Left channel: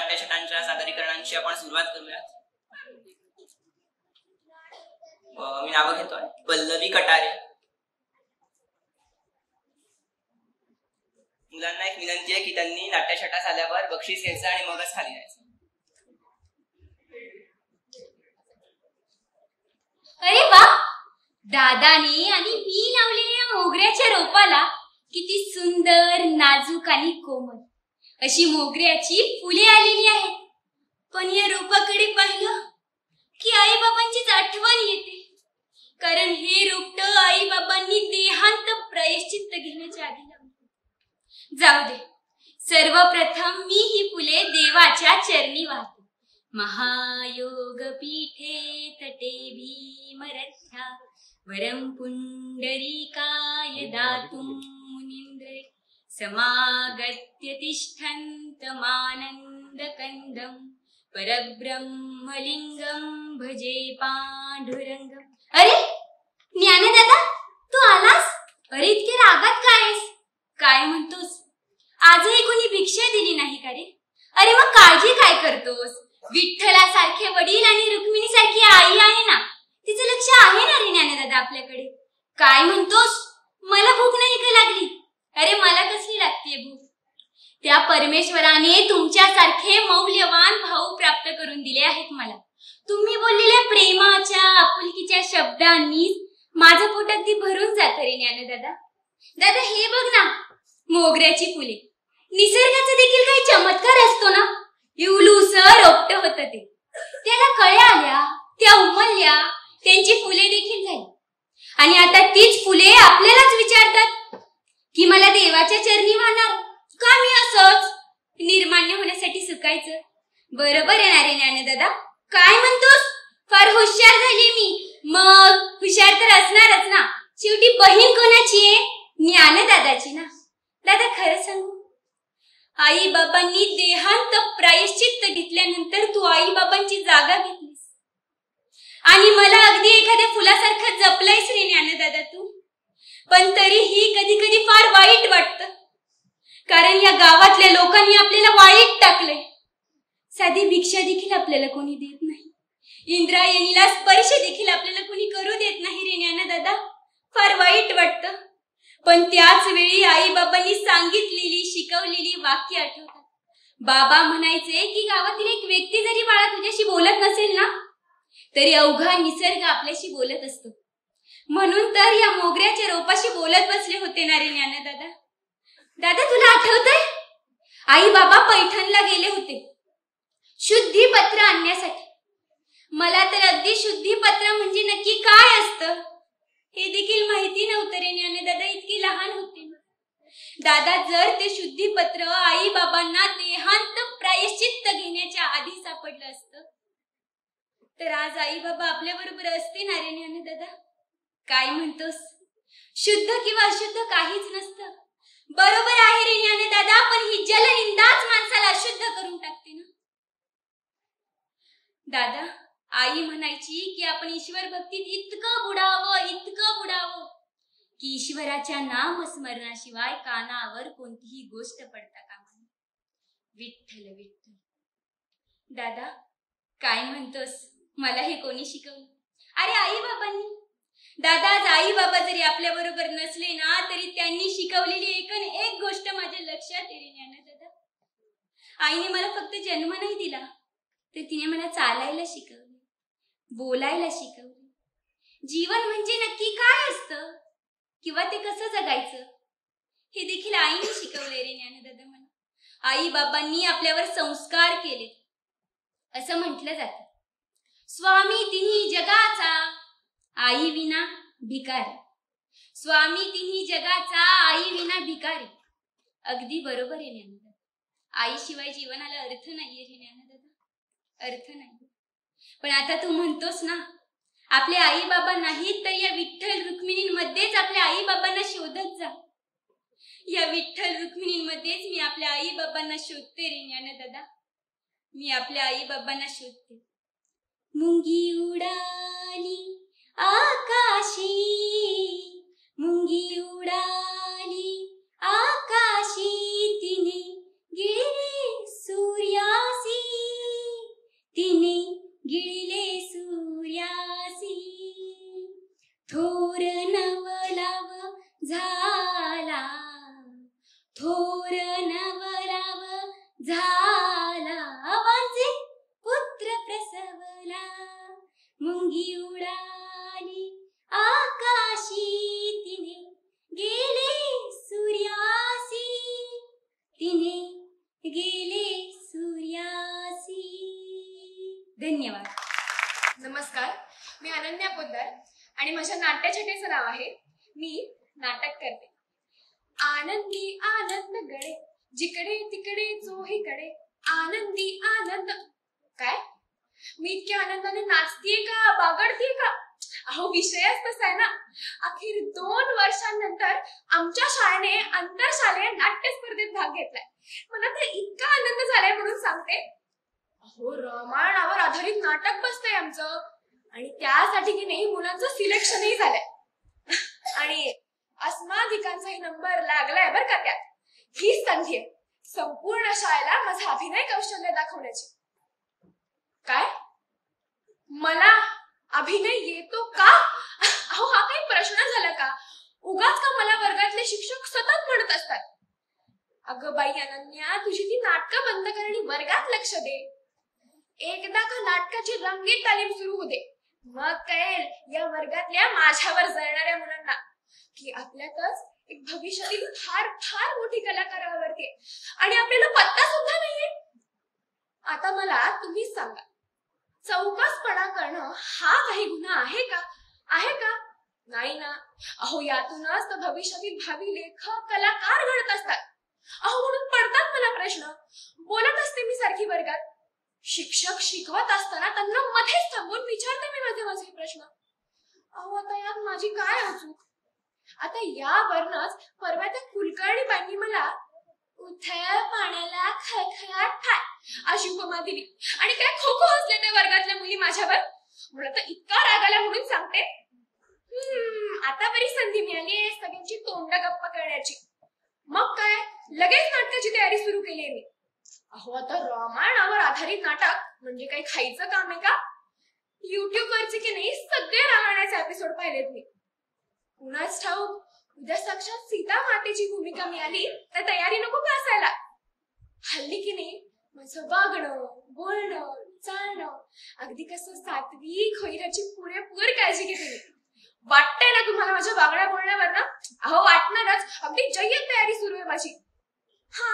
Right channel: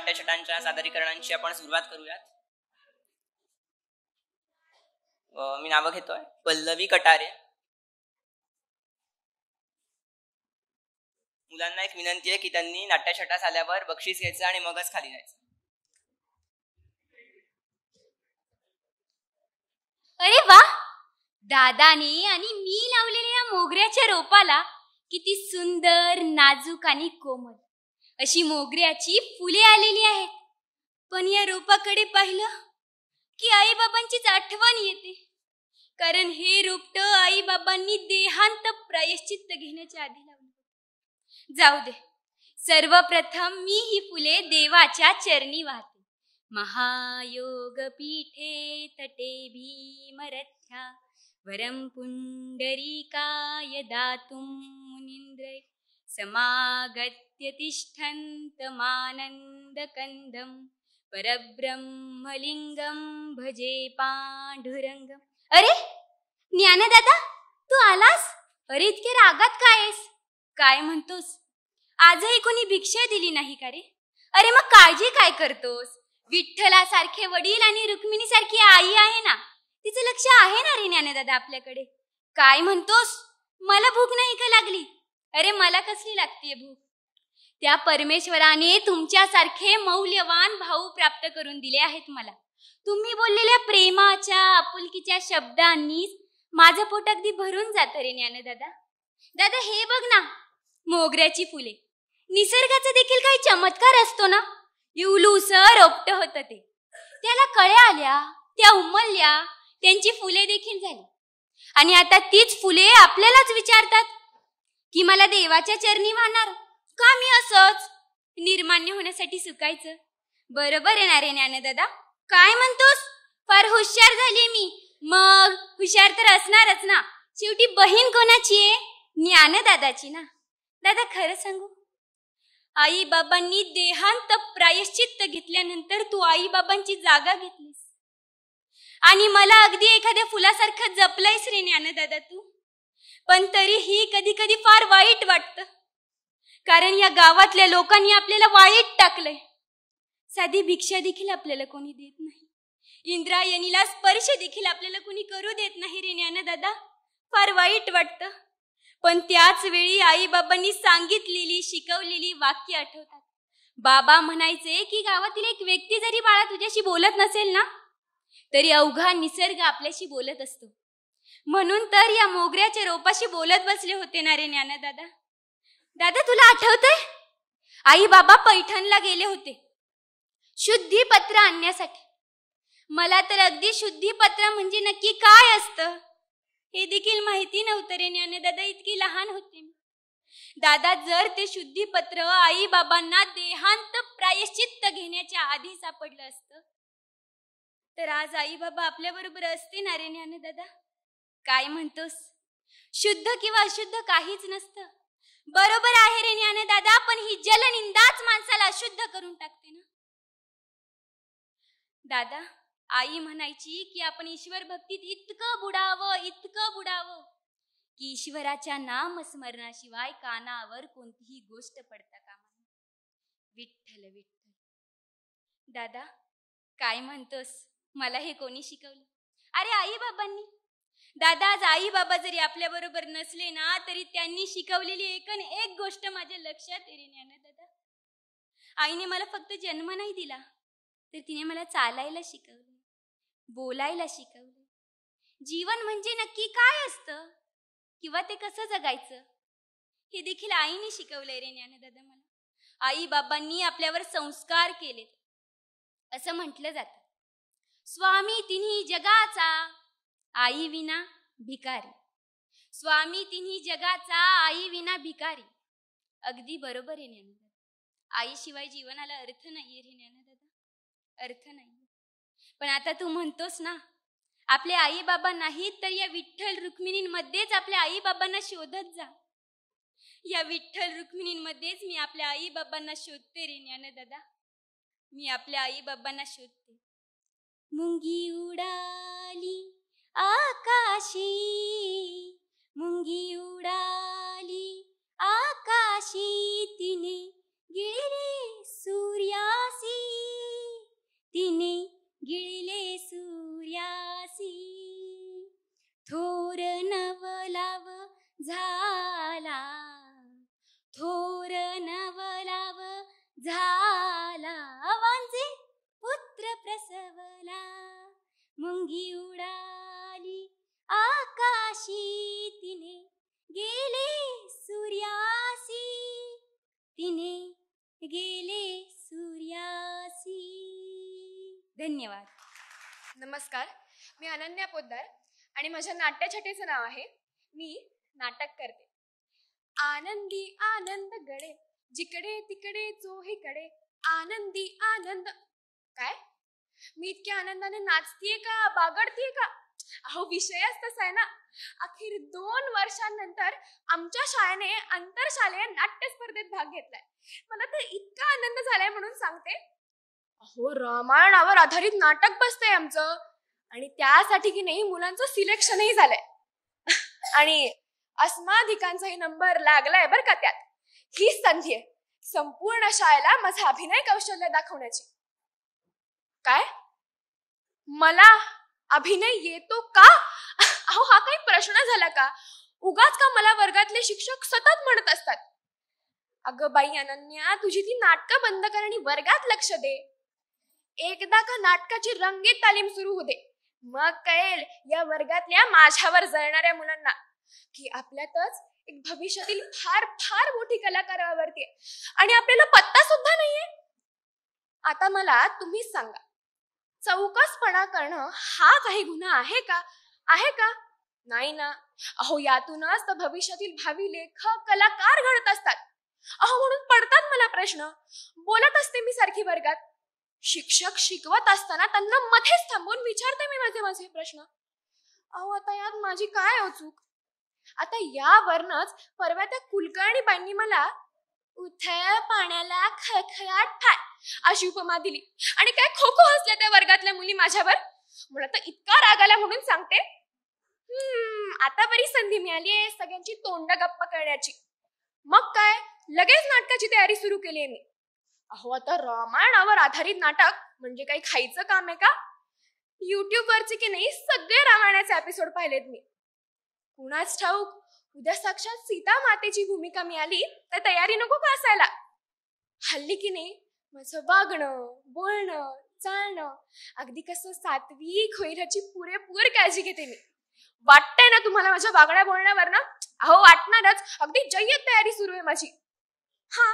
नाट्यछटांच्या सादरीकरणांची आपण सुरुवात करूया. मी नाव घेतोय पल्लवी कटारे. मुलांना एक विनंती आहे की त्यांनी नाट्यछटा झाल्यावर बक्षीस घ्यायचं आणि मगच खाली जायचं. अरे वा, दादाने आणि मी लावलेल्या मोगऱ्याच्या रोपाला किती सुंदर, नाजूक आणि कोमल अशी मोगऱ्याची फुले आलेली आहेत. पण या रोपाकडे पाहिलं की आई बाबांचीच आठवण येते, कारण हे रोपट आई बाबांनी देहांत प्रायश्चित्त घेण्याच्या आधी लावले. जाऊ दे, सर्वप्रथम मी ही फुले देवाच्या चरणी वाहते. महायोग पीठे तटे भीमरथ्या वरं पुंडरीकाय दातुं मुनीन्द्रे समागत्य तिष्ठन्तमानन्दकन्दं परब्रह्मलिंगं भजे पांडुरंगं. अरे ज्ञानदादा, तू आलास? अरे इतके रागात काय आहेस? काय म्हणतोस? आजही कोणी भिक्षा दिली नाही का रे? अरे मग काळजी काय करतोस? विठ्ठलासारखे वडील आणि रुक्मिणीसारखी आई आहे ना, तिचं लक्ष आहे ना रे ज्ञानदादा आपल्याकडे. काय म्हणतोस? मला भूक नाही का लागली? अरे मला कसली लागतीये भूक? त्या परमेश्वराने तुमच्यासारखे मौल्यवान भाऊ प्राप्त करून दिले आहेत मला. तुम्ही बोललेल्या प्रेमाच्या, आपुलकीच्या शब्दांनी माझं पोट अगदी भरून जात रे ज्ञानदादा. दादा हे बघ ना, मोगऱ्याची फुले. निसर्गाचा देखील काही चमत्कार असतो ना. इवलूस रोपट होत ते, त्याला कळ्या आल्या, त्या उमलल्या, त्यांची फुले देखील झाली. आणि आता तीच फुले आपल्यालाच विचारतात की मला देवाच्या चरणी वाहणार का? मी असंच निर्मान्य होण्यासाठी सुकायचं? बरोबर येणार रे ज्ञानदादा. काय म्हणतोस? फार हुशार झाली मी. मग हुशार तर असणारच ना. शेवटी बहीण कोणाची आहे? ज्ञानदादाची ना. दादा खरं सांगू, आई बाबांनी देहांत प्रायश्चित्त घेतल्यानंतर तू आई बाबांची जागा घेतलीस आणि मला अगदी एखाद्या फुलासारखं जपलंयस रे ज्ञानदादा तू. पण तरीही कधी कधी फार वाईट वाटतं, कारण या गावातल्या लोकांनी आपल्याला वाईट टाकलंय. साधी भिक्षा देखील आपल्याला कोणी देत नाही. इंद्रायणीला स्पर्श देखील आपल्याला कोणी करू देत नाही रे ज्ञानदादा. फार वाईट वाटतं. पण त्याच वेळी आई बाबांनी सांगितलेली, शिकवलेली वाक्य आठवतात. बाबा म्हणायचे की गावातील एक व्यक्ती जरी बाळा तुझ्याशी बोलत नसेल ना, तरी अवघा निसर्ग आपल्याशी बोलत असतो. म्हणून तर या मोगऱ्याच्या रोपाशी बोलत बसले होते ना रे ज्ञानदादा. दादा तुला आठवतंय, आई बाबा पैठणला गेले होते शुद्धीपत्र आणण्यासाठी. मला तर अगदी शुद्धीपत्र म्हणजे नक्की काय असतं हे देखील माहिती नव्हतं रे ज्ञानदादा. इतकी लहान होते दादा. जर ते शुद्धीपत्र आई बाबांना देहांत प्रायश्चित्त घेण्याच्या आधी सापडलं असतं तर आज आई बाबा आपल्या बरोबर असते ना रे ज्ञानदादा. काय म्हणतोस? शुद्ध किंवा अशुद्ध काहीच नसतं. बरोबर आहे रे ज्ञानदादा, पण ही जलनिंदाच माणसाला अशुद्ध करून टाकते ना. दादा आई म्हणायची की आपण ईश्वर भक्तीत इतकं बुडावं की ईश्वराच्या नामस्मरणाशिवाय कानावर कोणतीही गोष्ट पडता कामा नये. विठ्ठल विठ्ठल. दादा काय म्हणतोस? मला हे कोणी शिकवलं? अरे आई बाबांनी. दादा आज आई बाबा जरी आपल्या बरोबर नसले ना, तरी त्यांनी शिकवलेली एक गोष्ट माझ्या लक्षात येईल ज्ञानदादा. आईने मला फक्त जन्म नाही दिला, तर तिने मला चालायला शिकवले, बोलायला शिकवले. जीवन म्हणजे नक्की काय असतं किंवा ते कसं जगायचं हे देखील आईने शिकवले रे ज्ञानदादा मला. आई बाबांनी आपल्यावर संस्कार केले. असं म्हटलं जातं, स्वामी तिन्ही जगाचा, आई विना भिकारी. स्वामी तिन्ही जगाचा, आई विना भिकारी. अगदी बरोबर आहे ज्ञानदादा. आईशिवाय जीवनाला अर्थ नाहीये रे ज्ञानदादा, अर्थ नाही. पण आता तू म्हणतोस ना, आपले आई बाबा नाहीत तर या विठ्ठल रुक्मिणींमध्येच आपल्या आई बाबांना शोधत जा. या विठ्ठल रुक्मिणींमध्येच मी आपल्या आई बाबांना शोधते रे ज्ञानदादा. मी आपल्या आई बाबांना शोधते. मुंगी उडाली आकाशी, मुंगी उडाली आकाशी, तिने गेले सूर्यासी झाला वाचे पुत्र प्रसवला, मुंगी उडाली आकाशी, तिने गेले सूर्यासी, तिने गेले सूर्यासी. धन्यवाद. नमस्कार, मी अनन्या पोद्दार आणि माझ्या नाट्यछटेचं नाव आहे मी नाटक करते. आनंदी आनंद गडे जिकडे तिकडे चोहीकडे आनंदी आनंद. काय मी इतक्या आनंदाने नाचतीये का बागडतीये का? अहो विषयच तसा आहे ना. अखेर 2 वर्षांनंतर आमच्या शाळेने आंतरशालेय नाट्य स्पर्धेत भाग घेतलाय. मला तर इतका आनंद झालाय म्हणून सांगते. अहो रामायणावर आधारित नाटक बसतंय आमचं आणि त्यासाठी की नाही मुलांचं सिलेक्शनही झालंय आणि अस्माधिकांचाही नंबर लागलाय बरं का त्यात. ही संधी आहे संपूर्ण शाळेला माझा अभिनय कौशल्य दाखवण्याची. काय मला अभिनय येतो का? अहो हा काही प्रश्न झाला का? उगाच का मला वर्गातले शिक्षक सतत म्हणत असतात, अगं बाई अनन्या तुझी ती नाटकं बंद कर आणि वर्गात लक्ष दे. एकदा का नाटकाची रंगीत तालीम सुरू होते मग कळेल या वर्गातल्या माझ्यावर जळणाऱ्या मुलांना की आपल्यातच एक भविष्यातील फार फार मोठी कलाकार आवडते आणि आपल्याला पत्ता सुद्धा नाहीये. आता मला तुम्हीच सांगा, चौकसपणा करणं हा काही गुन्हा आहे का? आहे का? नाही ना. अहो यातूनच तर भविष्यातील भावी लेखक कलाकार घडत असतात. अहो म्हणून पडतात मला प्रश्न. बोलत असते मी सारखी वर्गात, शिक्षक शिकवत असताना त्यांना मध्येच थांबवून विचारते मी माझे प्रश्न. अहो आता यात माझी काय अचूक? आता यावरनच परवा त्या कुलकर्णी बाईंनी मला उथळ पाण्याला खळखळाट ठाय अशी उपमा दिली आणि काय खो खो हसल्या त्या वर्गातल्या मुली माझ्यावर. मला तर इतका राग आला म्हणून सांगते. आता बरी संधी मिळाली सगळ्यांची तोंड गप्पा करण्याची. मग काय लगेच नाटकाची तयारी सुरू केली आहे मी. अहो आता रामायणावर आधारित नाटक म्हणजे काही खायचं काम आहे का? युट्यूब वरचे की नाही सगळे रामायणाचे एपिसोड पाहिलेत मी. कुणाच ठाऊक उद्या साक्षात सीता मातेची भूमिका मिळाली तर तयारी नको का असायला? हल्ली की नाही माझं वागणं बोलणं चालणं अगदी कसं सात्विक होईल याची पुरेपूर काळजी घेते मी. वाटतंय ना तुम्हाला माझ्या वागण्या बोलण्यावर ना? अहो वाटणारच. अगदी जय्यत तयारी सुरू आहे माझी. हा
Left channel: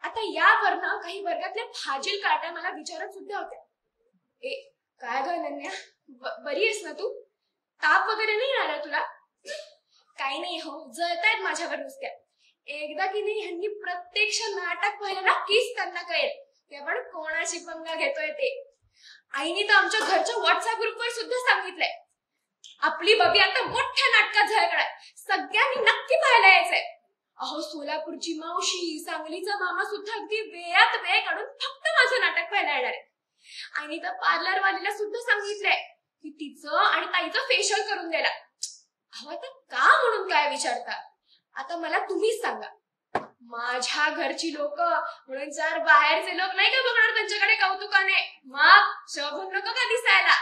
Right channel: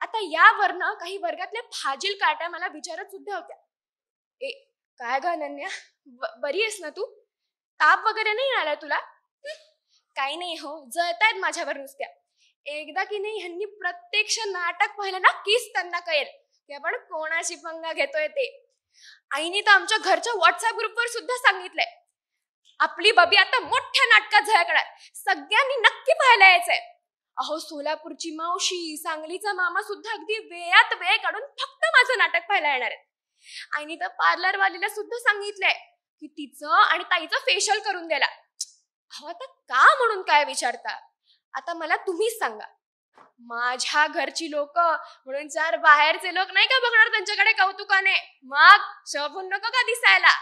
आता यावरनं काही वर्गातल्या फाजील काट्या मला विचारत सुद्धा होत्या, ए काय ग अनन्या बरी आहेस ना तू? ताप वगैरे नाही आला तुला? काही नाही हो, जळतायत माझ्यावर नुसत्या. एकदा की नाही ह्यांनी प्रत्यक्ष नाटक पाहिलं ना कीच त्यांना कळेल की आपण कोणाशी पंगा घेतोय ते. आईने तर आमच्या घरच्या व्हॉट्सअप ग्रुपवर सुद्धा सांगितलंय आपली बबी आता मोठ्या नाटकात झळकणार, सगळ्यांनी नक्की पाहायला यायचंय. अहो सोलापूरची मावशी सांगलीचा मामा सुद्धा अगदी वेळात वेळ काढून फक्त माझं नाटक पाहायला येणार आहे. आणि तर पार्लरवालीला सुद्धा सांगितलंय की तिचं आणि ताईचं फेशियल करून द्यायला. अहो आता का म्हणून काय विचारता? आता मला तुम्हीच सांगा, माझ्या घरची लोक म्हणून जर बाहेरचे लोक नाही का बघणार त्यांच्याकडे कौतुकाने, मग शोभून नको का दिसायला?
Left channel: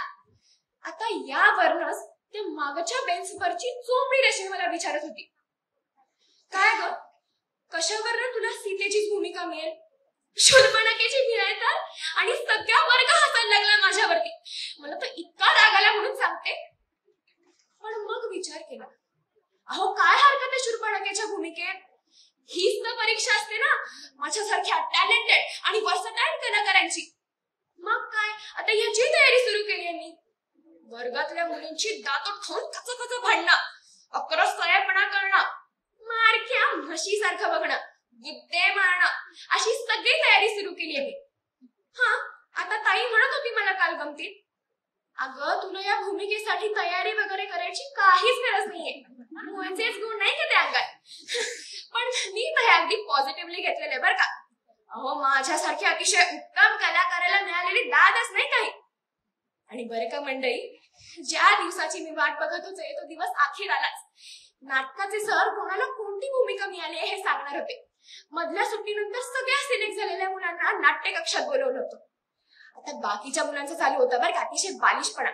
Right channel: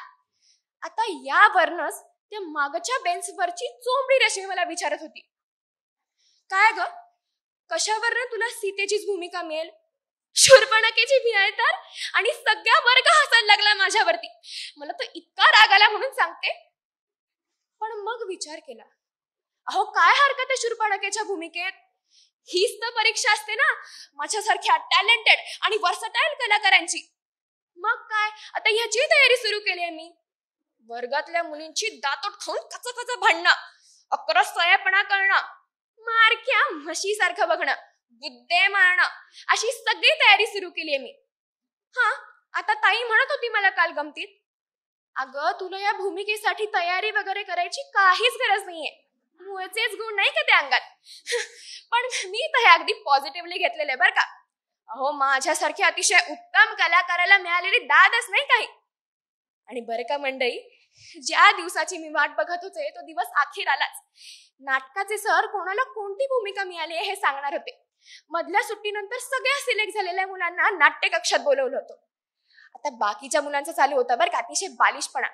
आता यावरनच त्या मागच्या बेंचवरची चोंबडी रश्मी मला विचारत होती, काय ग कशावरनं तुला सीतेची भूमिका मिळेल? शूर्पणखेची मिळेल तर? आणि सगळ्या वर्ग हसायला लागला माझ्यावरती. मला तर इतका राग आला म्हणून सांगते. पण मग विचार केला, अहो काय हरकत आहे शूर्पणखेच्या भूमिकेत? हीच तर परीक्षा असते ना माझ्यासारख्या टॅलेंटेड आणि वर्सटाईल कलाकारांची. मग काय आता याची तयारी सुरू केली आहे मी. वर्गातल्या मुलींची दातोट खाऊन कच भांडणं, अकरस्थायपणा करणं, मारक्या म्हशीसारखं बघणं, बुद्धे मारणं, अशी सगळी तयारी सुरू केली आहे मी. हा आता ताई म्हणत होती मला काल गमतीत, अगं तुला या भूमिकेसाठी तयारी वगैरे करायची काहीच गरज नाहीये, मुळचेच गुण नाही का त्या अंगात. पण मी तर हे अगदी पॉझिटिव्हली घेतलेले बरं का. अहो माझ्यासारख्या अतिशय उत्तम कलाकाराला मिळालेली दादच नाही काही. आणि बरे का मंडळी, ज्या दिवसाची मी वाट बघत होते तो दिवस अखेर आलाच. नाटकाचे सर कोणाला कोणती भूमिका मिळाली हे सांगणार होते. मधल्या सुट्टीनंतर सगळ्या सिलेक्ट झालेल्या मुलांना नाट्य कक्षात बोलवलं होतं. आता बाकीच्या मुलांचं चालू होतं बरं का अतिशय बालिशपणा.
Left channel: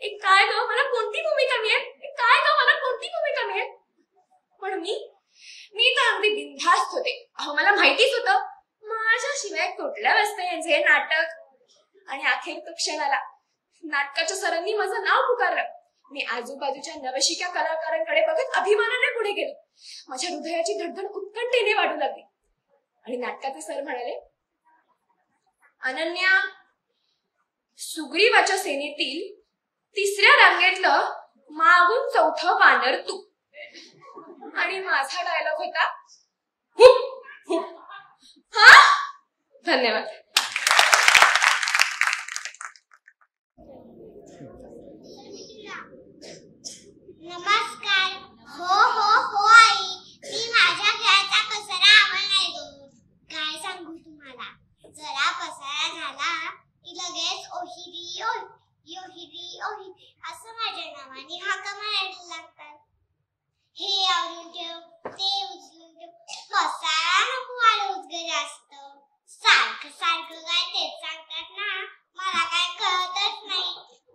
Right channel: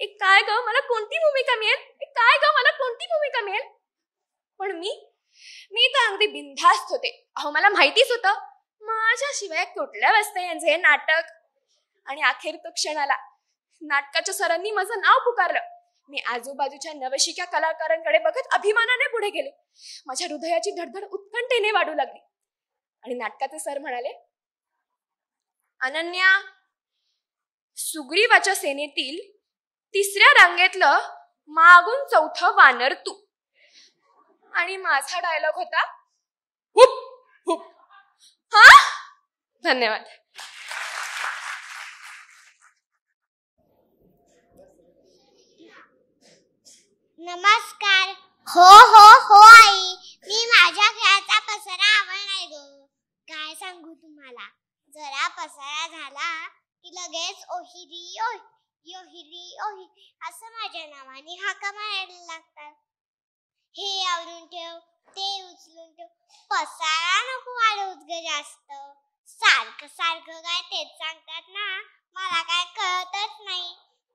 एक काय ग मला कोणती भूमिका मिळेल, एक काय ग मला कोणती भूमिका मिळेल. पण मी तर अगदी बिनधास्त होते. अहो मला माहितीच होतं माझ्याशिवाय कुठल्या वाजता यांचे नाटक. आणि अखेर तो क्षण आला. नाटकाच्या सरांनी माझं नाव पुकारलं. मी आजूबाजूच्या नवशिक्या कलाकारांकडे बघत अभिमानाने पुढे गेलो. माझ्या हृदयाची धडधड उत्कंठेने वाढू लागली. आणि नाटकाचे सर म्हणाले, अनन्या, सुग्रीवाच्या सेनेतील 3ऱ्या रांगेतलं मागून 4थं वानर तू. आणि माझा डायलॉग होता, हुप हुप. हा, धन्यवाद. नमस्कार. हो हो हो आई, मी माझ्या खेळाचा पसारा आवडला. काय सांगू तुम्हाला, जरा पसारा झाला की लगेच ओहिरी ओही ओहिरी ओही असं माझ्या नावाने हाका मारायला लागतात. हे आवरून ठेव, ते उचलून ठेव, पसारा नको वाढवूच ग जास्त. सारखं सारखं काय तेच सांगतात ना, मला काय कळतच नाही.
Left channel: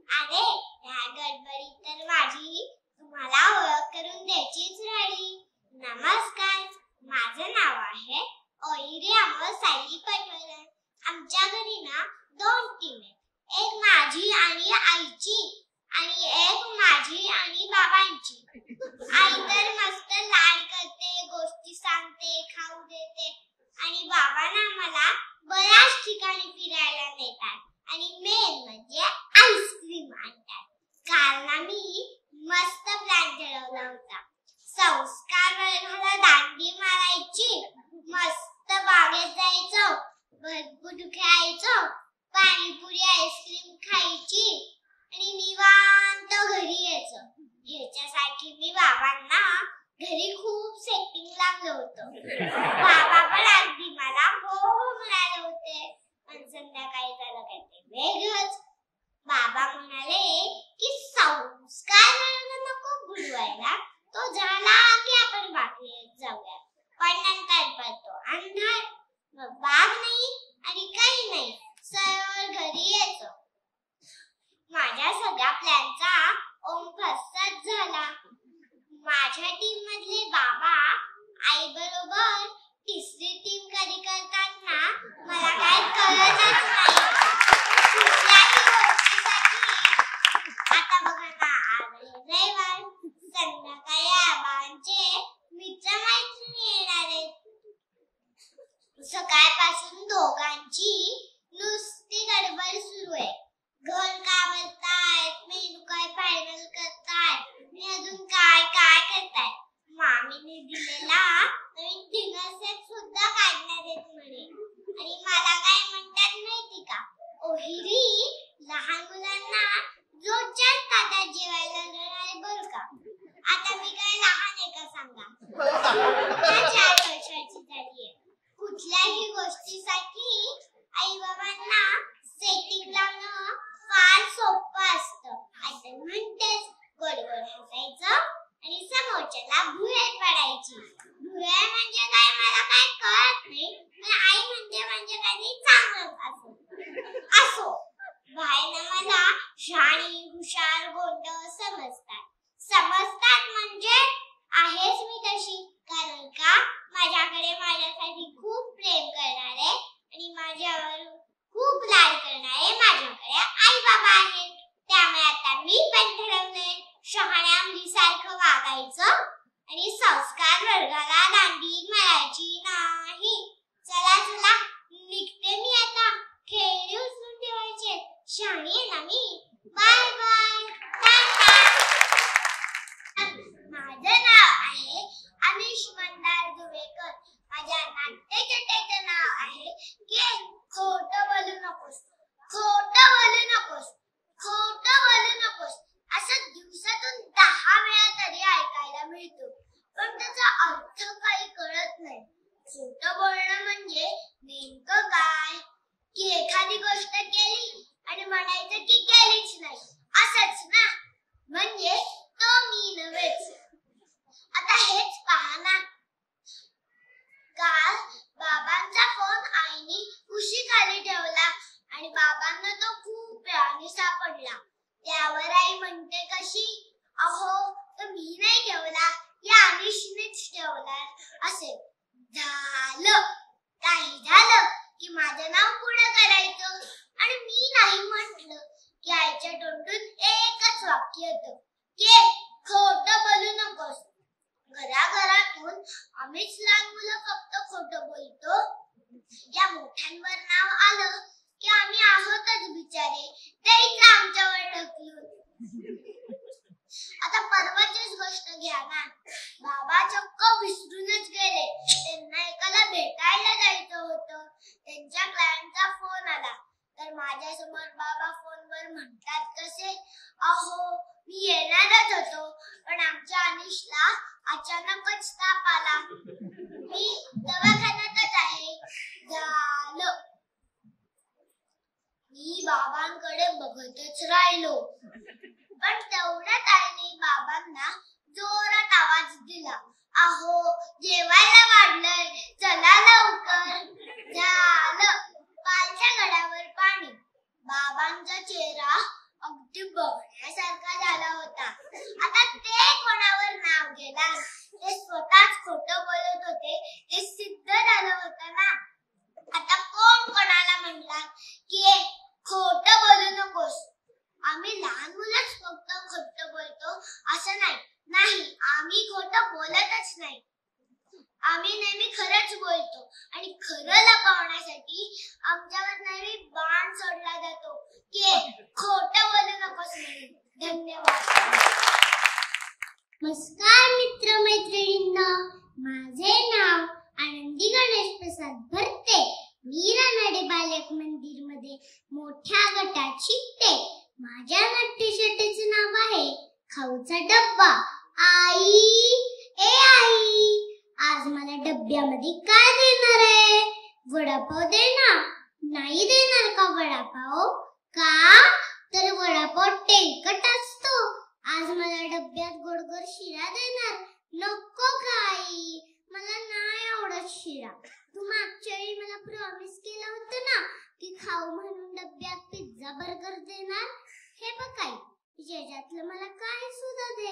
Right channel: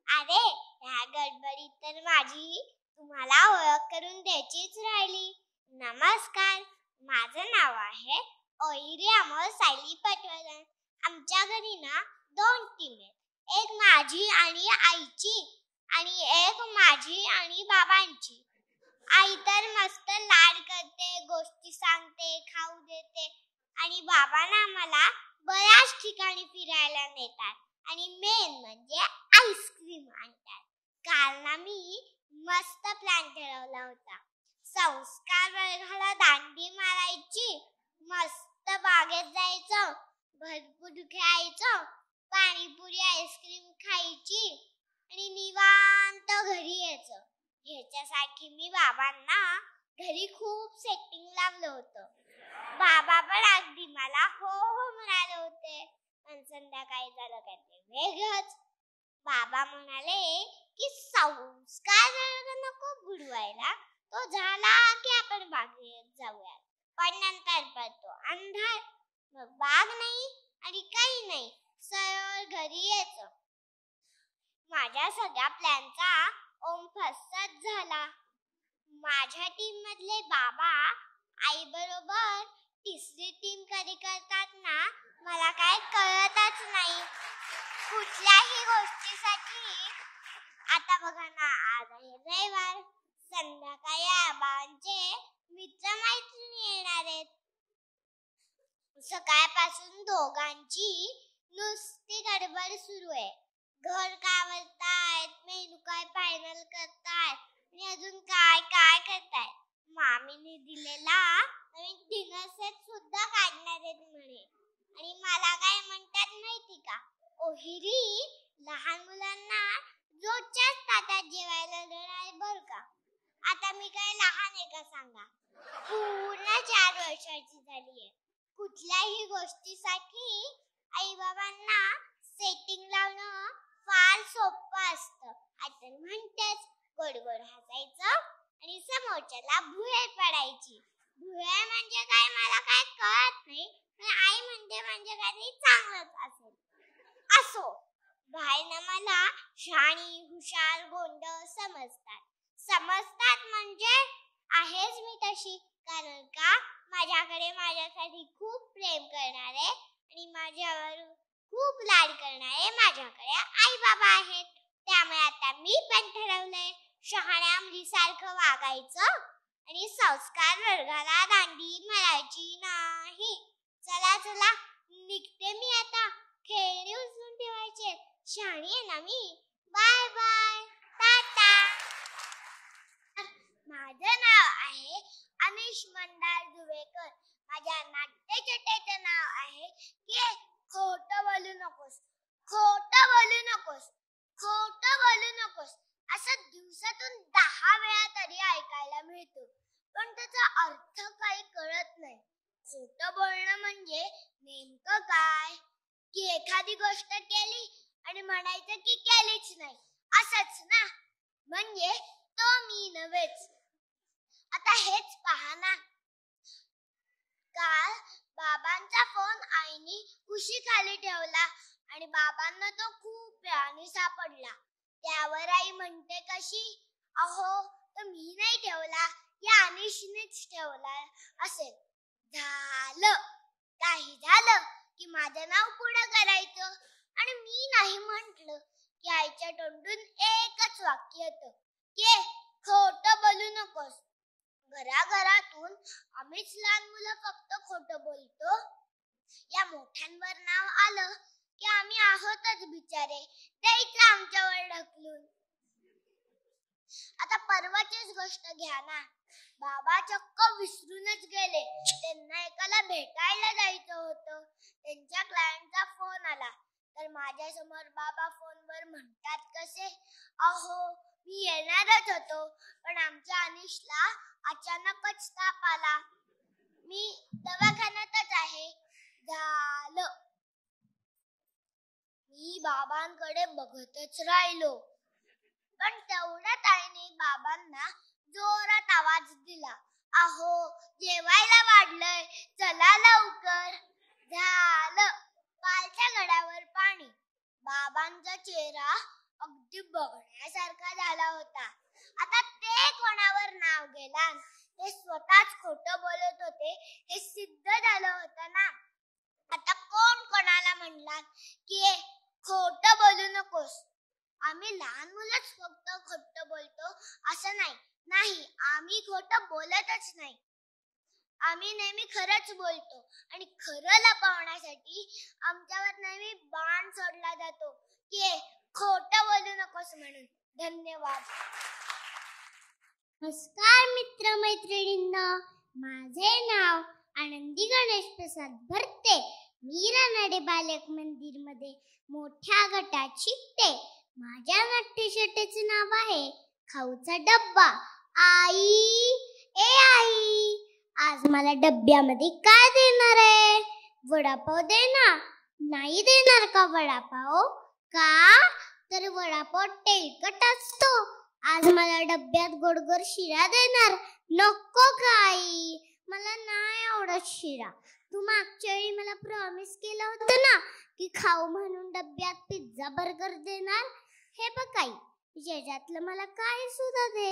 अरे ह्या गडबडीत तर माझी तुम्हाला ओळख करून द्यायचीच राहिली. नमस्कार, माझं नाव आहे ओहिरी अमोल सायली पटवर्धन. आमच्या घरी ना 2 टीम आहेत. एक माझी आणि आईची आणि एक माझी आणि बाबांची. आई तर मस्त लाड करते, गोष्टी सांगते, खाऊ देते आणि बाबांना मला बऱ्याच ठिकाणी फिरायला नेतात आणि मेन म्हणजे आईस्क्रीम आणतात. कारण आम्ही मस्त प्लॅन ठरवला होता. संस्कार वर्गाला दांडी मारायची, मस्त बागेत जायचं, भरपूर खेळायचं, पाणीपुरी आईस्क्रीम खायची आणि निवांत घरी यायचं. ह्याच्यासाठी मी बाबांना घरी खूप सेटिंग लागलं होतं. बाबा पण अगदी मला हो म्हणाले होते. पण संध्याकाळी झालं काहीतरी वेगळंच. बाबा म्हणाले की संस्कार नको बुडवायला, तो झाला की आपण बाकी जाऊया. पण नंतर पडतो अंधार, मग बाग नाही आणि काही नाही, सरळ घरी यायचं. माझ्या सगळ्या प्लॅनचा फसच झाला. माझ्या टीम मधले बाबा आई बरोबर 3री टीम कधी करताना मला काय कळतच नाही. कुठल्याही गोष्टीसाठी आता बघा ना, आज रविवार, संध्याकाळी आबांचे मित्रमैत्रिणी येणार आहेत. सकाळपासून दोघांची नुसती गडबड सुरू आहे. घर काय बनतायत, मेनू काय फायनल करतायत आणि अजून काय काय करतायत. मामीने दिलेला नवीन डिनर सेट सुद्धा काढण्यात येत म्हणे. आणि मला काय म्हणतात माहिती का, ओहिरी लहान मुलांना रोजच्याच ताटात जेवायला देणार बरं का. आता मी काय लहान आहे का सांगा, 4 वर्षाची झालीये. कुठल्याही गोष्टीसाठी आई बाबांना सेटिंग लावणं फार सोपं असतं. असं म्हणतेस, गोड गोड हसायचं आणि समोरच्याला भुरळ पडायची. भुरळ म्हणजे काय मला काय कळत नाही, पण आई म्हणते म्हणजे काही चांगलं असो. बाहेर मला शाणी हुशार गोंड समजतात म्हणजे आहेच मी तशी. कारण का माझ्याकडे माझ्यासाठी खूप प्रेम करणारे आणि माझ्यावर खूप लाड करणारे माझ्याकडे आई बाबा आहेत. त्यामुळे आता मी पण ठरवलंय शहाण्या मुलीसारखं वागायचं आणि संस्कार वर्गाला दांडी मारायची नाही. चला चला निघते मी आता. खेळणी उचलून ठेवायचे. शहाणी आहे ना मी. Bye bye, Tata. माझं नाव आहे अविश मंदार दुवेकर. माझ्या नाट्यचेतेचं नाव आहे खोटं बोलू नकोस, खोटं बोलू नकोस, खोटं बोलू नकोस. असं दिवसातून 10 वेळा तरी ऐकायला मिळतो, पण त्याचा अर्थ काही कळत नाही. खोटं बोलणं म्हणजे नेमकं काय, की एखादी गोष्ट केली आणि म्हणायचं की केलीच नाही, असंच ना. म्हणजे तो मी नव्हेच. आता हेच पहा ना, काल बाबांचा फोन आईनी कुशीखाली ठेवला आणि बाबांना तो खूप वेळाने सापडला. त्यावर आई म्हणते कशी, अहो तो मी नाही ठेवला, या अनिशनेच ठेवला. असे झालं, काही झालं आम्हीच लहान मुलं फक्त खोटं बोलतो. या मोठ्यांवर नाव आलं की आम्ही आहोतच बिचारे, तेच आमच्यावर ढकलून. आता परवाचीच गोष्ट घ्या ना, बाबा चक्क विसरूनच गेले. त्यांना एकाला भेटायला जायचं होतं. त्यांच्या क्लायंटचा फोन आला तर माझ्यासमोर बाबा फोनवर म्हणतात कसे, अहो मी येणारच होतो पण आमच्या अनिशला अचानकच ताप आला, मी दवाखान्यातच आहे. झालं. मी बाबांकडे बघतच राहिलो. पण तेवढ्यात आईने बाबांना जोरात आवाज दिला, अहो जेवायला वाढलंय, चला लवकर. झालं. कालच्या घड्यावर पाणी. बाबांचा चेहरा अगदी बघण्यासारखा झाला होता. आता ते कोणावर नाव घेणार, ते स्वतःच खोटं बोलत होते हे सिद्ध झालं होतं ना. आता कोण कोणाला म्हणणार की खोटं बोलू नकोस. आम्ही लहान मुलंच फक्त खोटं बोलतो असं नाही. नाही, आम्ही खोटं बोलतच नाही. आम्ही नेहमी खरंच बोलतो आणि खरं लपवण्यासाठी आमच्यावर नेहमी बाण सोडला जातो की खोटं बोलू नकोस म्हणून. धन्यवाद. नमस्कार मित्र मैत्रिणींनो, माझे नाव आनंदी गणेश प्रसाद भरते. मी रानडे बालक मंदिर मध्ये मोठ्या गटात शिकते. माझ्या नाट्यशाळेचे नाव आहे खाऊचा डब्बा. आई, ए आई, आज मला डब्यामध्ये काय देणार आहे? वडापाव देणार? नाही देणार का वडापाव? का? तर वडापाव तेलकट असतो. आज मला डब्यात गोडगोड शिरा देणार? नको का आई, मला नाही आवडत शिरा. तू मागच्या वेळी मला प्रॉमिस केलं होतं ना की खाऊ म्हणून डब्यात पिझ्झा बर्गर देणार. हे बघ आई, याच्यातलं मला काय सुद्धा दे.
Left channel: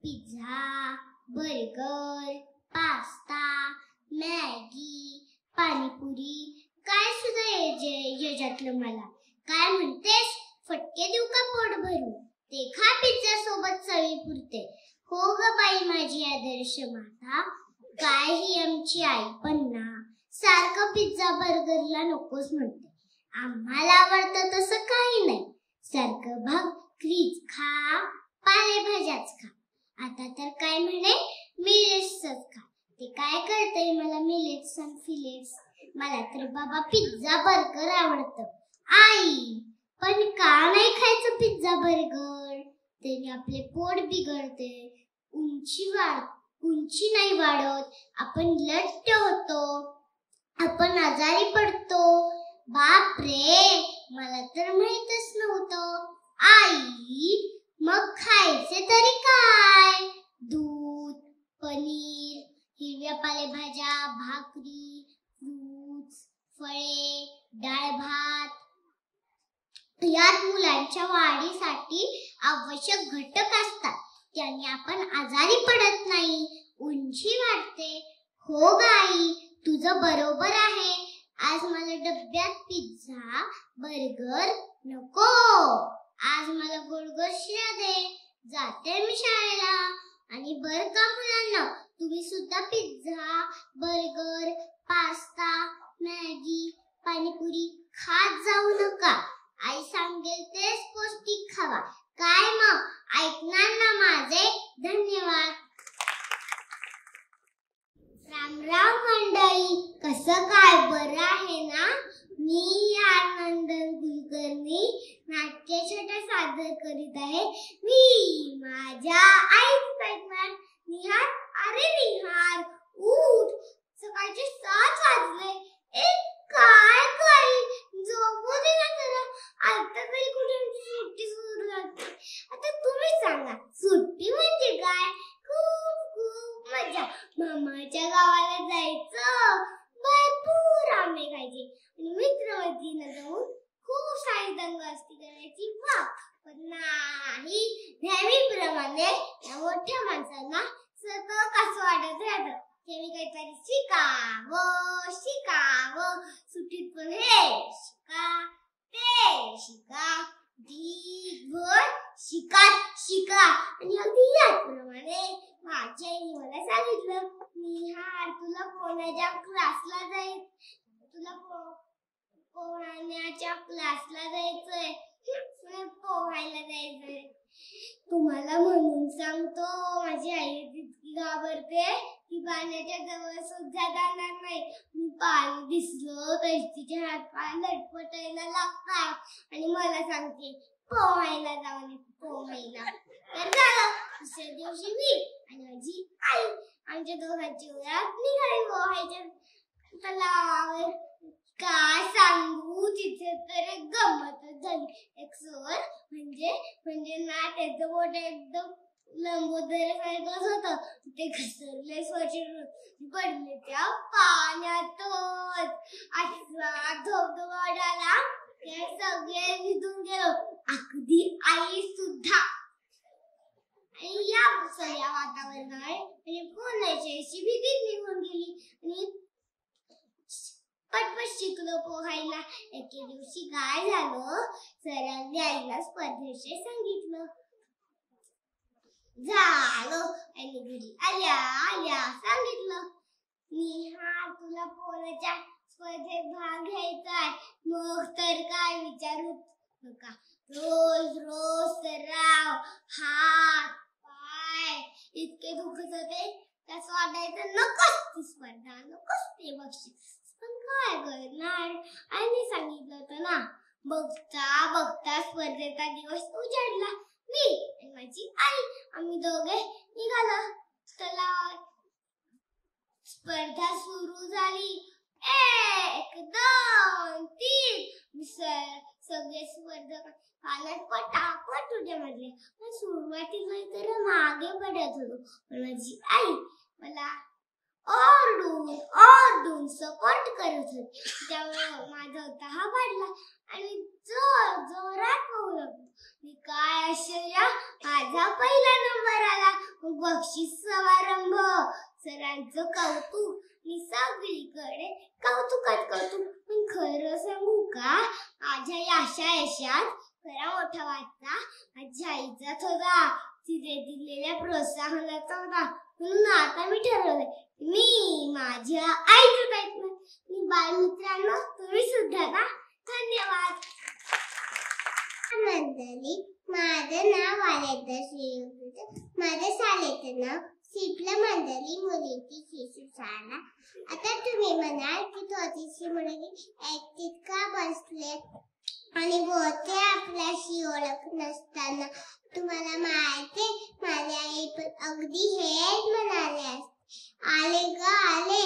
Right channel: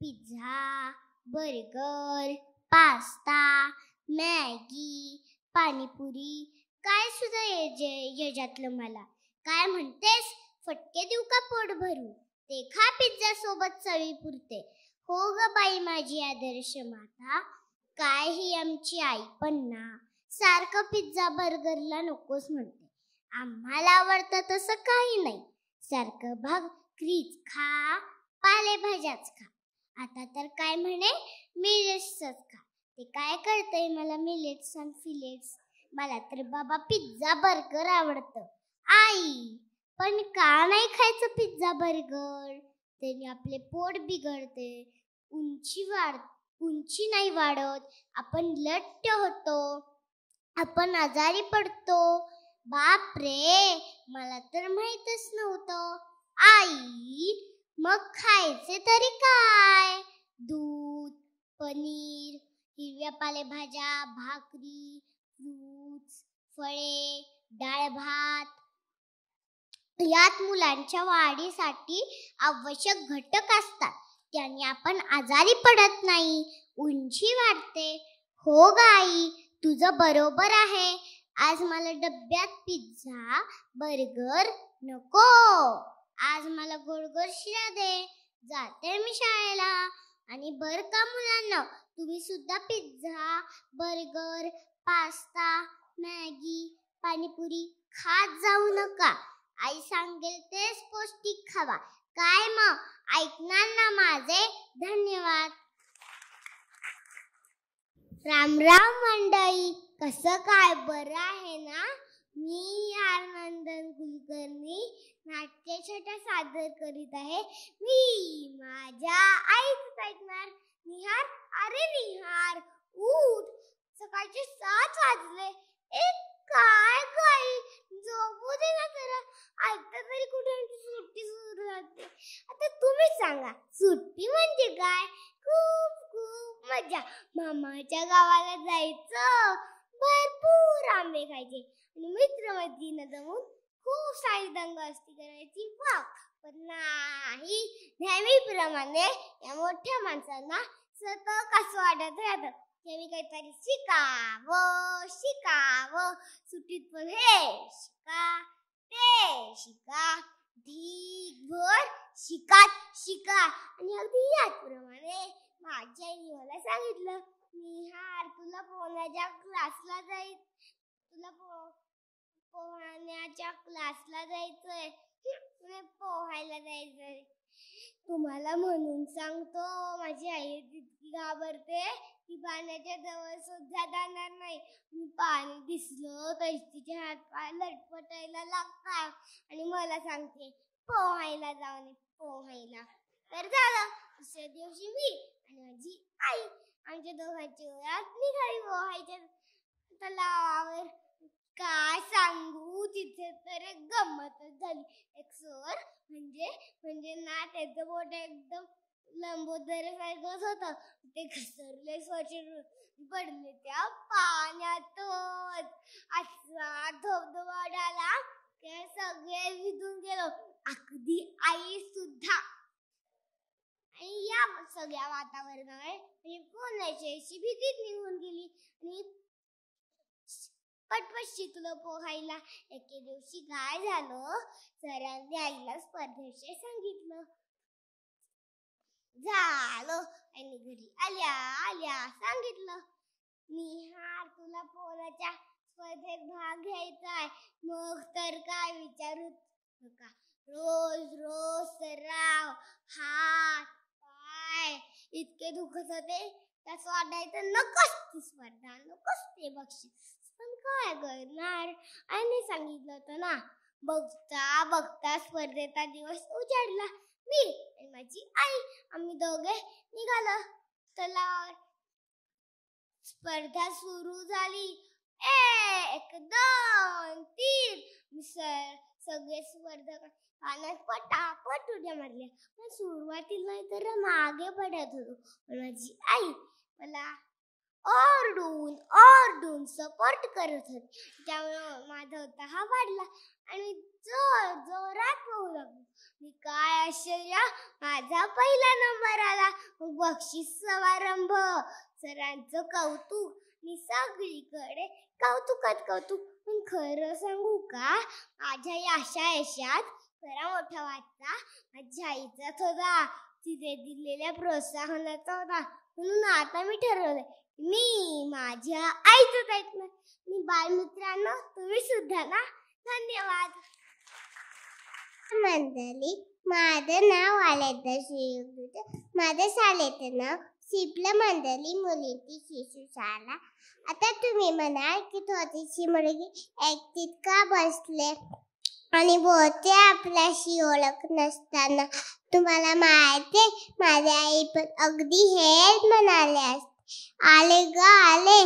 Pizza, burger, pasta, Maggi, panipuri, काय सुद्धा याच्यातलं मला. काय म्हणतेस, फटके देऊ का पोट भरून? ते खा पिझ्झा सोबत चवी पुरते. हो ग बाई माझी आदर्श माता, काय ही आमची आई पण ना सारखं पिझ्झा बर्गरला नकोच म्हणते. आम्हाला आवडतं तसं काही नाही. सारखं भाकरीच खा, पालेभाज्याच खा. आता तर काय म्हणे मिलेट्सच खा. ते काय कळतंय मला मिलेट्स आणि फिलेट्स. मला तर बाबा पिझ्झा बर्गर आवडतं. आई, पण का नाही खायचं पिझ्झा बर्गर? त्याने आपले पोट बिघडते, उंची नाही वाढत, आपण लठ्ठ होतो, आपण आजारी पडतो. बाप रे, मला तर माहीतच नव्हतं. आई, मग खायचे तरी काय? दूध, पनीर, हिरव्या पालेभाज्या, भाकरी, फ्रूट्स, फळे, डाळ भात. यात मुलांच्या वाढीसाठी आवश्यक घटक असतात. त्याने आपण आजारी पडत नाही, उंची वाढते. हो गाई, तुझं बरोबर आहे. आज मला डब्यात पिझ्झा बर्गर नको. आज मला गोडगोड शिरा दे. जाते मी शाळेला. आणि बरं का मुलांना, तुम्ही सुद्धा pizza, burger, pasta, Maggi, panipuri खात जाऊ नका. आई सांगेल तेच पौष्टिक खावा. काय मग, ऐकणार ना माझे? धन्यवाद. राम राम मंडळी, कसं काय, बरं आहे ना? मी आनंद कुलकर्णी नाट्यछटा सादर करीत आहे. मी माझ्या आईच ऐकणार. निहार, अरे निहार, उठ, सकाळचे 7 वाजले. काय काय, झोपू दे ना जरा. आता तरी कुठे सुट्टी सुरू झाली. आता तुम्ही सांगा, सुट्टी म्हणजे काय? खूप मजा. मामाच्या गावाला जायचं, भरपूर आंबे खायचे, मित्रमैत्रिणी जाऊन खूप सारी दंगामस्ती करायची. पण नाही, नेहमीप्रमाणे या मोठ्या माणसांना सगळं कसं वाटत राहतं. मी काहीतरी शिकावं. सुट्टीत पण हे शिका, ते शिका, दिवसभर शिका. आणि अगदी याचप्रमाणे माझ्या आईने मला सांगितलं, निहार पोहण्याच्या क्लासला जायचंय. पोहायला जायचंय. तुम्हाला म्हणून सांगतो, माझी आई तितकी घाबरते की पाण्याच्या जवळ सुद्धा जाणार नाही. मी पाणी दिसलं तर तिचे हात पाय लटपटायला लागतात आणि मला सांगते पोहायला जाऊन पोहायला. तर झालं, दुसऱ्या दिवशी मी आणि माझी आई आमच्या दोघांची ओळख निघाली पोहायच्या तलावावर. काय सांगू, तिथे तर एक गंमतच झाली. एक सर म्हणजे ना त्याचं मोठं एकदम लंबोदर सारखंच होतं. ते घसरले स्वच्छ पडले त्या पाण्यातच. असा धबधबा उडाला, ते सगळे भिजून गेलो, अगदी आई सुद्धा. आणि या सगळ्या वातावरणात पोहण्याची अशी भीतीच निघून गेली आणि पटपट शिकलो पोहायला. एके दिवशी काय झालं, सरांनी आईला स्पर्धेचे सांगितलं. झालं, आणि घरी आल्या सांगितलं, निहा तुला पोहायच्या स्पर्धेत भाग घ्यायचाय. मग तर काय विचारू नका. रोज सराव, हात पाय इतके दुखत होते, त्यास वाटायचं नकोच ती स्पर्धा, नकोच ते बक्षीस. पण काय करणार, आईने सांगितलं होतं ना. बघता स्पर्धेचा दिवस उजाडला. मी आणि माझी आई आम्ही दोघे निघालो तलावावर. स्पर्धा सुरू झाली. 1 2 3 सगळे स्पर्धक पाण्यात पटापट उड्या मारल्या. पण सुरुवातीला तर मागे पडत होतो. माझी आई मला ओरडून सपोर्ट करत होती. त्यामुळे माझा उत्साह वाढला आणि जोरात पोहू लागलो. मी काय आश्चर्य, माझा पहिला नंबर आला. बक्षीस समारंभ, सरांचं कौतुक, मी सगळीकडे कौतुकात. पण खरं सांगू का, माझ्या यशात खरा मोठा वाटा माझ्या आईचाच होता. तिने दिलेल्या प्रोत्साहनाचा होता. म्हणून आता मी ठरवलंय, मी माझ्या आईचं ऐकणार. मी बालमित्रांनो, तुम्ही सुद्धा ना. धन्यवाद. मंडळी, माझं नाव आलेदा श्रीयुक्त. माझ्या शाळेचं नाव सिपला मंडळी मुलींची शिशु शाळा. आता तुम्ही म्हणाल की थोडीशी मुलगी एकटीच का बसले आणि बोलते आपल्याशी ओळख नसताना. तुम्हाला माहिती, माझी आई पण अगदी हेच म्हणाले असते. आले ग आले,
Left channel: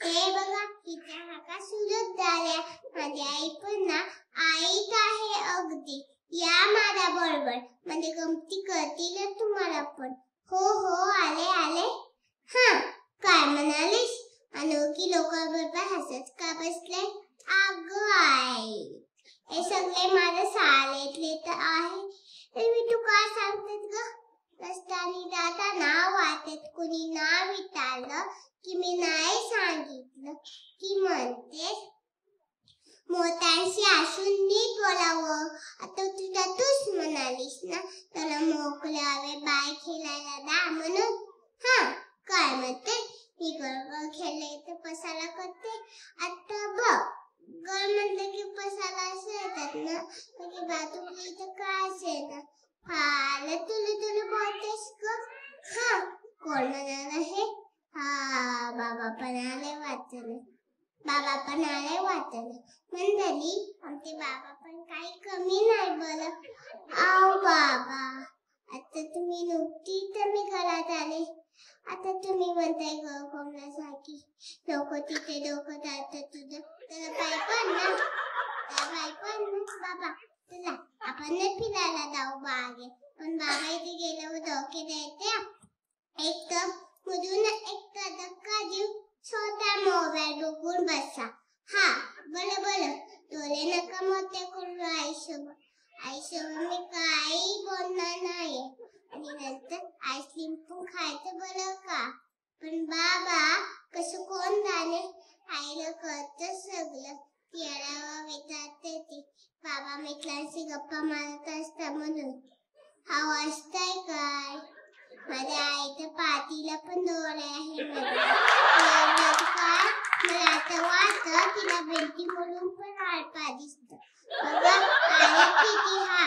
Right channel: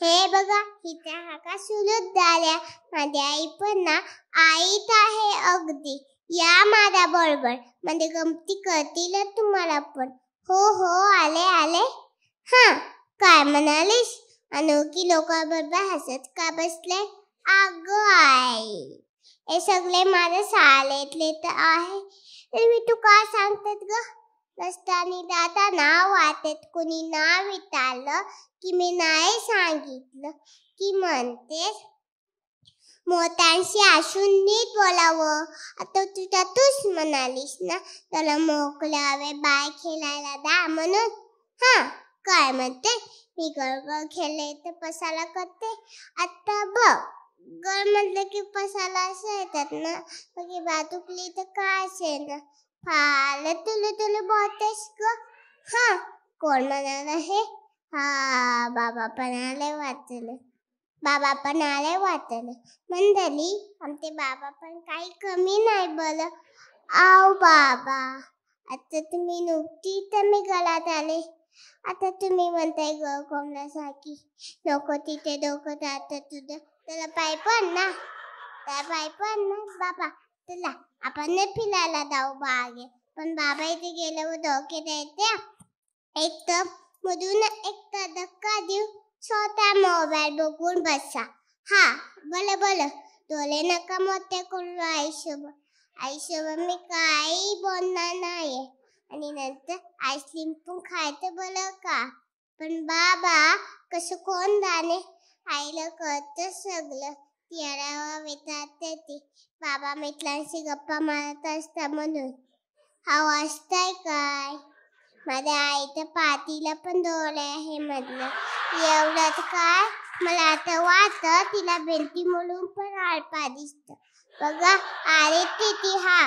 हे बघा हिच्या हाका सुलत झाल्या. माझी आई पण ना आईच आहे अगदी. या माझ्या बरोबर, म्हणजे गमती करतील तुम्हाला पण. हो आले. हा, काय म्हणालीस? अनोळखी लोकांबरोबर हसत का बसले? अगं आई, हे सगळे माझ्या शाळेतले तर आहे. मी तू काय सांगतात ग? रस्त्याने जाताना वाटेत कुणी नाव विचारलं की मी नाही सांगितलं की म्हणतेस मोठ्यांशी असून नीट बोलावं. आता तूच म्हणालीस ना त्याला मोकळ्यावे बाय खेळायला द्या म्हणून. हा, काय म्हणते? मी गळगळ खेळले तर पसाला करते. आता बघ, गळ म्हटलं की पसाला असं येतात ना. मग बाजूकली तर काय असेल ना. फार तुला बोलतेस ग. हा, कोण म्हणाल हे? हा, बाबा पण आले वाचले. मंडळी, आमचे बाबा पण काही कमी नाही बरं. आव बाबा, आता तुम्ही नुकती तर मी गळात आले. आता तुम्ही म्हणताय ग कोंबड्यासारखी. नको तिथे डोकं जातं तुझं. त्याला पाय पण ना बाबा. चला आपण फिरायला जाऊ बागे. पण बाबा इथे गेल्यावर धोके द्यायचे. एक तर मधून एक धक्का देऊ. छोटा मोबाईल बघून बसा. हा, बोला डोळे नका मोठे करू. आईसोबत मी काही बोलणार नाही. आणि नंतर आईस्क्रीम पण खायचं बोल का. पण बाबा कसं कोण जाणे, आईला कळतं सगळं. तिला विचारते ती, बाबा मित्रांशी गप्पा मारत असता म्हणून. हा वाचताय काय? माझ्या आईच्या पाठीला पण डोळे आहे म्हटलं. एवढंच काय मला वाटतं तिला भेंडी म्हणून पण आळपा दिसत. बघा आले किती हा.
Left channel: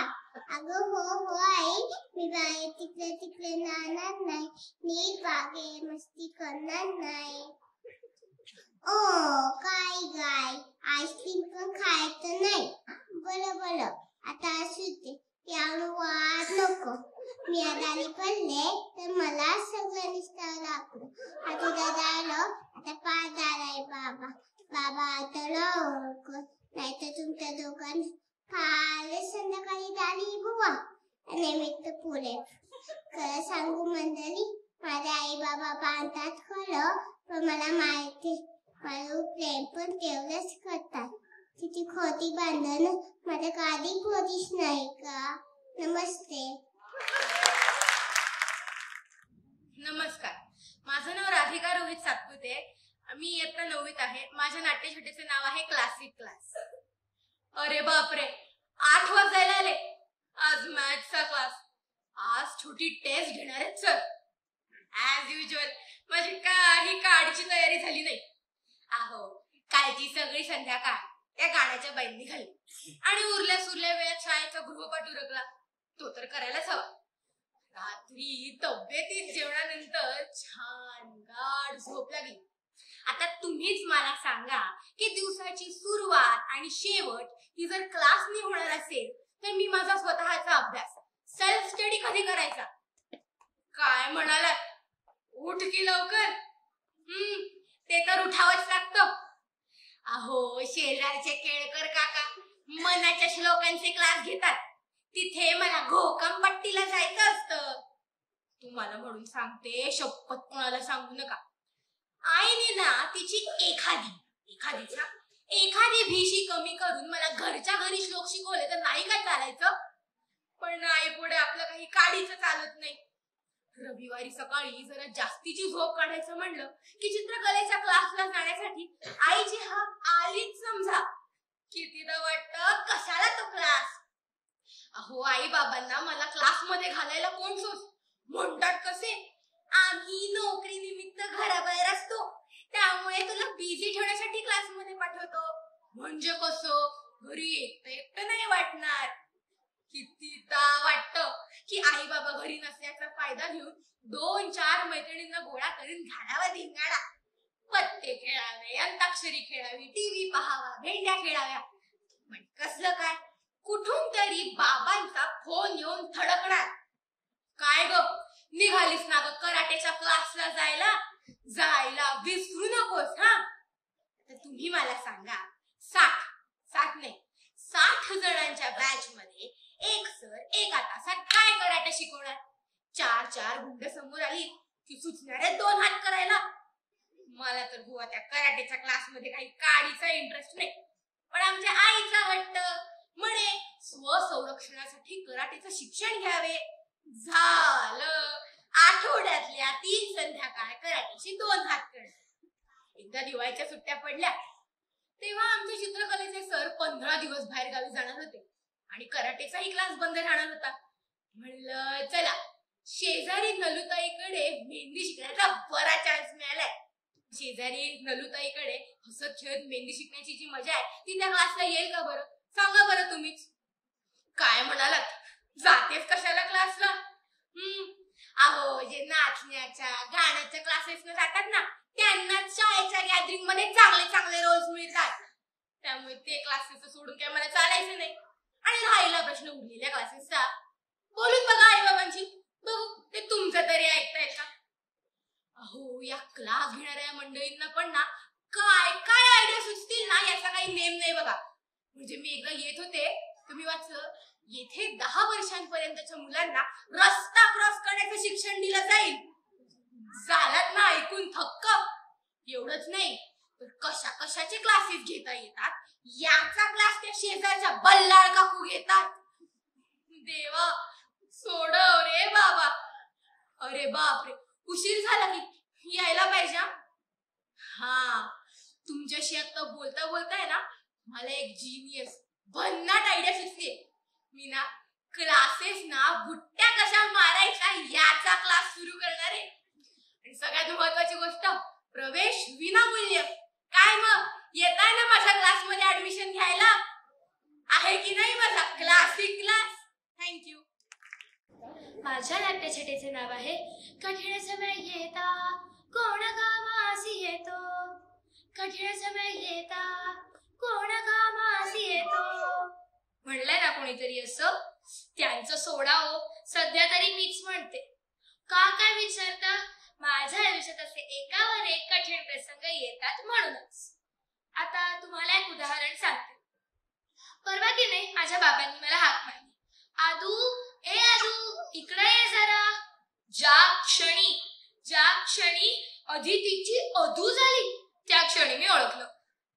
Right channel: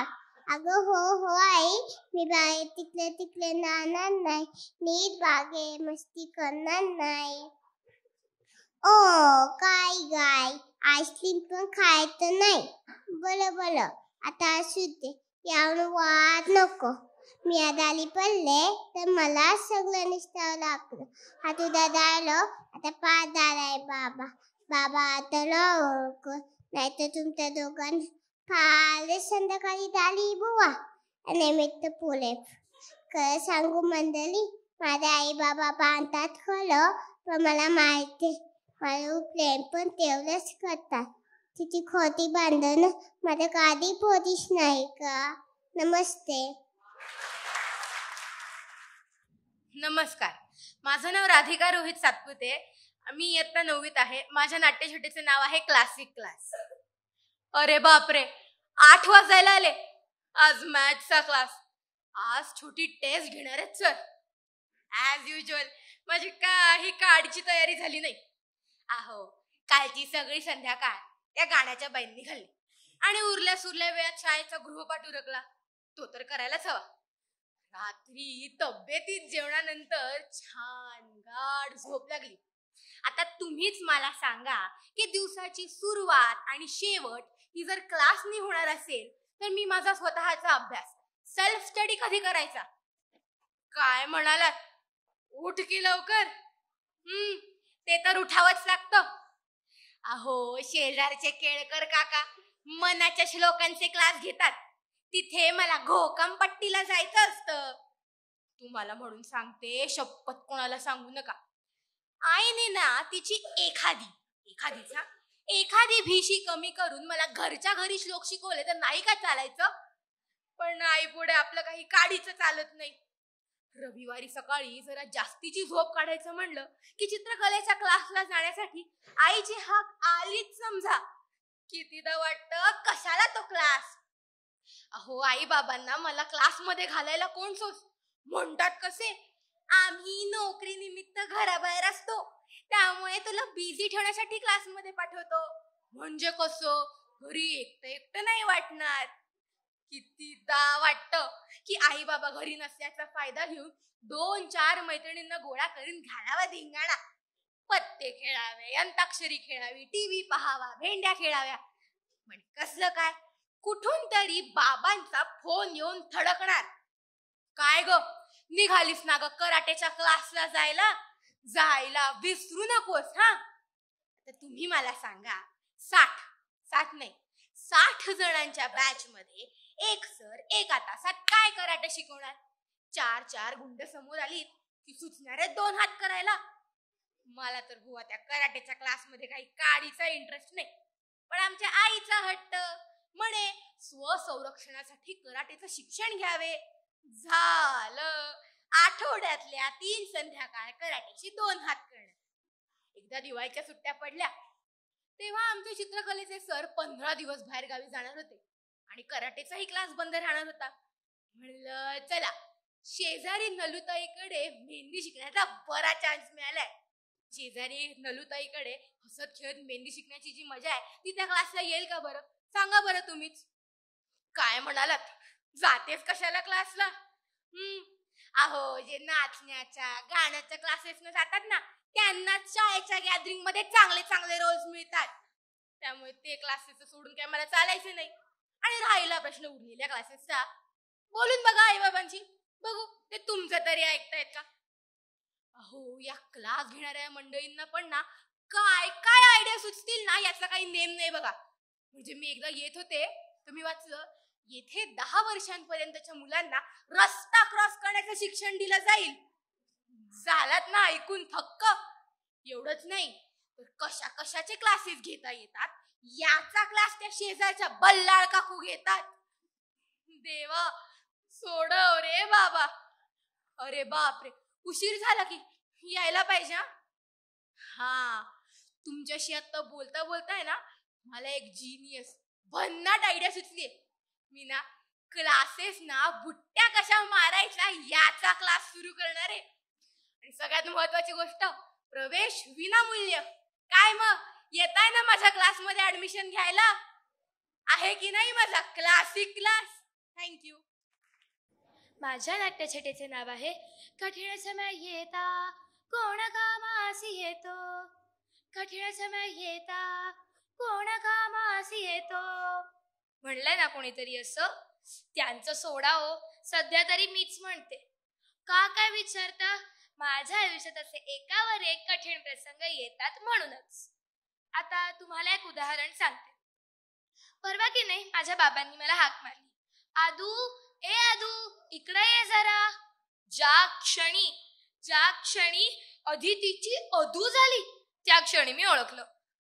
अगं हो हो आई, मी बाहेर तिकडे तिकडे जाणार नाही, नीट बागे मस्ती करणार नाही. ओ काय गाय, आईस्क्रीम पण खायचं नाही. बरं बरं, आता असू दे, यावर वाद नको. मी आजारी पडले तर मला सगळं निसटावं लागलं. आता उद्या जायला आता पाच आहे बाबा. बाबा आता ओळख नाही तर तुमच्या दोघांनी फार संध्याकाळी झाली बुवा. निमित्त पुरे खरं सांगू मंडळी, माझे आई बाबा बांधतात खरं, पण मला माहिती माझं प्रेम पण तेवढंच करतात. तिची खोटी बांधणं माझ्या गादी पोरीच नाही का. नमस्ते. नमस्कार, माझं नाव राधिका रोहित सातपुते. मी इयत्ता 9वीत आहे. माझ्या नाट्यछटेचे नाव आहे क्लासिक क्लास. अरे बापरे, 8 वाजायला आले. आज मॅथ्सचा क्लास. आज छोटी टेस्ट घेणार आहेत सर. ऍज युजल माझी काही काडीची तयारी झाली नाही. अहो, कालची सगळी संध्याकाळ त्या गाण्याच्या बाईंनी घाली आणि उरल्या सुरल्या वेळात शाळेचा गृहपाठ उरकला. तो तर करायलाच हवा. रात्री तब्येतीत जेवणानंतर छान गाढ झोप लागली. आता तुम्हीच मला सांगा की दिवसाची सुरुवात आणि शेवट ही जर क्लासनी होणार असेल तर मी माझा स्वतःचा अभ्यास सेल्फ स्टडी कधी करायचा. काय म्हणालात, उठ की लवकर. ते तर उठावंच लागतं. अहो, शेजारचे केळकर काका मनाच्या श्लोकांचे क्लास घेतात. तिथे मला घोकंपट्टीला जायचं असतं. तुम्हाला म्हणून सांगते, शपथ कोणाला सांगू नका. आईने ना तिची एखादी भीशी कमी करून मला घरच्या घरी श्लोक शिकवले तर नाही काय चालायचं. पण आई पुढे आपलं काही काढीचं चालत नाही. रविवारी सकाळी जरा जास्तीची झोप काढायचं म्हणलं की चित्रकलेच्या क्लासला जाण्यासाठी आईची हाक आलीच समजा. कितीदा वाटतं कशाला तो क्लास. अहो, आई बाबांना मला क्लासमध्ये घालायला कोण सोड म्हणतात कसे, आम्ही नोकरी निमित्त घराबाहेर असतो त्यामुळे तुला बिझी ठेवण्यासाठी क्लासमध्ये पाठवतो. म्हणजे कसं, घरी एकटं नाही वाटणार. कितीदा वाटतं की आई बाबा घरी नसल्याचा फायदा घेऊन 2-4 मैत्रिणींना गोळा करून घालावा धिंगाणा. पत्ते खेळावे, अंताक्षरी खेळावी, टीव्ही पाहावा, भेंड्या खेळाव्या. पण कसलं काय, कुठून तरी बाबांचा फोन येऊन थडकणार. काय ग, निघालीस ना ग कराटेच्या क्लासला जायला विसरू नकोस हा. तर तुम्ही मला सांगा, 60 जणांच्या बॅच मध्ये एक सर एका तासात काय कराटे शिकवणार. 4 गुंड समोर आली की सुचणारे 2 हात करायला. मला तर बुवा त्या कराटेच्या क्लासमध्ये काही काडीचा इंटरेस्ट नाही. पण आमच्या आईचा हट्ट म्हणे स्वसंरक्षणासाठी कराटेचं शिक्षण घ्यावे. झालं, आठवड्यातल्या 3 संध्याकाळ कराटेची 2 हात करणार. एकदा दिवाळीच्या सुट्ट्या पडल्या तेव्हा आमचे चित्रकलेचे सर 15 दिवस बाहेर गावी जाणार होते आणि कराटेचाही क्लास बंद राहणार होता. म्हणलं चला, शेजारी नलुताईकडे मेहंदी शिकण्याचा बरा चान्स मिळालाय. शेजारी नलुताईकडे हसत खेळत मेहंदी शिकण्याची जी मजा आहे ती त्या क्लासला येईल का बरं, सांगा बरं तुम्हीच. काय म्हणालात, जातेच कशाला क्लासला. अहो, जे नाचण्याच्या गाण्याच्या क्लासेस जातात ना त्यांना शाळेच्या गॅदरिंग मध्ये चांगले रोल्स मिळतात. त्यामुळे ते क्लासेस सोडून काय मला चालायचं नाही. आणि राहिला प्रश्न उरलेल्या क्लासेसचा, बोलून बघा आई बाबांची, बघू ते तुमचं तरी ऐकताय का. अहो, या क्लास घेणाऱ्या मंडळींना पण ना काय काय आयडिया सुचतील ना याचा काही नेम नाही बघा. म्हणजे मी एकदा येत होते तुम्ही वाचलं, येथे 10 वर्षांपर्यंतच्या मुलांना रस्ता क्रॉस करण्याचं शिक्षण दिलं जाईल. झालात ना ऐकून थक्क. एवढंच नाही तर कशाचे क्लासेस घेता येतात याचा क्लास त्या शेजारच्या बल्लाळ काकू घेतात. देवा, सोडव रे बाबा. अरे बापरे, उशीर झाला की यायला पाहिजे. हा, तुमच्याशी आता बोलता बोलताय ना मला एक जीनियस भन्नाट आयडिया सुचली. मी ना क्लासेस ना बुट्ट्या कशा मारायच्या याचा क्लास सुरू करणार आहे. आणि सगळ्यात महत्वाची गोष्ट, प्रवेश विनामूल्य. काय मग येताय ना माझ्या क्लासमध्ये ऍडमिशन घ्यायला? आहे की नाही माझा क्लासिक क्लास? थँक्यू. माझ्या नाट्यछटेचे नाव आहे कठीण समय येता कोण कामासी येतो, कठीण समय येता कोण कामासी येतो. म्हणलंय ना कोणीतरी असं, त्यांचं सोडा हो, सध्या तरी मीच म्हणते. का काय विचारता, माझ्या आयुष्यात असे एकावर एक कठीण प्रसंग येतात म्हणूनच. आता तुम्हाला एक उदाहरण सांगते. परवा की नाही माझ्या बाबांनी मला हाक मारली, आदू ए आदू इकडे ये जरा. ज्या क्षणी अदितीची अदू झाली त्या क्षणी मी ओळखलं,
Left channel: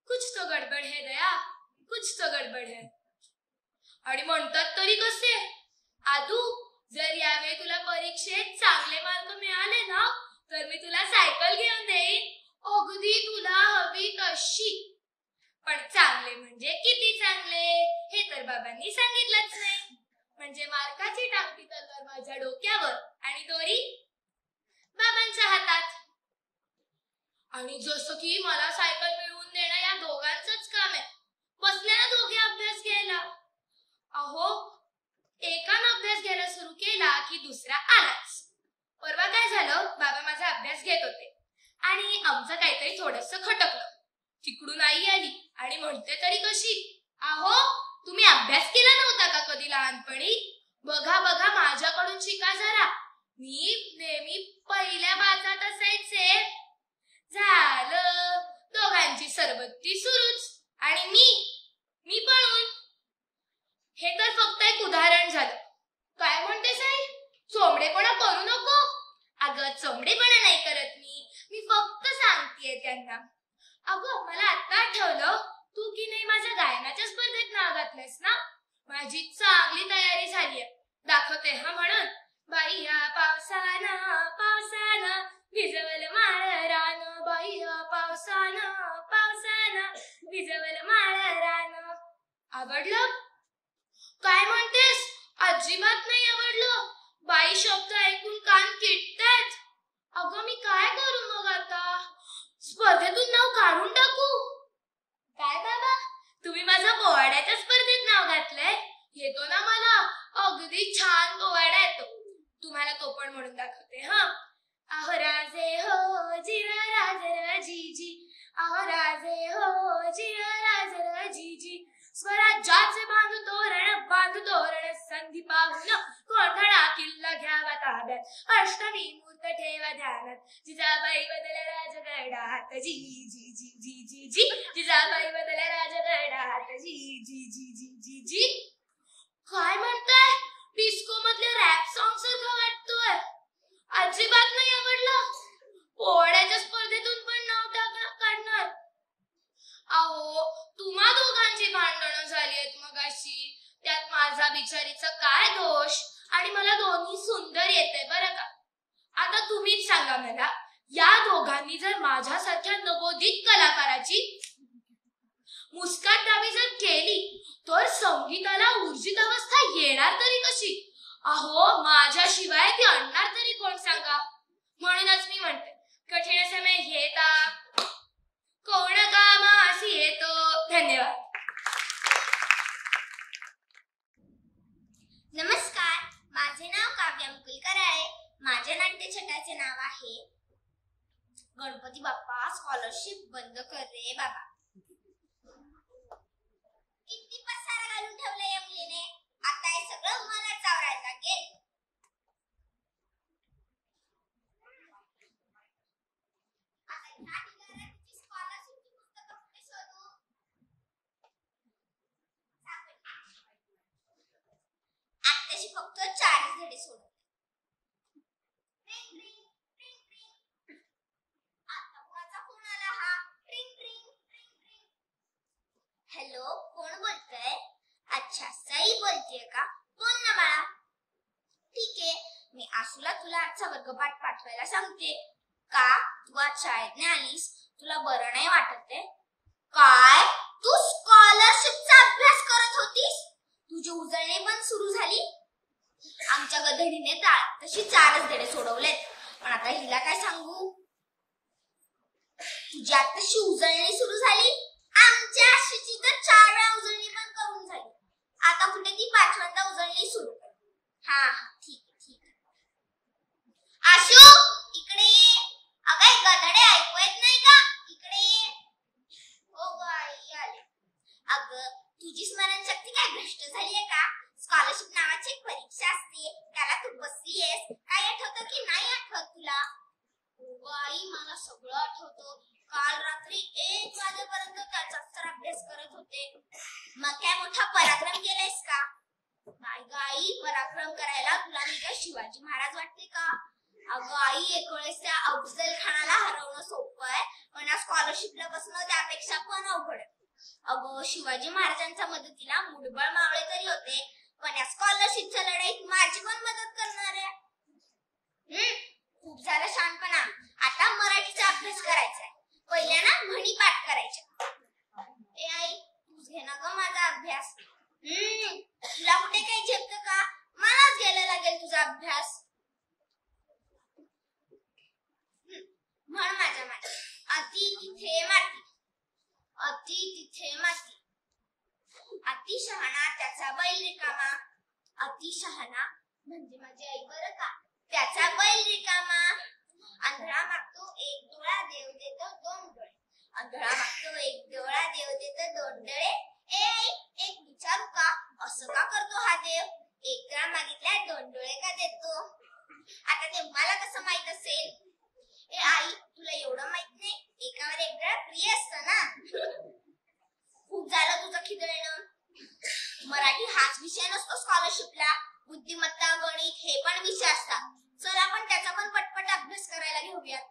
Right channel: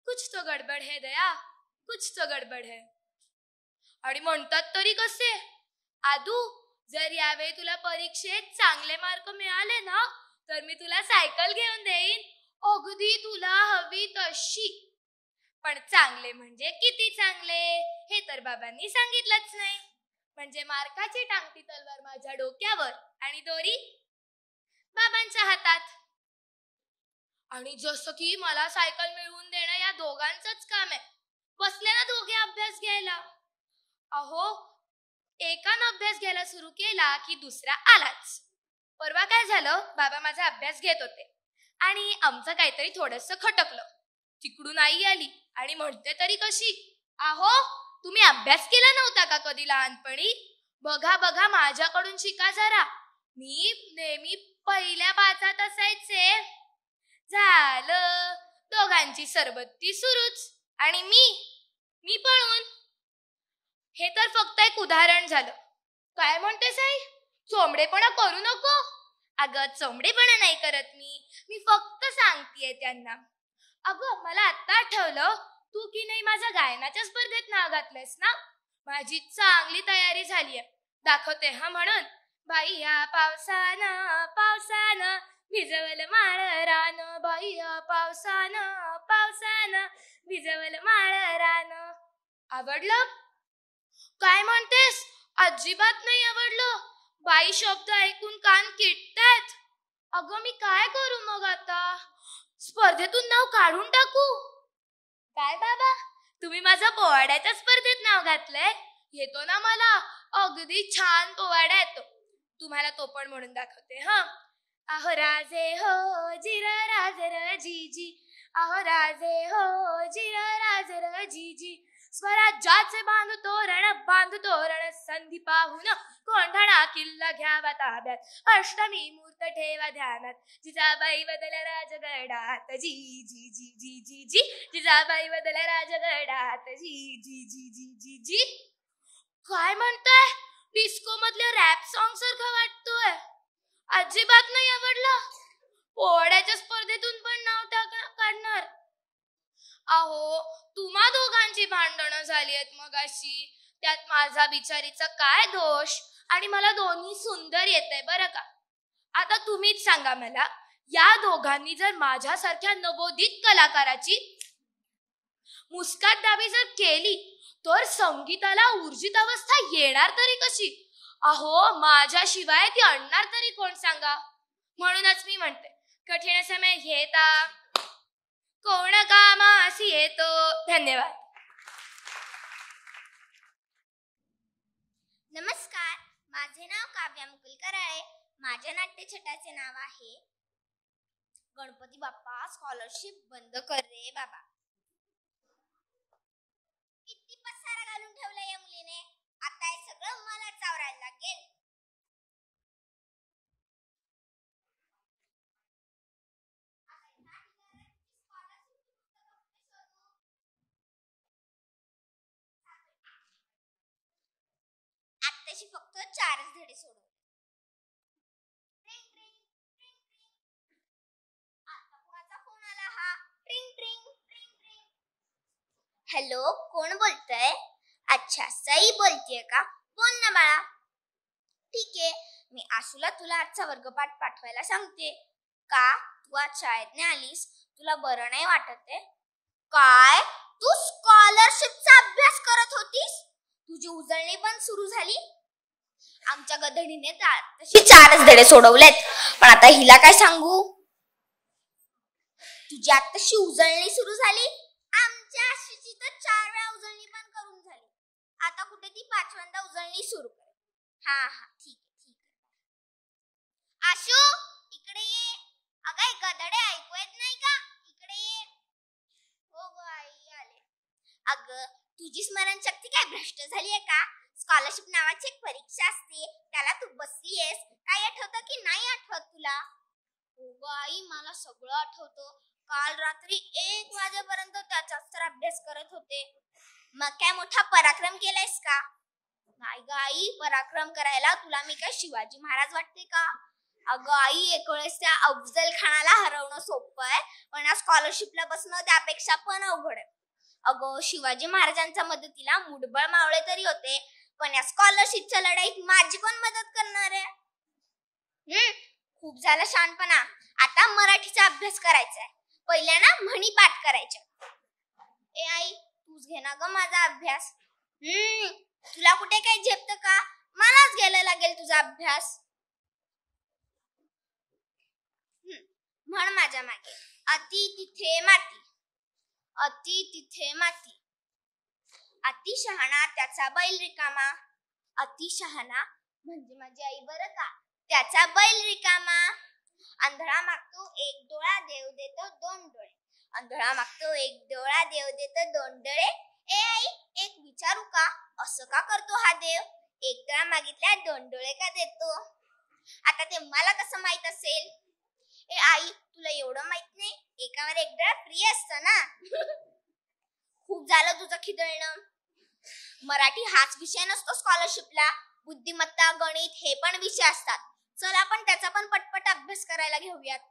कुछ तो गडबड है दया, कुछ तो गडबड है. आणि म्हणतात तरी कसे, आदू जर यावेळी तुला परीक्षेत चांगले मार्क मिळाले ना तर मी तुला सायकल घेऊन देईन, अगदी तुला हवी तशी. पण चांगले म्हणजे किती चांगले हे तर बाबांनी सांगितलंच नाही. म्हणजे मार्काची टांगती तलवार माझ्या डोक्यावर आणि दोरी बाबांच्या हातात. आणि जसं की मला सायकल मिळवून देणं या दोघांचंच काम आहे. बसले ना दोघे अभ्यास घ्यायला. अहो एकानं अभ्यास घ्यायला सुरू केला की दुसरा आलाच. परवा काय झालं, बाबा माझा अभ्यास घेत होते आणि आमचं काहीतरी थोडंसं खटकलं. तिकडून आई आली आणि म्हणते तरी कशी, अहो तुम्ही अभ्यास केला नव्हता का कधी लहानपणी? बघा बघा माझ्याकडून शिका जरा. मी नेहमी पहिल्या बाजात असायचे. झालं दोघांची सरबत्ती सुरूच आणि मी पळून. हे तर फक्त एक उदाहरण झालं. काय म्हणते साहेब, चोमडेपणा करू नको. अगं चोमडेपणा नाही करत मी फक्त सांगतेय त्यांना. अगं मला आता आठवलं, तू की नाही माझ्या गायनाच्या स्पर्धेत नाव घातलंयस ना. माझी चांगली तयारी झालीय, दाखवते हा म्हणून. बाई ह्या पावसानं पावसानं भिजवलं माळ रान, बाई ह्या पावसानं पावसानं भिजवलं माळ रान. आवडलं? काय म्हणतेस? अजिबात नाही आवडलं. बाई शब्द ऐकून कान किटतात. अगं मी काय करू मग आता? स्पर्धेतून नाव काढून टाकू? काय बाबा तुम्ही माझ्या पोवाड्याच्या स्पर्धेत नाव घातलंय? येतो ना मला, अगदी छान पोवाडा येतो. तुम्हाला तो पण म्हणून दाखवते हा. अहो राजे हो जिरा राजर जीजी, अहो राजे हो जिरा राजर जीजी. स्वराज्याचे बांधू तोरण संधी पाहून कोंढाणा किल्ला घ्यावा ताब्यात, अष्टमी मूर्त ठेवा ध्यानात. जिजाबाई बदला राजगडात जी जी जी जी जी जी, जिजाबाई बदला राजगडात जी जी जी जी जी जी. काय म्हणताय? डिस्को मधल्या रॅप सॉंग सारखं वाटतोय. अजिबात नाही आवडलं. पोवाड्याच्या स्पर्धेतून पण नाव काढणार. अहो तुम्हा दोघांची भांडणं झाली आहेत मगाशी, त्यात माझा बिचारीचा काय दोष? आणि मला दोन्ही सुंदर येतंय बरं का. आता तुम्हीच सांगा मला, या दोघांनी जर माझ्यासारख्या नवोदित कलाकाराची मुस्काटावी जर केली तर संगीताला ऊर्जित अवस्था येणार तरी कशी? अहो माझ्याशिवाय ती आणणार तरी कोण सांगा. म्हणूनच मी म्हणते, कठीण समय येता कोण कामासी येतो. धन्यवाद. नमस्कार, माझे नाव काव्या मुकुलकर आहे. माझ्या नाट्यछटाचे नाव आहे गणपती बाप्पा स्कॉलरशिप बंद कर रे बाबा. किती पसारा घालून ठेवलंय या मुलीने. आता हे सगळं मला चावरायला लागेल. आत्ताशी फक्त 4 धडे सोडले. हॅलो, कोण बोलतंय? अच्छा सई बोलतेय का? बोल ना बाळा. ठीक आहे, मी आशूला तुला आजचा वर्गपाठ पाठवायला सांगते. का तू आज शाळेत नाही आलीस? तुला बरं नाही वाटत आहे? काय तू स्कॉलरशिपचा अभ्यास करत होतीस? तुझी उजळणी पण सुरू झाली? आमच्या गधडीने तशी 4च धडे सोडवलेत, पण आता हिला काय सांगू? तुझी आताशी उजळणी सुरू झाली आमच्या आशीची तर 4 वेळा उजळणी पण करून झाली. आता कुठे ती 5व्यांदा उजळणी सुरू. हा ठीक आहे. आशू इकडे ये. अगं गधडे ऐकू येत नाही का? इकडे ये. हो ग आई आले. अगं तुझी स्मरणशक्ती काय भ्रष्ट झाली आहे का? स्कॉलरशिप नावाची एक परीक्षा असते, त्याला तू बसलीयस. काय आठवतं की नाही आठवत तुला? हो ग आई मला सगळं आठवतं. काल रात्री 1 वाजेपर्यंत त्याचाच तर अभ्यास करत होते. मग काय मोठा पराक्रम केलायस का? नाही ग आई, पराक्रम करायला तुला मी काय शिवाजी महाराज वाटते का? अगं आई, एक वेळेस त्या अफजल खानाला हरवणं सोपं आहे, पण या स्कॉलरशिपला बसणं त्यापेक्षा पण अवघड आहे. अगं शिवाजी महाराजांच्या मदतीला मुठभर मावळे तरी होते, पण या स्कॉलरशिपच्या लढाईत माझी पण मदत करणार आहे. खूप झालं शहाणपणा. आता मराठीचा अभ्यास करायचा आहे. पहिल्या ना म्हणी पाठ करायच्या. ए आई तूच घे ना ग माझा अभ्यास. तुला कुठे काही झेपतं का? मलाच घ्यायला लागेल तुझा अभ्यास. म्हण माझ्या मागे. अति तिथे माती, अति तिथे माती. अति शहाणा त्याचा बैल रिकामा. अति शहाणा म्हणजे माझी आई बरं का. त्याचा बैल रिकामा. आंधळा मागतो 1 डोळा, देव देतो 2 डोळे. आंधळा मागतो 1 डोळा, देव देतो 2 डोळे. ए आई एक विचारू का? असं का करतो हा देव? 1 डोळा मागितल्या 2 डोळे का देतो? आता ते मला कसं माहित असेल? ए आई तुला एवढं माहित नाही? एकावर 1 डोळा फ्री असतं ना. खूप झालं तुझं खिदळणं. मराठी हाच विषय नसतो स्कॉलरशिपला. बुद्धिमत्ता, गणित हे पण विषय असतात. चल आपण त्याचा पण पटपट अभ्यास करायला घेऊयात.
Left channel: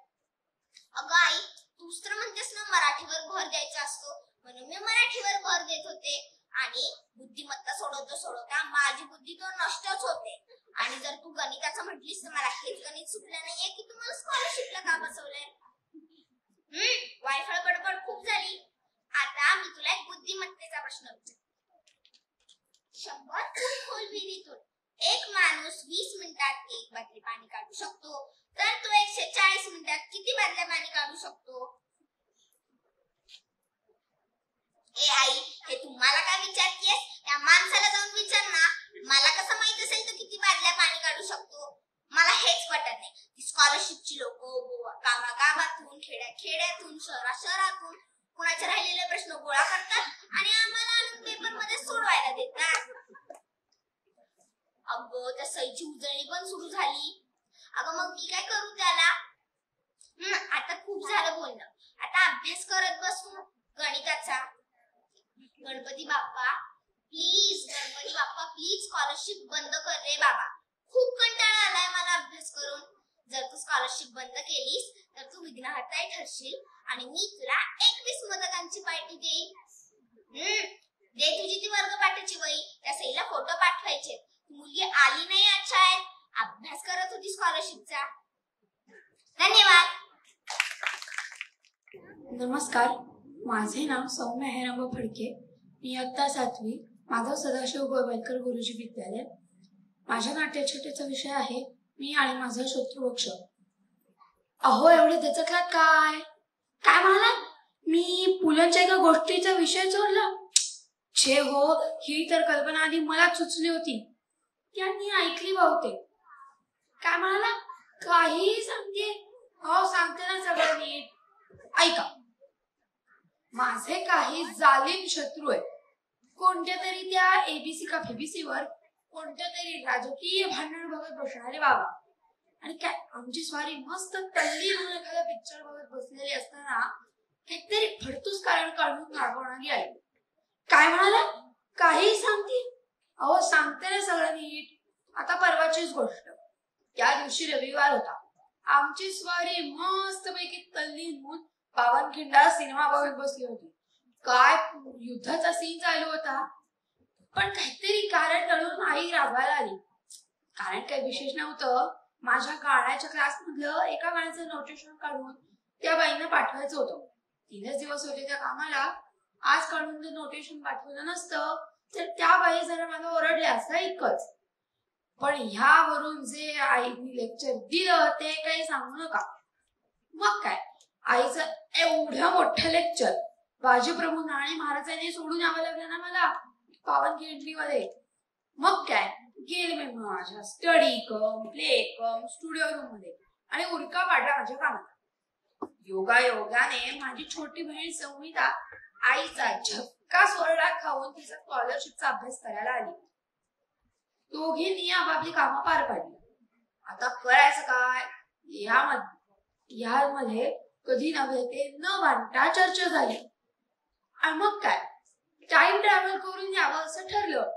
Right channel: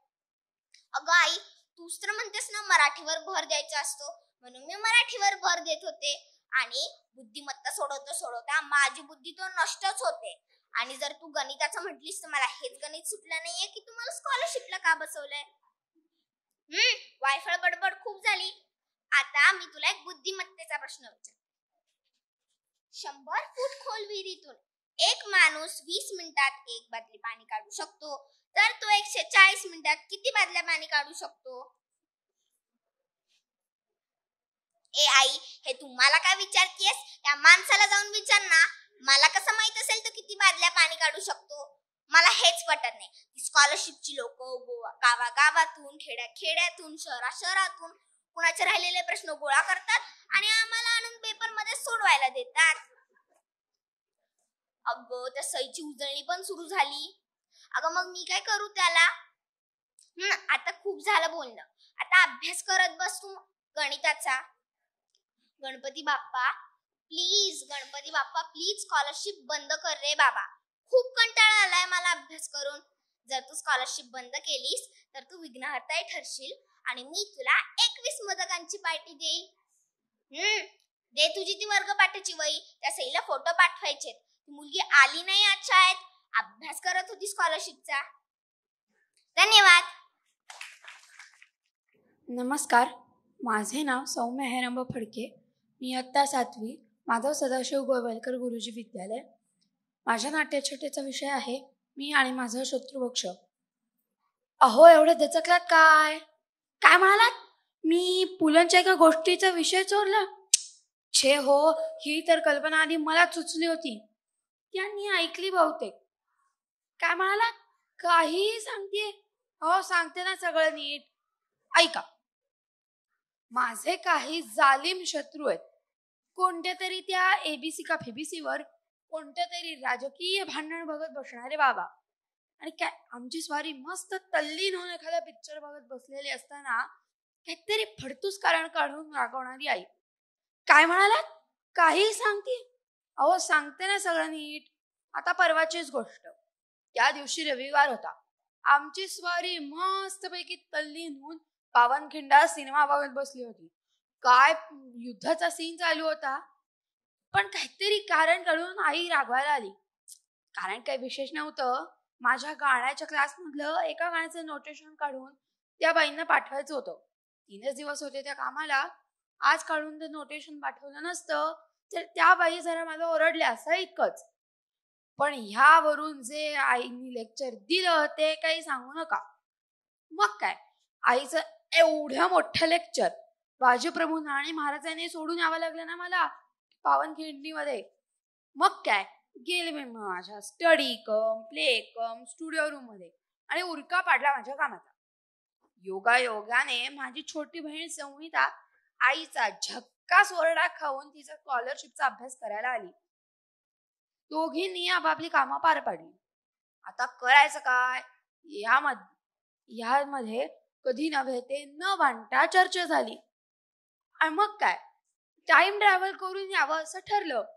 अगं आई तूच तर म्हणतेस ना मराठीवर भर द्यायचा असतो, म्हणून मी मराठीवर भर देत होते. आणि बुद्धिमत्ता सोडवता माझी बुद्धी तो नष्टच होते. आणि जर तू गणिताचं म्हटलीस तर मला हेच गणित सुटलं नाहीये की तुम्हाला स्कॉलरशिपला का बसवलंय. वायफळ बडबड खूप झाली. आता मी तुला एक बुद्धिमत्तेचा प्रश्न विचारतो. 100 फूट खोल विहिरीतून एक माणूस 20 मिनिटात 1 बादली पाणी काढू शकतो, तर तो 140 मिनिटात किती बादल्या पाणी काढू शकतो? ए आई हे तू मला काय विचारतेस? त्या माणसाला जाऊन विचार ना. मला कसं माहित असेल तो किती बादल्या पाणी काढू शकतो? मला हेच पटत नाही. स्कॉलरशिपची लोक गावागावातून, खेड्यातून, शहरातून कुणाचे राहिलेले प्रश्न गोळा करतात आणि आम्हाला आणून पेपर मध्ये सोडवायला देतात. अगं त्या सईची उजळणी पण सुरू झाली. अगं मग मी काय करू त्याला? आता खूप झालं बोलणं. आता अभ्यास करत बसू गणिताचा. गणपती बाप्पा प्लीज स्कॉलरशिप बंद कर रे बाबा. खूप कंटाळा आलाय मला अभ्यास करून. जर तू स्कॉलरशिप बंद केलीस तर तू विघ्नहर्ता ठरशील आणि मी तुला 21 मोदकांची पार्टी देईन. दे तुझी ती वर्गपाठाची वही. त्या सईला फोटो पाठवायचे. मुलगी आली नाही आज शाळेत, अभ्यास करत होती स्कॉलरशिपचा. धन्यवाद. नमस्कार, माझे नाव सौम्य हेरांबा फडके. मी इयत्ता 7वी माधव सदाशिव गोळवलकर गुरुजी विद्यालय. माझ्या नाट्यछटेचा विषय आहे मी आणि माझा शत्रुपक्ष. अहो एवढे त्याच्यातला काय काय म्हणालात? मी पुलंच्या एका गोष्टीचा विषय चोरला? छे हो, ही तर कल्पना आधी मलाच सुचली होती. त्यांनी ऐकली बहुतेक. काय म्हणाला? काही सांगते? हो सांगते ना सगळं नीट. ऐका, माझे काही जालिम शत्रू आहेत. कोणत्या तरी त्या एबीसी का फेबीसी वर कोणत्या तरी राजकीय भांडण बघत बसणारे बाबा. आणि काय आमची स्वारी मस्त तल्लीन होऊन एखादा पिक्चर बघत बसलेली असताना काहीतरी फडतूस कारण काढून रागवणारी आई. काय म्हणाला? काही सांगते? अहो सांगते ना सगळं नीट. आता परवाचीच गोष्ट. त्या दिवशी रविवार होता. आमची स्वारी मस्त पैकी तल्लीन होऊन पावनखिंडा सिनेमा बघत बसली होती. काय युद्धाचा सीन चालू होता, पण काहीतरी कारण कळून आई राबायला आली. कारण काही विशेष नव्हतं. माझ्या गाण्याच्या क्लास मधलं एका गाण्याचं नोटेशन काढून त्या बाईंना पाठवायचं होतं. 3च दिवस होते त्या कामाला. आज काढून जर नोटेशन पाठवलं नसतं तर त्या बाई जरा मला ओरडल्या असं इतकंच. पण ह्यावरून जे आईने लेक्चर दिलं ते काही सांगू नका. मग काय आईचं एवढं मोठं लेक्चर बाजीप्रभू आणि महाराजांनी सोडून यावं लागलं ना मला पावनखिंडीमध्ये. मग काय गेले मी माझ्या स्टडी कम प्ले कम स्टुडिओ रूम मध्ये आणि उरका पाडला माझ्या कामात. योगाने माझी छोटी बहीण संहिता आईचा झक्कास ओरडा खाऊन तिचा स्कॉलरशिपचा अभ्यास करायला आली. दोघींनी आपापली कामं पार पाडली. आता करायचं काय यामध्ये कधी नव्हे ते न भांडता चर्चा झाली. आणि मग काय टाइम ट्रॅव्हल करून यावं असं ठरलं.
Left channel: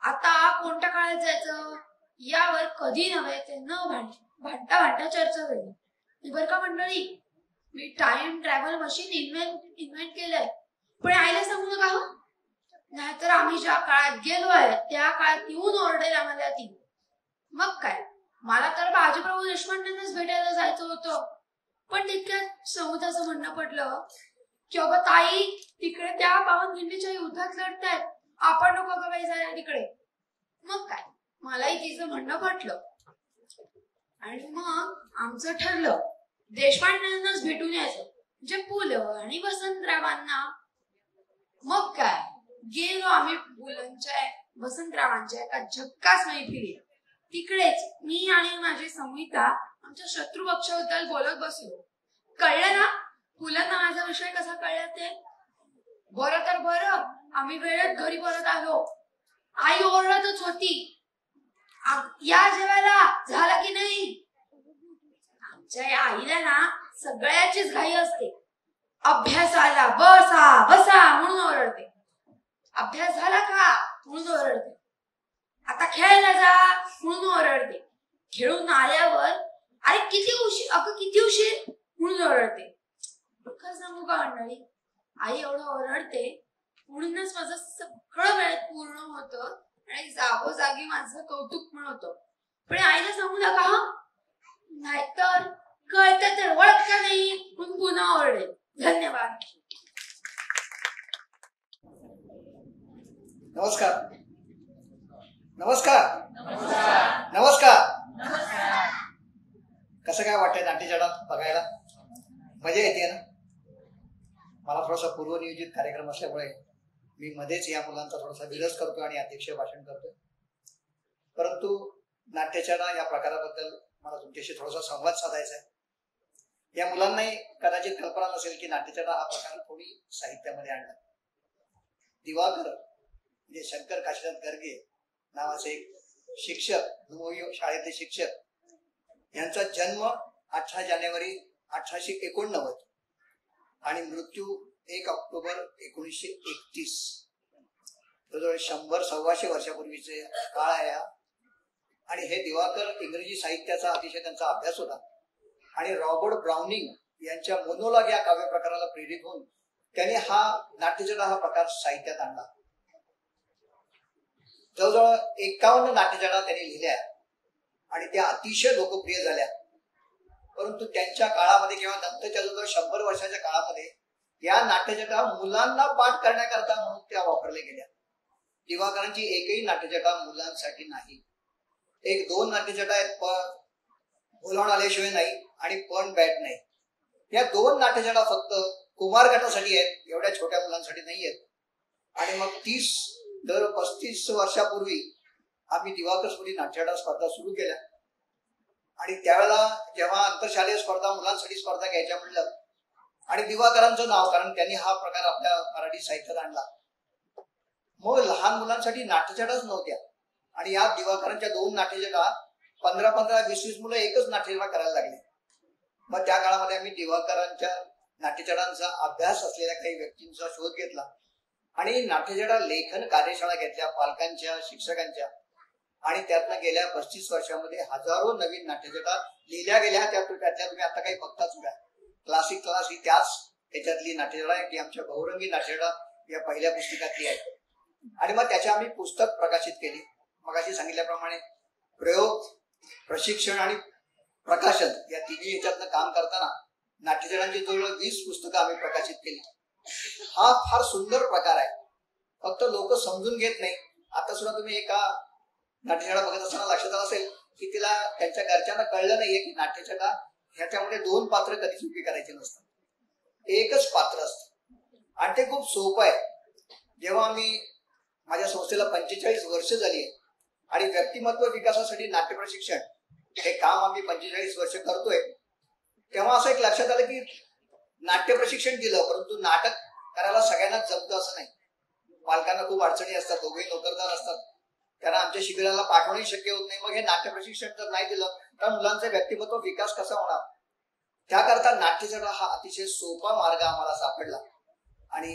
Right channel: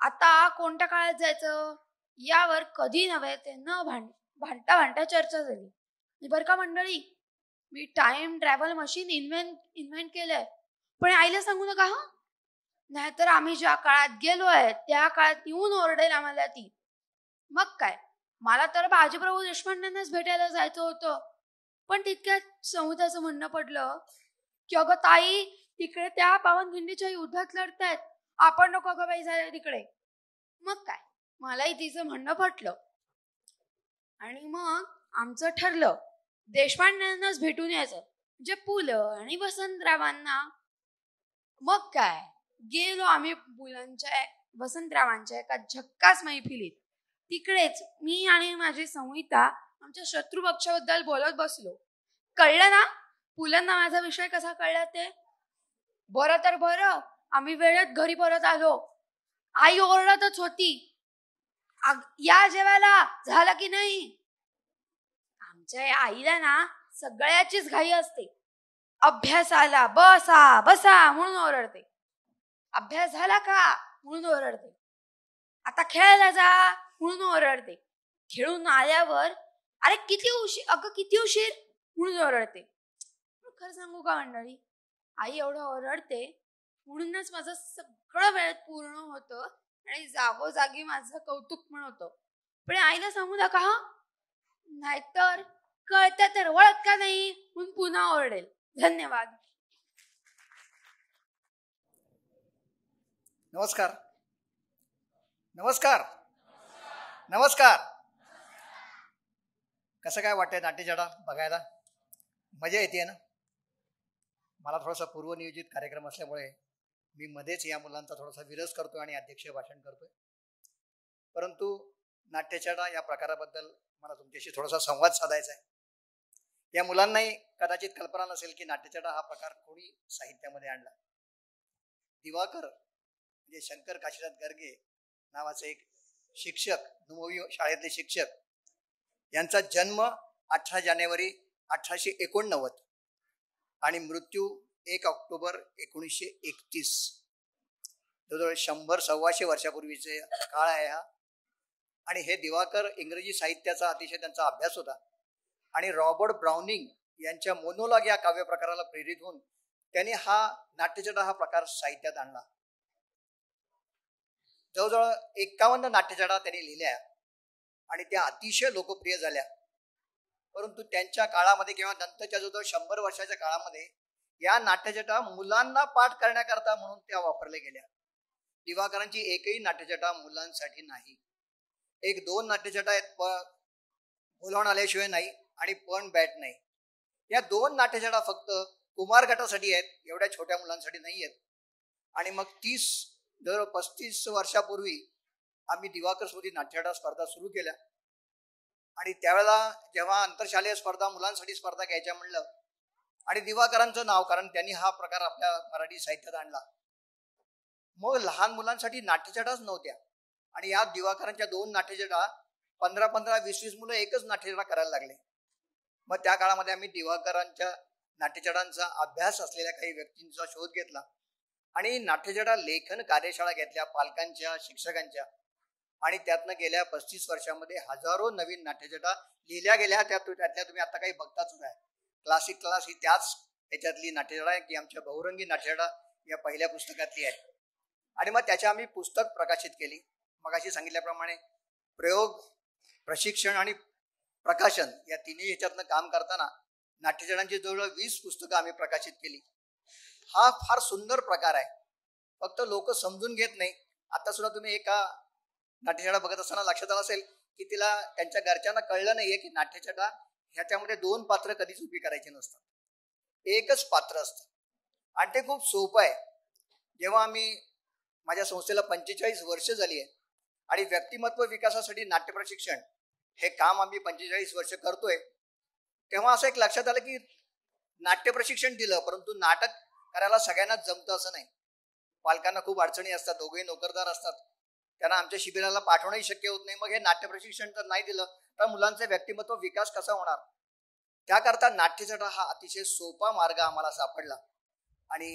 आता कोणत्या काळात जायचं यावर कधी नव्हे ते न भांडता चर्चा झाली. बरं का मंडळी, me time travel machine invent केलंय, पण आईला सांगू नका हो, नाहीतर आम्ही ज्या काळात गेलोय त्या काळात येऊन ओरडेल आम्हाला ती. मग काय मला तर बाजीप्रभू देशपांडेंनाच भेटायला जायचं होतं, पण तितक्यात समुद्राचं म्हणणं पडलं की अगं ताई तिकडे त्या पावनखिंडीच्या युद्धात लढतायत, आपण नको का बाई जायला तिकडे. मग काय मलाही तिचं म्हणणं पटलं आणि मग आमचं ठरलं देशपांडेंनाच भेटून यायचं, म्हणजे पुलं आणि वसंतरावांना. मग काय गेलो आम्ही पुलंच्या वसंतरावांच्या एका झक्कास मैफिलीत. तिकडेच मी आणि माझी संहिता आमच्या शत्रू पक्षाबद्दल बोलत बसलो. कळलं ना पुलांना माझा विषय कसा कळला ते. बरं तर बरं आम्ही वेळेत घरी परत आलो. आई ओरडतच होती, या जेवायला झालं की नाही. आमच्या आईला ना सगळ्याचीच घाई असते. अभ्यासाला बसा म्हणून ओरडते, अभ्यास झाला का म्हणून ओरडते, आता खेळायला जा म्हणून ओरडते, खेळून आल्यावर अरे किती उशीर म्हणून ओरडते. काय सांगू का मंडळी, आई एवढं ओरडते म्हणूनच माझं सगळं वेळ पूर्ण होतं आणि जागोजागी माझं कौतुक पण होतं. पण आईला सांगू नका नाहीतर कळतं तर ओळखता नाही म्हणून पुन्हा ओरडेल. धन्यवाद. नमस्कार नमस्कार नमस्कार. कसं काय वाटतंय नाट्यशाळा बघायला? मजा येते ना. मला थोडासा पूर्वनियोजित कार्यक्रम असल्यामुळे मी मध्येच या मुलांचा थोडासा विरस करतो आणि अध्यक्ष भाषण करतो. परंतु नाट्यशाळा या प्रकाराबद्दल मला तुमच्याशी थोडासा संवाद साधायचा आहे. या मुलांनाही कदाचित कल्पना नसेल की नाट्यशाळा हा प्रकार कोणी साहित्यामध्ये आणला. दिवाकर म्हणजे शंकर काशीनाथ गर्गे नावाचे एक शिक्षक, नवोदय शाळेतले शिक्षक, यांचा जन्म 18 जानेवारी 1889 आणि मृत्यू 1 ऑक्टोबर 1931. जवळजवळ 100-125 वर्षापूर्वीचे काळ आहे हा. आणि हे दिवाकर इंग्रजी साहित्याचा अतिशय त्यांचा अभ्यास होता आणि रॉबर्ट ब्राउनिंग यांच्या मोनोलॉग या काव्य प्रकाराला प्रेरित होऊन त्यांनी हा नाट्यछटा हा प्रकार साहित्यात आणला. जवळजवळ 51 नाट्यछटा त्यांनी लिहिल्या आणि त्या अतिशय लोकप्रिय झाल्या. परंतु त्यांच्या काळामध्ये किंवा नंतरच्या जवळजवळ 100 वर्षाच्या काळामध्ये या नाट्यछटा मुलांना पाठ करण्याकरता म्हणून त्या वापरल्या गेल्या. दिवाकरांची एकही नाट्यछटा मुलांसाठी नाही. 1-2 नाट्यछटा आहेत, पण बोलावून आल्याशिवाय नाही आणि पण बॅट नाही. या 2 नाट्यछटा फक्त कुमार गटासाठी आहेत, एवढ्या छोट्या मुलांसाठी नाही आहेत. आणि मग 35 वर्षापूर्वी आम्ही दिवाकर सोडी नाट्यछटा स्पर्धा सुरू केल्या आणि त्यावेळेला जेव्हा आंतरशालेय स्पर्धा मुलांसाठी स्पर्धा घ्यायच्या म्हणलं आणि दिवाकरांचं नाव, कारण त्यांनी हा प्रकार आपल्या मराठी साहित्यात आणला, मग लहान मुलांसाठी नाट्यछटाच नव्हत्या. आणि या दिवाकरांच्या 2 नाट्यछटा 15-20 मुलं एकच नाट्यछटा करायला लागले. मग त्या काळामध्ये आम्ही दिवाकरांच्या नाट्यछटांचा अभ्यास असलेल्या काही व्यक्तींचा शोध घेतला आणि नाट्यछटा लेखन कार्यशाळा घेतल्या पालकांच्या, शिक्षकांच्या. आणि त्यातनं गेल्या 35 वर्षामध्ये हजारो नवीन नाट्यछटा लिहिल्या गेल्या. त्या तुम्ही आता काही बघताच नाही. क्लासिक क्लास ही त्याच्यातली नाट्यछटा आहे ती आमच्या बहुरंगी नाट्यछटा या पहिल्या पुस्तकातली आहे. आणि मग त्याच्या आम्ही पुस्तक प्रकाशित केली. मगाशी सांगितल्याप्रमाणे प्रयोग, प्रशिक्षण आणि प्रकाशन या तिन्ही याच्यातनं काम करताना नाट्यछटांची जवळजवळ 20 पुस्तकं आम्ही प्रकाशित केली. हा फार सुंदर प्रकार आहे, फक्त लोक समजून घेत नाही. आता सुद्धा तुम्ही एका नाट्यछटा बघत असताना लक्षात असेल की तिला त्यांच्या घरच्यांना कळलं नाहीये की नाट्यछटा ह्याच्यामध्ये 2 पात्र कधीच उभी करायची नसतात, एकच पात्र असतं. आणि ते खूप सोपं आहे. जेव्हा आम्ही माझ्या संस्थेला 45 वर्ष झाली आणि व्यक्तिमत्व विकासासाठी नाट्य प्रशिक्षण हे काम आम्ही 45 वर्ष करतोय, तेव्हा असं एक लक्षात आलं की नाट्य प्रशिक्षण दिलं, परंतु नाटक करायला सगळ्यांना जमतं असं नाही. पालकांना खूप अडचणी असतात, दोघे नोकरदार असतात, त्यांना आमच्या शिबिराला पाठवणंही शक्य होत नाही. मग हे नाट्य प्रशिक्षण जर नाही दिलं तर मुलांचा व्यक्तिमत्व विकास कसा होणार? त्याकरता नाट्यछटा हा अतिशय सोपा मार्ग आम्हाला सापडला आणि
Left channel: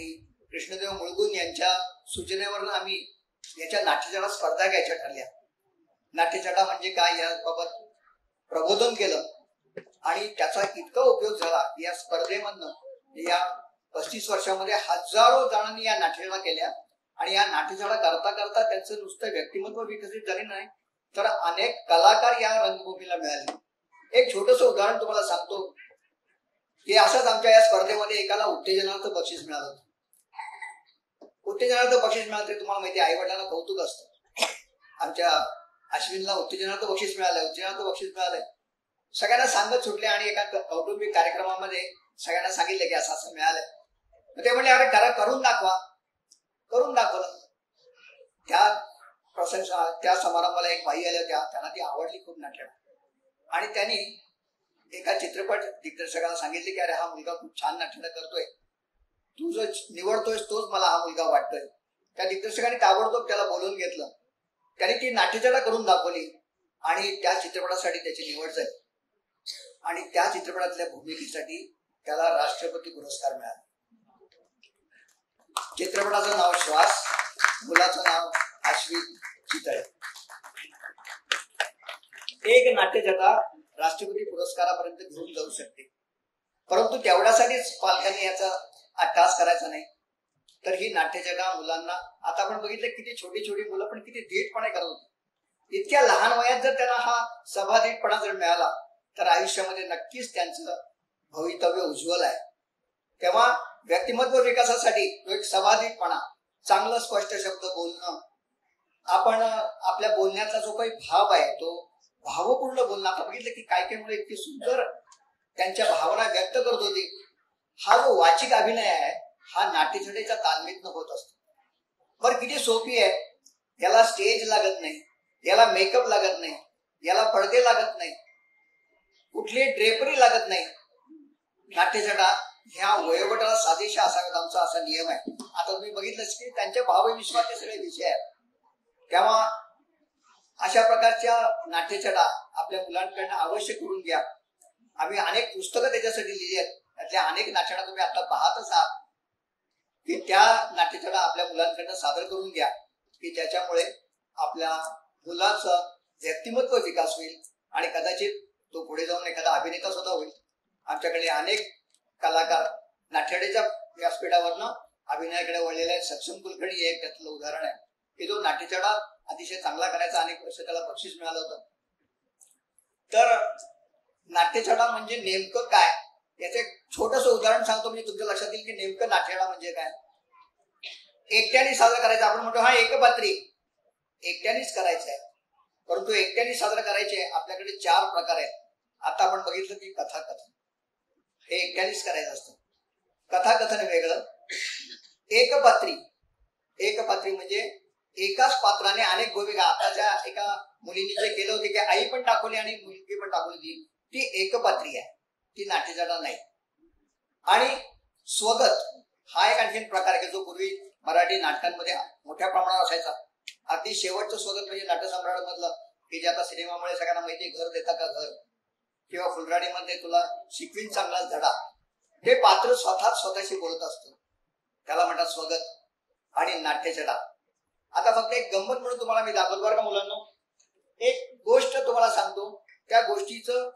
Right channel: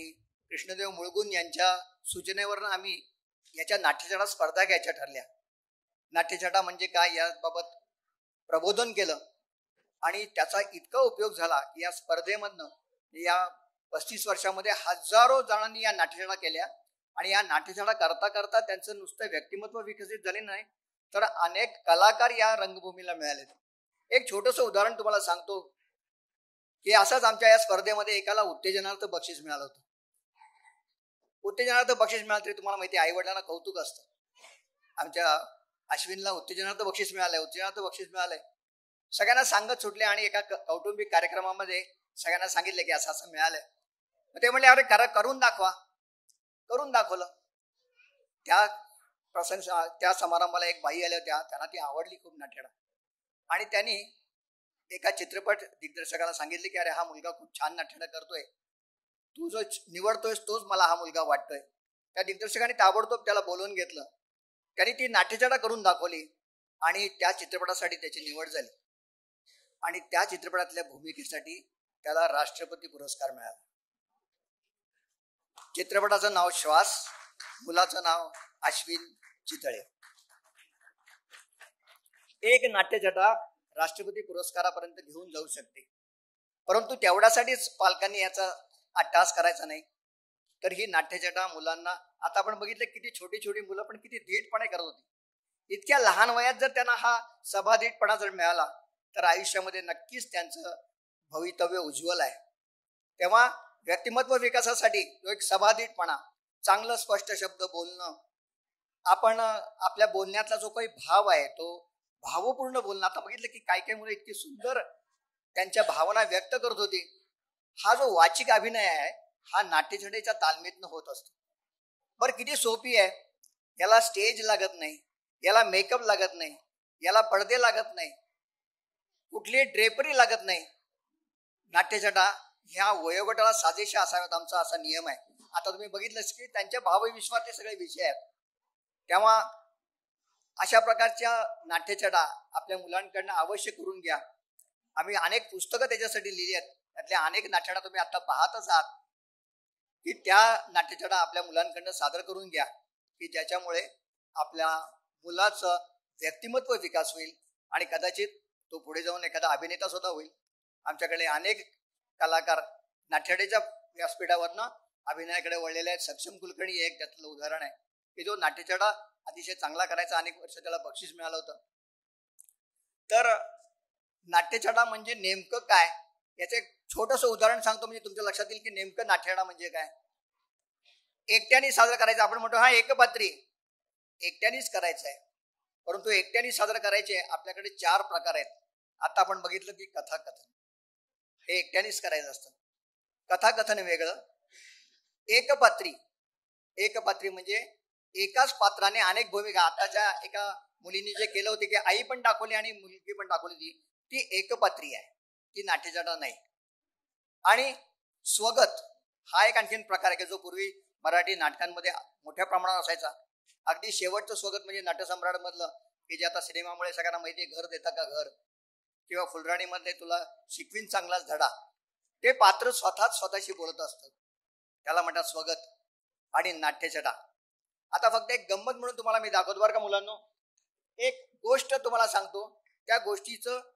कृष्णदेव मुळगुण यांच्या सूचनेवर आम्ही याच्या नाट्यछटा स्पर्धा घ्यायच्या ठरल्या. नाट्यछटा म्हणजे काय याबाबत प्रबोधन केलं आणि त्याचा इतका उपयोग झाला की या स्पर्धेमधनं या 35 वर्षामध्ये हजारो जणांनी या नाट्यछटा केल्या आणि या नाट्यछटा करता करता त्यांचं नुसतं व्यक्तिमत्व विकसित झाले नाही तर अनेक कलाकार या रंगभूमीला मिळाले. एक छोटस उदाहरण तुम्हाला सांगतो की असंच आमच्या या स्पर्धेमध्ये एकाला उत्तेजनार्थ बक्षीस मिळालं होतं. उत्तेजनार्थ बक्षीस मिळालं ते तुम्हाला माहिती, आई वडिलांना कौतुक असतं. आमच्या अश्विनला उत्तेजनार्थ बक्षीस मिळालंय. सगळ्यांना सांगत सुटले आणि एका कौटुंबिक कार्यक्रमामध्ये सगळ्यांना सांगितले की असं असं मिळालंय. ते म्हणजे अरे करून दाखवलं. त्या समारंभाला एक बाई आल्या होत्या, त्यांना ती आवडली खूप नाट्य आणि त्यांनी एका चित्रपट दिग्दर्शकाला सांगितले की अरे हा मुलगा खूप छान नाट्य करतोय, तू जो निवडतोय तोच मला हा मुलगा वाटतोय. त्या दिग्दर्शकाने ताबडतोब त्याला बोलवून घेतलं, त्याने ती नाट्यछटा करून दाखवली आणि त्या चित्रपटासाठी त्याची निवड झाली आणि त्या चित्रपटातल्या भूमिकेसाठी त्याला राष्ट्रपती पुरस्कार मिळाला. चित्रपटाचं नाव श्वास, मुलाचं नाव अश्विन चितळे. एक नाट्यछटा राष्ट्रपती पुरस्कारापर्यंत घेऊन जाऊ शकते, परंतु तेवढ्यासाठीच पालकांनी याचा अट्टास करायचा नाही. तर ही नाट्यछटा मुलांना, आता आपण बघितलं किती छोटी छोटी मुलं पण किती धीटपणे करत, इतक्या लहान वयात जर त्यांना हा सभाधीटपणा जर मिळाला तर आयुष्यामध्ये नक्कीच त्यांचं भवितव्य उज्ज्वल आहे. तेव्हा व्यक्तिमत्व विकासासाठी तो एक सभाधीटपणा, चांगलं स्पष्ट शब्द बोलणं, आपण आपल्या बोलण्याचा जो काही भाव आहे तो भावपूर्ण बोलणं. आता बघितलं की काय काय मुलं इतकी सुंदर त्यांच्या भावना व्यक्त करत होती. हा जो वाचिक अभिनय आहे हा नाट्यछटेच्या तालमीतनं होत असतो. बरं किती सोपी आहे, याला स्टेज लागत नाही, याला मेकअप लागत नाही, याला पडदे लागत नाही, कुठली ड्रेपरी लागत नाही. नाट्यछटा ह्या वयोगटाला साजेशा असावेत आमचा असा नियम आहे. आता तुम्ही बघितलंच की त्यांच्या भावविश्वाचे सगळे विषय आहेत. तेव्हा अशा प्रकारच्या नाट्यछटा आपल्या मुलांकडनं अवश्य करून घ्या. आम्ही अनेक पुस्तकं त्याच्यासाठी लिहिली आहेत, त्यातल्या अनेक नाट्यछटा तुम्ही आता पाहतच आहात की त्या नाट्यछटा आपल्या मुलांकडनं सादर करून घ्या की ज्याच्यामुळे आपल्या मुलाचं व्यक्तिमत्व विकास होईल आणि कदाचित तो पुढे जाऊन एखादा अभिनेता सुद्धा होईल. आमच्याकडे अनेक कलाकार नाट्यछटेच्या व्यासपीठावरनं अभिनयाकडे वळलेले आहेत. सक्षम कुलकर्णी एक त्यातलं उदाहरण आहे की जो नाट्यछटा अतिशय चांगला करायचा, अनेक वर्ष त्याला बक्षीस मिळालं होतं. तर नाट्यछटा म्हणजे नेमकं काय याचं एक छोटस उदाहरण सांगतो मी, तुमच्या लक्षात येईल की नेमकं नाट्यछटा म्हणजे काय. एकट्याने सादर करायचं, आपण म्हणतो हा एकपात्री, एकट्यानेच करायचं आहे, परंतु एकट्याने सादर करायचे आपल्याकडे 4 प्रकार आहेत. आता आपण बघितलं की कथाकथन हे एकट्यानेच करायचं असतं. कथाकथन वेगळं. एकपात्री म्हणजे एकाच पात्राने अनेक भूमिका. आताच्या एका मुलीने जे केलं होते की आई पण दाखवली आणि मुलगी पण दाखवली, ती एकपात्री आहे, ती नाट्यछटा नाही. आणि स्वगत हा एक आणखी प्रकार आहे जो पूर्वी मराठी नाटकांमध्ये मोठ्या प्रमाणात असायचा. अगदी शेवटचं स्वगत म्हणजे नाट्यसम्राट मधलं की जे आता सिनेमामुळे सगळ्यांना माहिती, घर देता का घर, किंवा फुलराणीमध्ये तुला शिकवीन चांगलाच धडा. हे पात्र स्वतःशी बोलत असतं, त्याला म्हणतात स्वगत. आणि नाट्यछटा आता फक्त एक गंमत म्हणून तुम्हाला मी दाखवतो बरं का मुलांनो. एक गोष्ट तुम्हाला सांगतो, त्या गोष्टीचं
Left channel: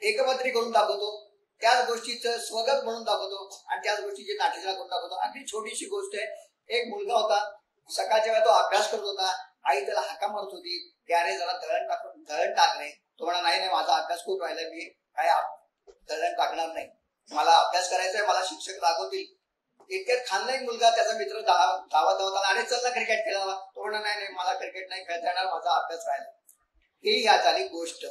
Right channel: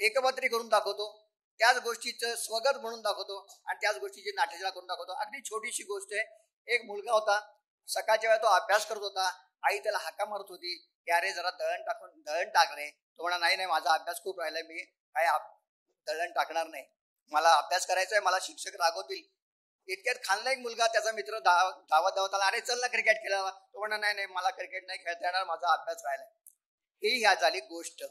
एकपात्री करून दाखवतो, त्याच गोष्टीचं स्वगत म्हणून दाखवतो आणि त्याच गोष्टीची नाट्यछटा करून दाखवतो. आणि छोटीशी गोष्ट आहे, एक मुलगा होता, सकाळच्या वेळा तो अभ्यास करत होता, आई त्याला हाका म्हणत होती की अरे जरा दळण टाक रे. तो म्हणा नाही माझा अभ्यास खूप राहिला, मी काय दळण टाकणार नाही, मला अभ्यास करायचा आहे, मला शिक्षक रागवतील. इतक्यात खानदानी मुलगा त्याचा मित्र धावत अरे चल ना क्रिकेट खेळावा. तो म्हणा नाही मला क्रिकेट नाही खेळता येणार, माझा अभ्यास राहिला. ही या झाली गोष्ट.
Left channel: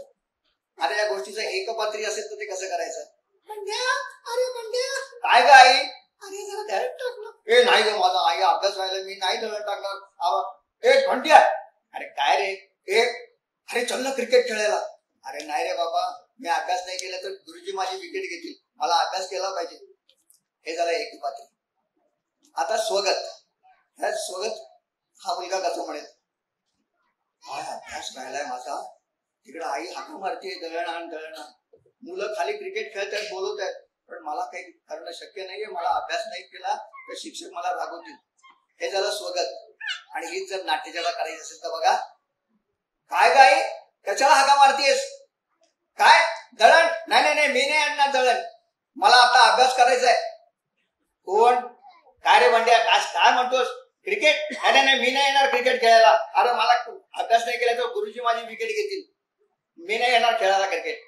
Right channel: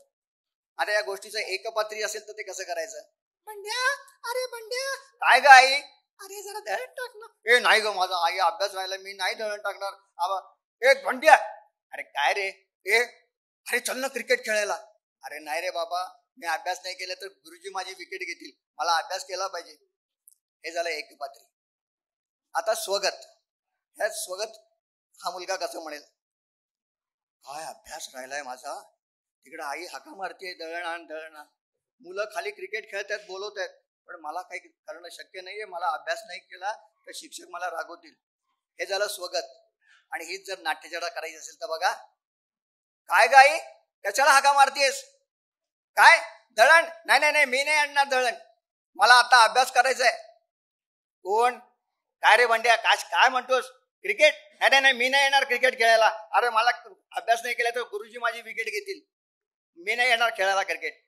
अरे या गोष्टीचं एकपात्री असेल तर ते कसं करायचं. काय ग आई, अरे जरा दळण टाक ना. ए नाही ग माझा आई अभ्यास व्हायला मी नाही दळण टाकणार. ए म्हणते अरे काय रे ए अरे चल ना क्रिकेट खेळायला. अरे नाही रे बाबा मी अभ्यास नाही केला तर गुरुजी माझी विकेट घेतील, मला अभ्यास केला पाहिजे. हे झालं एक बाजू. आता स्वगत. ह्या स्वगत हा मुलगा कसं म्हणेल, काय अभ्यास राहिलाय माझा, तिकडे आई हाक मारते दळण आण दळण आण, मुलं खाली क्रिकेट खेळतात बोलत आहेत, पण मला काही करणं शक्य नाहीये, मला अभ्यास नाही केला तर शिक्षक मला रागवतील. हे झालं स्वगत. आणि ही जर नाट्यशाळा काढायची असेल तर बघा, काय गाई कशाला हाका मारतीयस, काय दळण, नाही नाही नाही मी नाही आणणार दळण, मला आता अभ्यास करायचा आहे. कोण काय रे भांड्या काय म्हणतोस, क्रिकेट, अरे नाही मी नाही येणार क्रिकेट खेळायला, अरे मला अभ्यास नाही केला तर गुरुजी माझी विकेट घेतील, मी नाही येणार खेळायला क्रिकेट.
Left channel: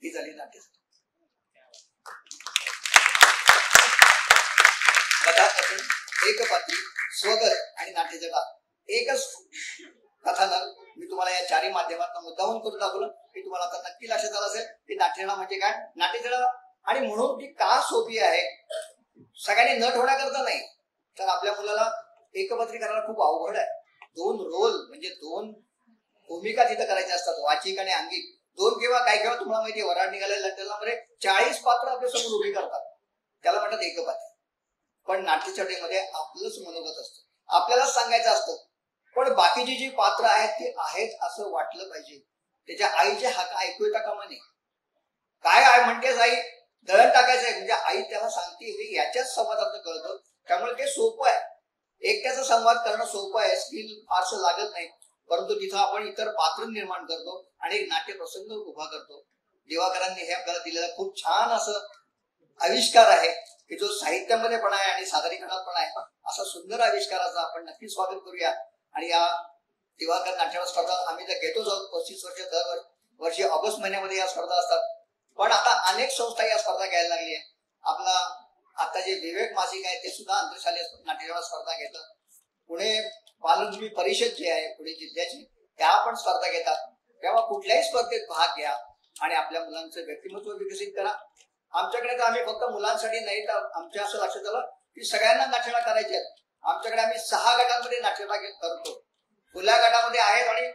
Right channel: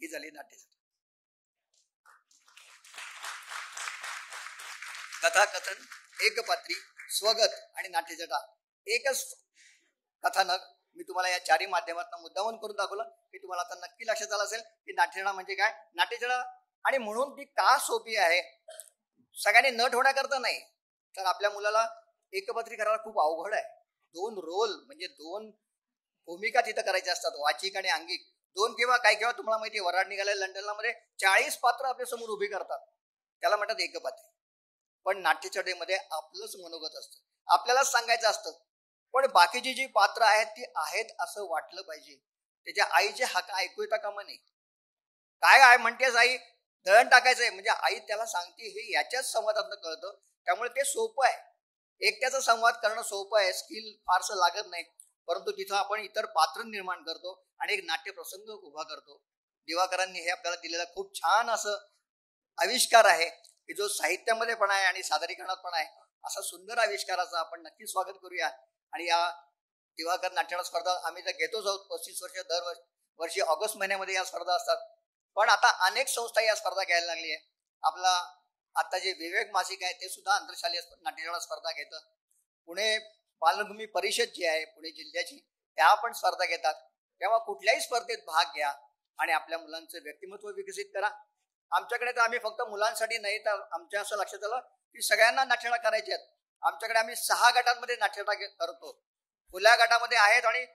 ही झाली नाट्य. कथाकथन, एकपात्री, स्वगत आणि नाट्यजगा एकच कथानक मी तुम्हाला या चारही माध्यमातून मुद्दाहून करून दाखवलं की तुम्हाला आता नक्की लक्षात आलं असेल की नाट्यजगा म्हणजे काय, नाट्यजगा आणि म्हणून ती का सोपी आहे. सगळ्यांनी न ठेवण्या करता नाही तर आपल्या मुलाला एकपात्री करायला खूप अवघड आहे. दोन रोल म्हणजे दोन भूमिका तिथं करायच्या असतात, वाचिक आणि अंगिक. दोन किंवा काही किंवा तुम्हाला माहिती वराड निघाले लंडनला मध्ये 40 पात्र आपल्या समोर उभी करतात, त्याला म्हणतात एकपात्री. पण नाट्यछटेमध्ये आपलंच मनोगत असतं, आपल्यालाच सांगायचं असतं, पण बाकीची जी पात्र आहेत ती आहेत असं वाटलं पाहिजे. त्याच्या आईचे हाक ऐकू येता कामा नये. काय आहे म्हणतेच आई दळण टाकायचंय म्हणजे आई त्याला सांगते हे याच्याच संवादात कळतं. त्यामुळे ते सोपं आहे, एकट्याचा संवाद करणं सोपं आहे, स्किल फारसं लागत नाही. परंतु तिथं आपण इतर पात्र निर्माण करतो आणि एक नाट्य प्रसंग उभा करतो. दिवाकरांनी हे आपल्याला दिलेला खूप छान असं आविष्कार आहे की जो साहित्यामध्ये पण आहे आणि सादरीकरणात पण आहे. असा सुंदर आविष्काराचा आपण नक्की स्वागत करूया. आणि या दिवाकर नाट्यवाद स्पर्धा आम्ही तर घेतोच आहोत 35 वर्ष दरवर्षी ऑगस्ट महिन्यामध्ये या स्पर्धा असतात. पण आता अनेक संस्था या स्पर्धा घ्यायला लागली आहे. आपला आता जे विवेक मासिक आहे ते सुद्धा आंतरशालेय नाट्यवाद स्पर्धा घेतात. पुणे बालभूमी परिषद जी आहे पुणे जिल्ह्याची त्या पण स्पर्धा घेतात. तेव्हा कुठल्याही स्पर्धेत भाग घ्या आणि आपल्या मुलांचं व्यक्तिमत्व विकसित करा. आमच्याकडे तर आम्ही फक्त मुलांसाठी नाही तर आमच्या असं लक्षात आलं की सगळ्यांना नाट्यशाळा करायची आहेत. आमच्याकडे आम्ही 6 गटांमध्ये नाट्यशाळा करतो. खुल्या गटामध्ये आहेत आणि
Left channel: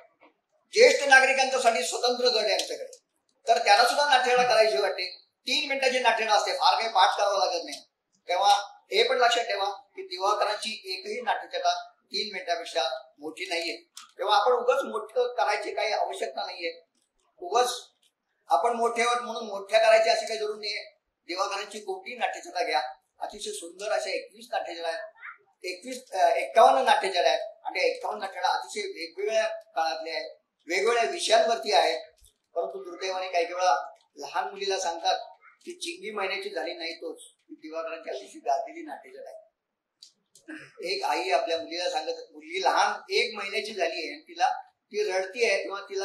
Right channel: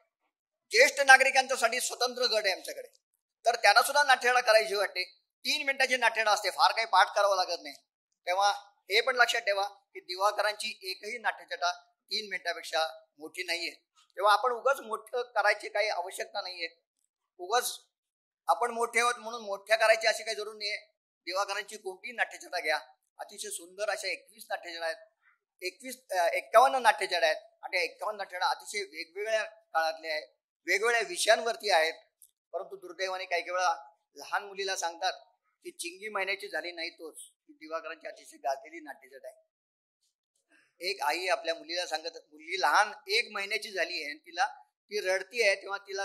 ज्येष्ठ नागरिकांसाठी स्वतंत्र गट आहे आमच्याकडे, तर त्यांना सुद्धा नाट्यशाळा करायची वाटते. 3 मिनिटाची नाट्यशाळा असते, फार काही पाठ करावं लागत नाही. तेव्हा हे पण लक्षात ठेवा की दिवाकरांची एकही नाट्यशाळा 3 मिनिटापेक्षा मोठी नाहीये. तेव्हा आपण उगाच मोठं करायची काही आवश्यकता नाहीये. उगाच आपण मोठे आहोत म्हणून मोठ्या करायची अशी काही जरूर नाहीये. दिवाकरांची कोटी नाट्यशाळा घ्या, अतिशय सुंदर अशा 21 नाट्यशाळा आहेत, 51 नाट्यशाळा आहेत आणि 51 नाट्यशाळा अतिशय वेगवेगळ्या काळातले आहेत, वेगवेगळ्या विषयांवरती आहेत. परंतु दुर्दैवाने काही वेळा लहान मुलीला सांगतात की चिंगी महिन्याची झाली नाही तोच दिवाकरांची अतिशय गाजलेली नाट्यशाळा आहे. एक आई आपल्या मुलीला सांगत, मुलगी लहान 1 महिन्याची झाली आहे, तिला ती रडती आहे किंवा तिला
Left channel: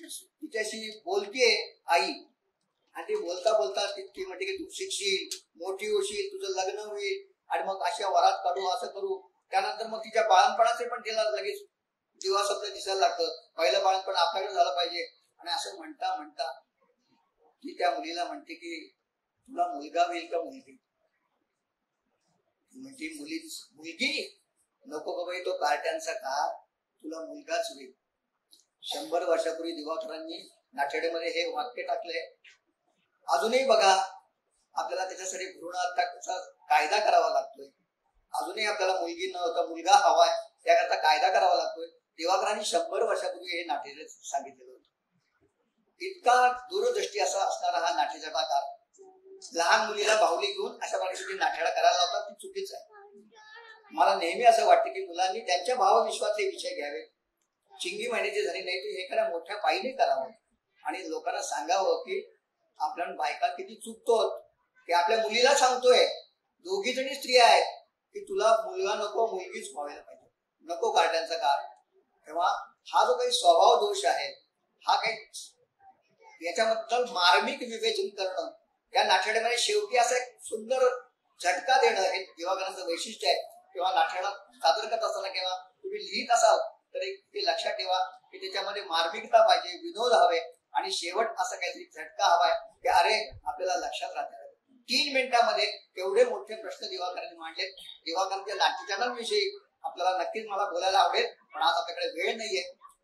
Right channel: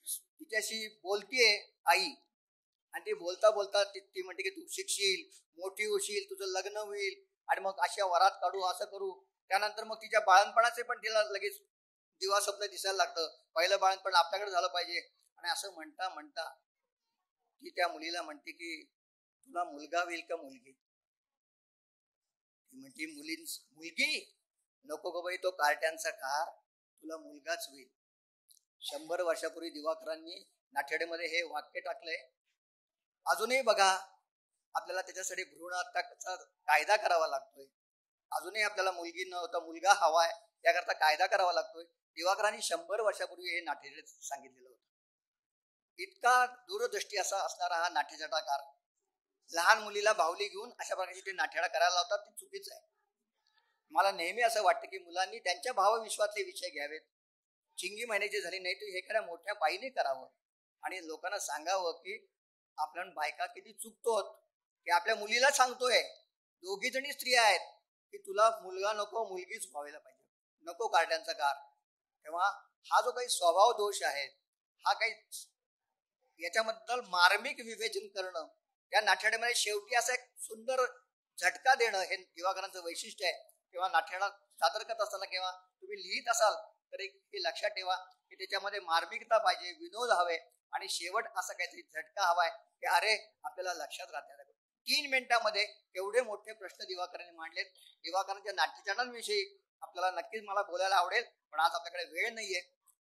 तिच्याशी बोलतीये आई, आणि ती बोलता बोलता ती म्हणते की तू शिकशील, मोठी होशील, तुझं लग्न होईल आणि मग अशा वरात काढू असं करू. त्यानंतर मग तिच्या बाळणपणाचे पण तिला लगेच दिवा स्वप्न दिसायला लागतं, पहिलं बाळणपण आपल्याकडे झालं पाहिजे. आणि असं म्हणता म्हणता ती त्या मुलीला म्हणते की तुला मुलगा होईल का मुलगी. म्हणजे मुलगी नको बाबा, तो कार्ट्यांचा काळ, तुला मुलगाच होईल. 100 वर्षापूर्वी दिवाकरांनी नाट्यशाळेमध्ये हे वाक्य टाकले. अजूनही बघा आपल्याला त्याच्यासाठी भ्रूण हत्याचा कायदा करावा लागतोय. अजूनही आपल्याला मुलगी न होता मुलगा हवाय त्याकरता कायदा करावा लागतोय. दिवाकरांनी 100 वर्षापूर्वी हे नाट्य सांगितलेलं होतं. इतका दूरदृष्टी असा असणारा हा नाट्यजगाकार लहान मुलीला बाहुली घेऊन अशा प्रकारे नाट्यशाळा करायला लावतात, ती चुकीच आहे. मला नेहमी असं वाटतं की मुलांनी त्यांच्या भावविश्वाचे विषय घ्यावे. चिंगी महिन्याची झाली नाही तर हे खरं मोठ्या पायीने करावं आणि लोकांना सांगावं की आपण बायका किती चुकतो की आपल्या मुलीला सांगतोय, दोघी जणी स्त्रिया आहेत की तुला मुलगा नको मुलगीच व्हायला पाहिजे, नको कार्ट्यांचा काळ. तेव्हा हा जो काही स्वभाव दोष आहे, हा काही याच्याबद्दल मार्मिक विवेचन करणं, त्या नाट्यशाळेमध्ये शेवटी असं एक सुंदर झटका देणं हे दिवाकरांचं वैशिष्ट्य आहे. किंवा नाट्यशाळा सादर करत असताना किंवा तुम्ही लिहित असाल तर एक लक्षात ठेवा की त्याच्यामध्ये मार्मिकता पाहिजे, विनोद हवे आणि शेवट असं काहीतरी झटका हवाय की अरे आपल्याला लक्षात राहतं 3 मिनिटांमध्ये एवढे मोठे प्रश्न दिवाकरांनी मांडले. दिवाकरांच्या नाट्य चॅनल विषयी आपल्याला नक्कीच मला बोलायला आवडेल, पण आज आपल्याकडे वेळ नाहीये.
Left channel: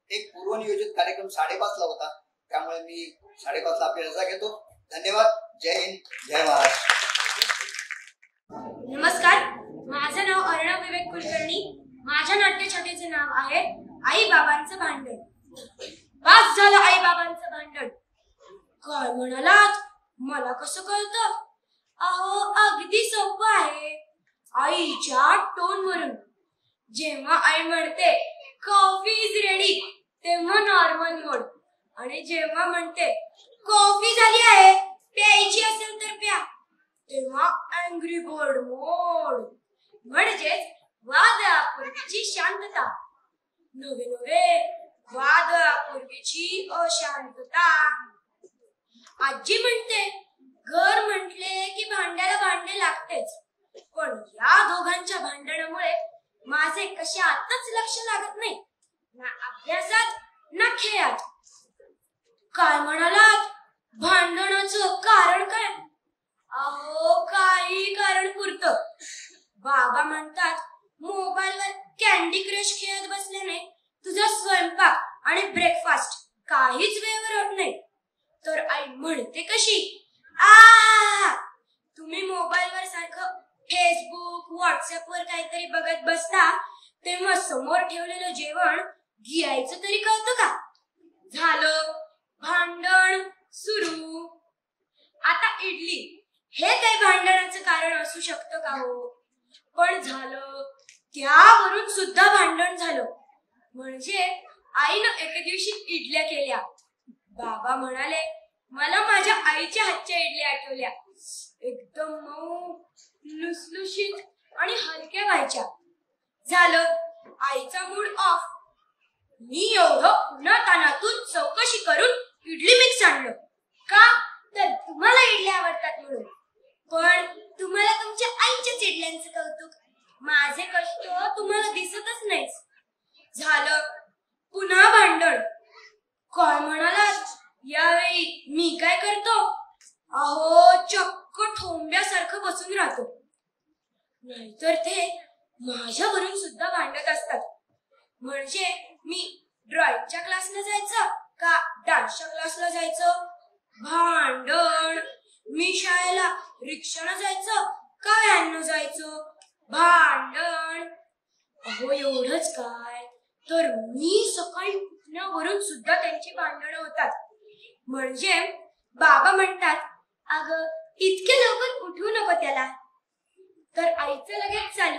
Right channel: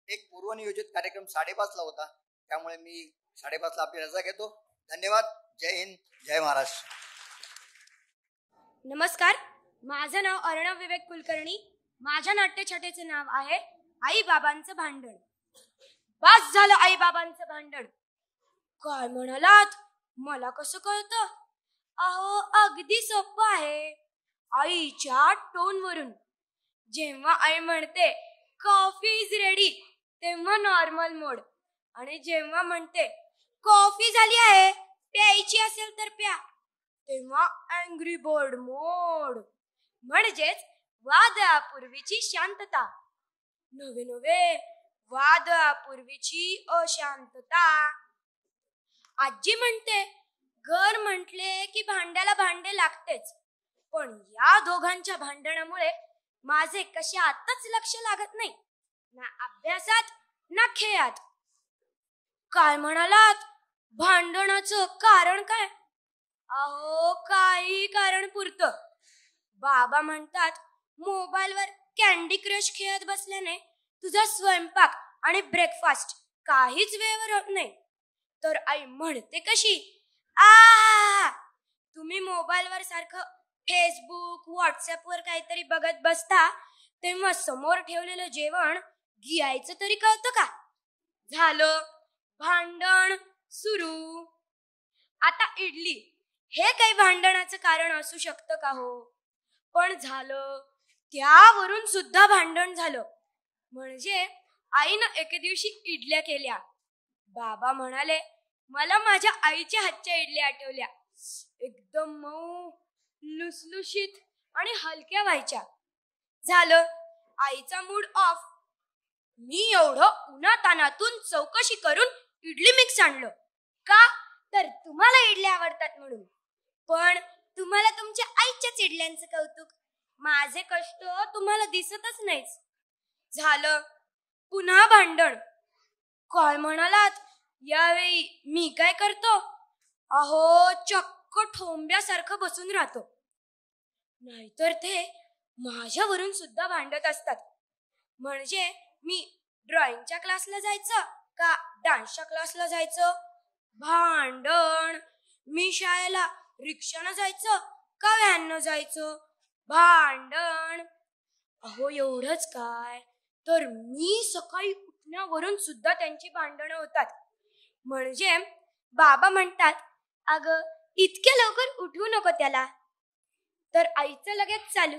एक पूर्वनियोजित कार्यक्रम 5:30 ला होता, त्यामुळे मी 5:30 ला आपली रजा घेतो. धन्यवाद. जय हिंद, जय महाराष्ट्र. नमस्कार, माझं नाव अर्णव विवेक कुलकर्णी. माझ्या नाट्यशाखेचे नाव आहे आई बाबांचं भांडण. बस झालं आई बाबांचं भांडण. काय म्हणालात? मला कसं कळतं? अहो, अगदी सोपं आहे. आईच्या टोनवरून. जेव्हा आई म्हणते कॉफी इज रेडी, तेव्हा नॉर्मल मोड. आणि जेव्हा म्हणते कॉफी झाली आहे, प्यायची असेल तर प्या, तेव्हा अँग्री बर्ड मोड. म्हणजेच वादळापूर्वीची शांतता. नवे नवे वादळापूर्वीची अशांतता. आजी म्हणते घर म्हटले की भांड्याला भांडे लागतेच, पण या दोघांच्या भांडणामुळे माझे कशातच लक्ष लागत नाही, ना अभ्यासात ना खेळात. काय म्हणालात? भांडणाचं कारण काय? अहो, काही कारण पुरतं. बाबा म्हणतात मोबाईलवर कॅन्डी क्रश खेळत बसल्याने तुझा स्वयंपाक आणि ब्रेकफास्ट काहीच वेळेवर होत नाही. तर आई म्हणते कशी, तुम्ही मोबाईलवर सारखं फेसबुक व्हॉट्सअपवर काहीतरी बघत बसता, तेव्हा समोर ठेवलेलं जेवण घ्यायचं तरी कळतं का? झालं भांडण सुरू. आता इडली हे काही भांडणाचं कारण असू शकतं का हो? पण झालं, त्यावरून सुद्धा भांडण झालं. म्हणजे आईनं एके दिवशी इडल्या केल्या. बाबा म्हणाले मला माझ्या आईच्या हातच्या इडल्या आठवल्या. एकदम मऊ, लुसलुशीत आणि हलक्या व्हायच्या. झालं, आईचा मूड ऑफ. मी एवढं उन्हातानातून चौकशी करून इडली मिक्स आणलं. का? तर तुम्हाला इडल्या आवडतात म्हणून. पण तुम्हाला तुमच्या आईच्याच इडल्यांचं कौतुक, माझे कष्ट तुम्हाला दिसतच नाहीच. झालं, पुन्हा भांडण. काय म्हणालात? यावेळी मी काय करतो? अहो, चक्क ठोंब्यासारखं बसून राहतो. नाहीतर ते माझ्यावरून सुद्धा भांडत असतात. म्हणजे मी ड्रॉइंगच्या क्लासला जायचं का डान्सच्या क्लासला जायचं? भांडण. मी शाळेला रिक्षानं जायचं का व्हॅननं जायचं? भांडण. अहो, एवढंच काय, तर मी सकाळी उठण्यावरून सुद्धा त्यांची भांडणं होतात. म्हणजे बाबा म्हणतात अगं इतके लवकर उठू नको त्याला, तर आईचं लगेच चालू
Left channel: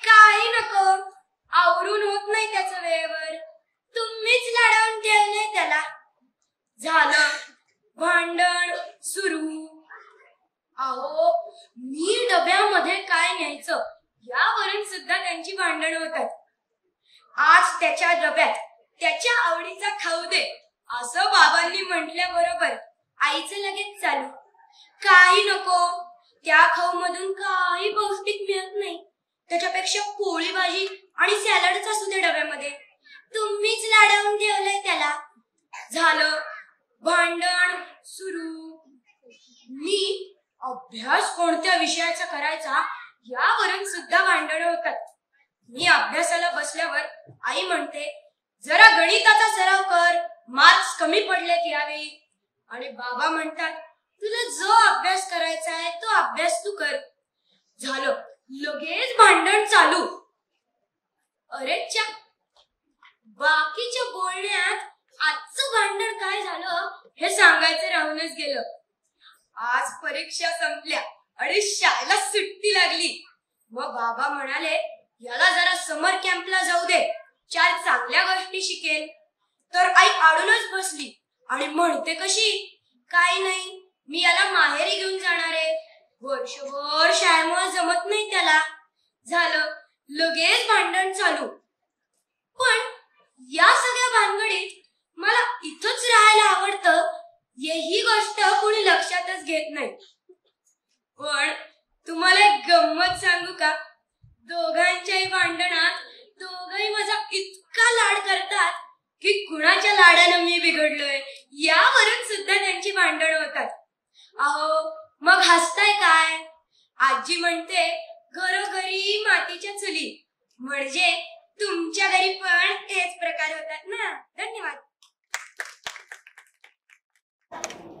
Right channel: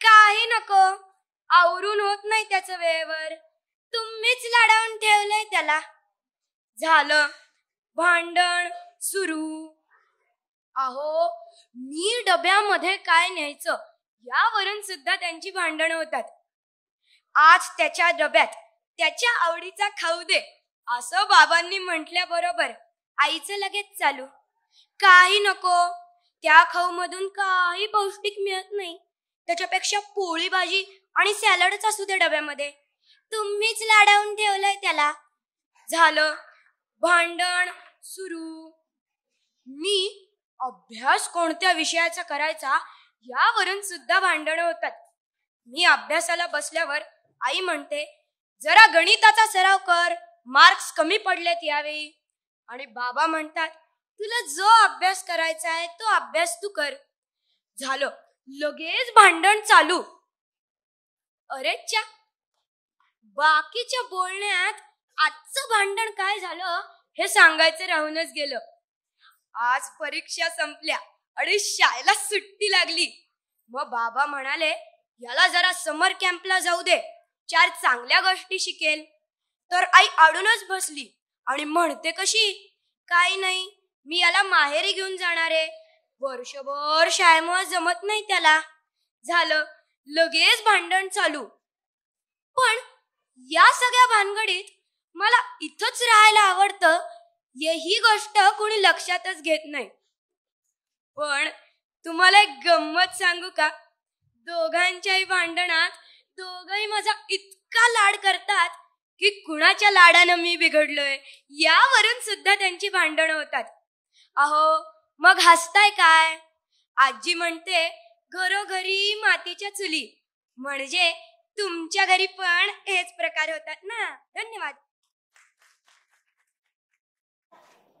काही नको, आवरून होत नाही त्याचं वेळेवर, तुम्हीच लाडावून ठेवलंय त्याला. झालं, भांडण सुरू. अहो, मी डब्यामध्ये काय न्यायचं यावरून सुद्धा त्यांची भांडणं होतात. आज त्याच्या डब्यात त्याच्या आवडीचा खाऊ दे असं बाबांनी म्हटल्याबरोबर आईचं लगेच चालू काही नको, त्या खाऊ मधून काही पौष्टिक मिळत नाही, त्याच्यापेक्षा पोळी भाजी आणि सॅलडच असू दे डब्यामध्ये, तुम्हीच लाडावून ठेवलंय त्याला. झालं, भांडण सुरू. मी अभ्यास कोणत्या विषयाचा करायचा यावरून सुद्धा भांडण होतात. मी अभ्यासाला बसल्यावर आई म्हणते जरा गणिताचा सराव कर, मार्क्स कमी पडलेत यावेळी. आणि बाबा म्हणतात तुला जो अभ्यास करायचा आहे तो अभ्यास तू कर. झालं, लगेच भांडण चालू. अरेच्या, बाकीच्या बोलण्यात आजचं भांडण काय झालं हे सांगायचं राहूनच गेलं. आज परीक्षा संपल्या आणि शाळेला सुट्टी लागली. मग बाबा म्हणाले याला जरा समर कॅम्पला जाऊ दे, 4 चांगल्या गोष्टी शिकेल. तर आई आडूनच बसली आणि म्हणते कशी, काही नाही, मी याला माहेरी घेऊन जाणार आहे, वर्षभर शाळेमुळे जमत नाही त्याला. झालं, लगेच भांडण चालू. पण या सगळ्या भानगडीत मला इथंच राहायला आवडतं ही गोष्ट कोणी लक्षातच घेत नाही. पण तुम्हाला एक गंमत सांगू का? दोघांच्याही भांडणात दोघही माझा इतका लाड करतात की कुणाच्या लाडानं मी बिघडलोय यावरून सुद्धा त्यांची भांडण होतात. अहो, मग मग हसताय काय? आजी म्हणते घरोघरी मातीच्या चुली, म्हणजे तुमच्या घरी पण हेच प्रकार होतात ना. धन्यवाद.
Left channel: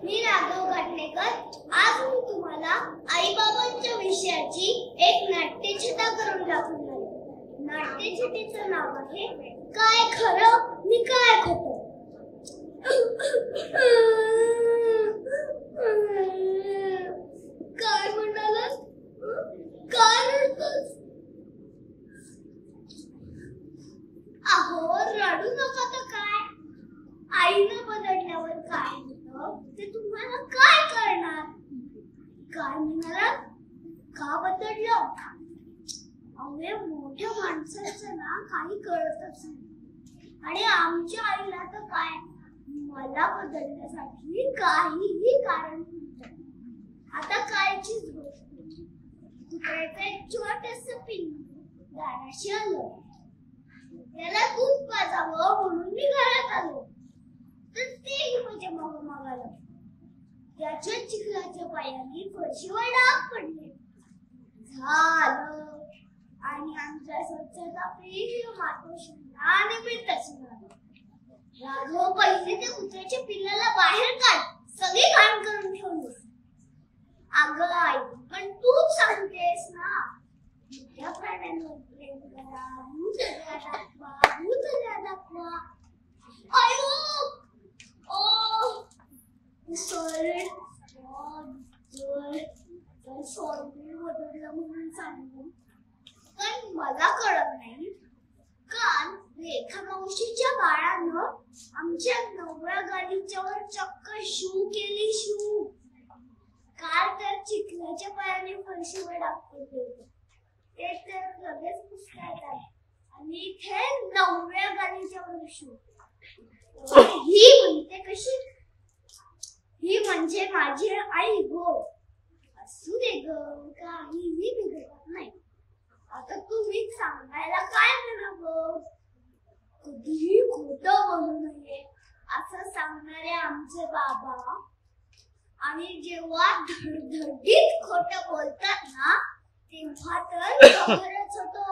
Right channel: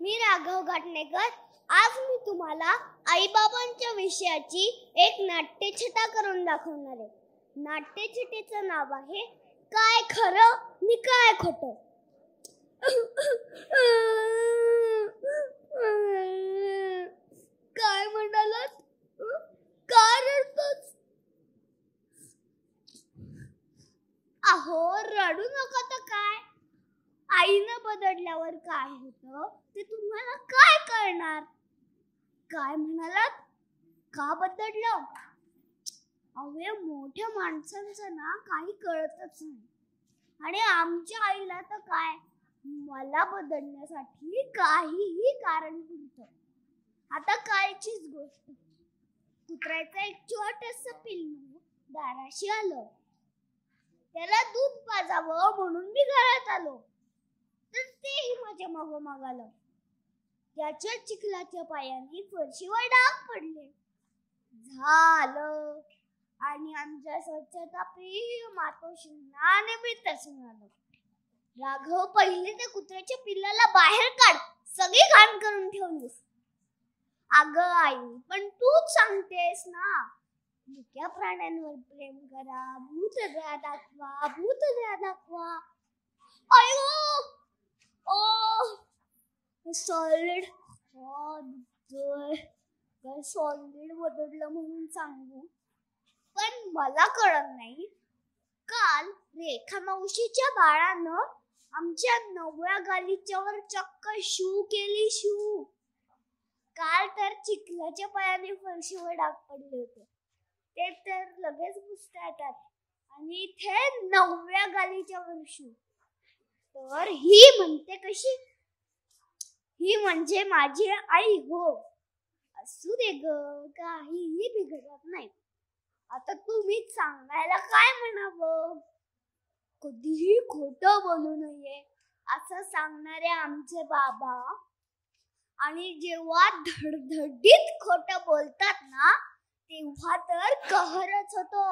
मी राघव घाटणेकर. आज मी तुम्हाला आईबाबांच्या विषयाची एक नाट्यछटा करून दाखवणार आहे. नाट्यछटेचं नाव आहे काय खरं आणि काय खोटं. काय म्हणालास? काय रडतोस? अहो रडू नका तर काय, आईनं बदलल्यावर काय होतं ते तुम्हाला काय करणार. काय म्हणाला? का बदललं? अहो या मोठ्या माणसाचं ना काही कळतच नाही. आणि आमच्या आईला तर काय, मला बदलण्यासाठी काहीही कारण नव्हतं. आता कायचीच गोष्ट. कुत्र्याचं एक छोटंसं पिल्लू दाराशी आलं. त्याला दूध पाजावं म्हणून मी घरात आलो, तर तेही माझ्या मागोमाग आलं. त्याच्या चिखलाच्या पायाने फरशीवर डाग पडले. झालं. आणि आमच्या स्वच्छता प्रेमी मातोश्रींना निमित्तच मिळालं. राघव, पहिले त्या कुत्र्याच्या पिल्लाला बाहेर काढ, सगळी घाण करून ठेवली. अगं आई, पण तूच सांगतेस ना, मोठ्या प्राण्यांवर प्रेम करा, भूतदया दाखवा, भूतदया दाखवा. अयो, सॉलिड बदललं म्हणून सांगू, पण मला कळत नाही. काल रेखा मावशीच्या बाळानं आमच्या नवव्या गालीच्यावर चक्क शू केली. शू. काल तर चिखलाच्या पायाने फरशीवर डाग पडले होते, ते तर लगेच पुसण्यात आले. आणि इथे नवव्या गालीच्या वर शू. ही म्हणते कशी? ही म्हणजे माझी आई हो. असू दे ग, काहीही बिघडत नाही. आता तुम्ही सांगायला काय म्हणावं? कधीही खोटं बोलू नये असं सांगणारे आमचे बाबा, आणि जेव्हा धडधडीत खोटं बोलतात ना, तेव्हा तर कहरच होतो.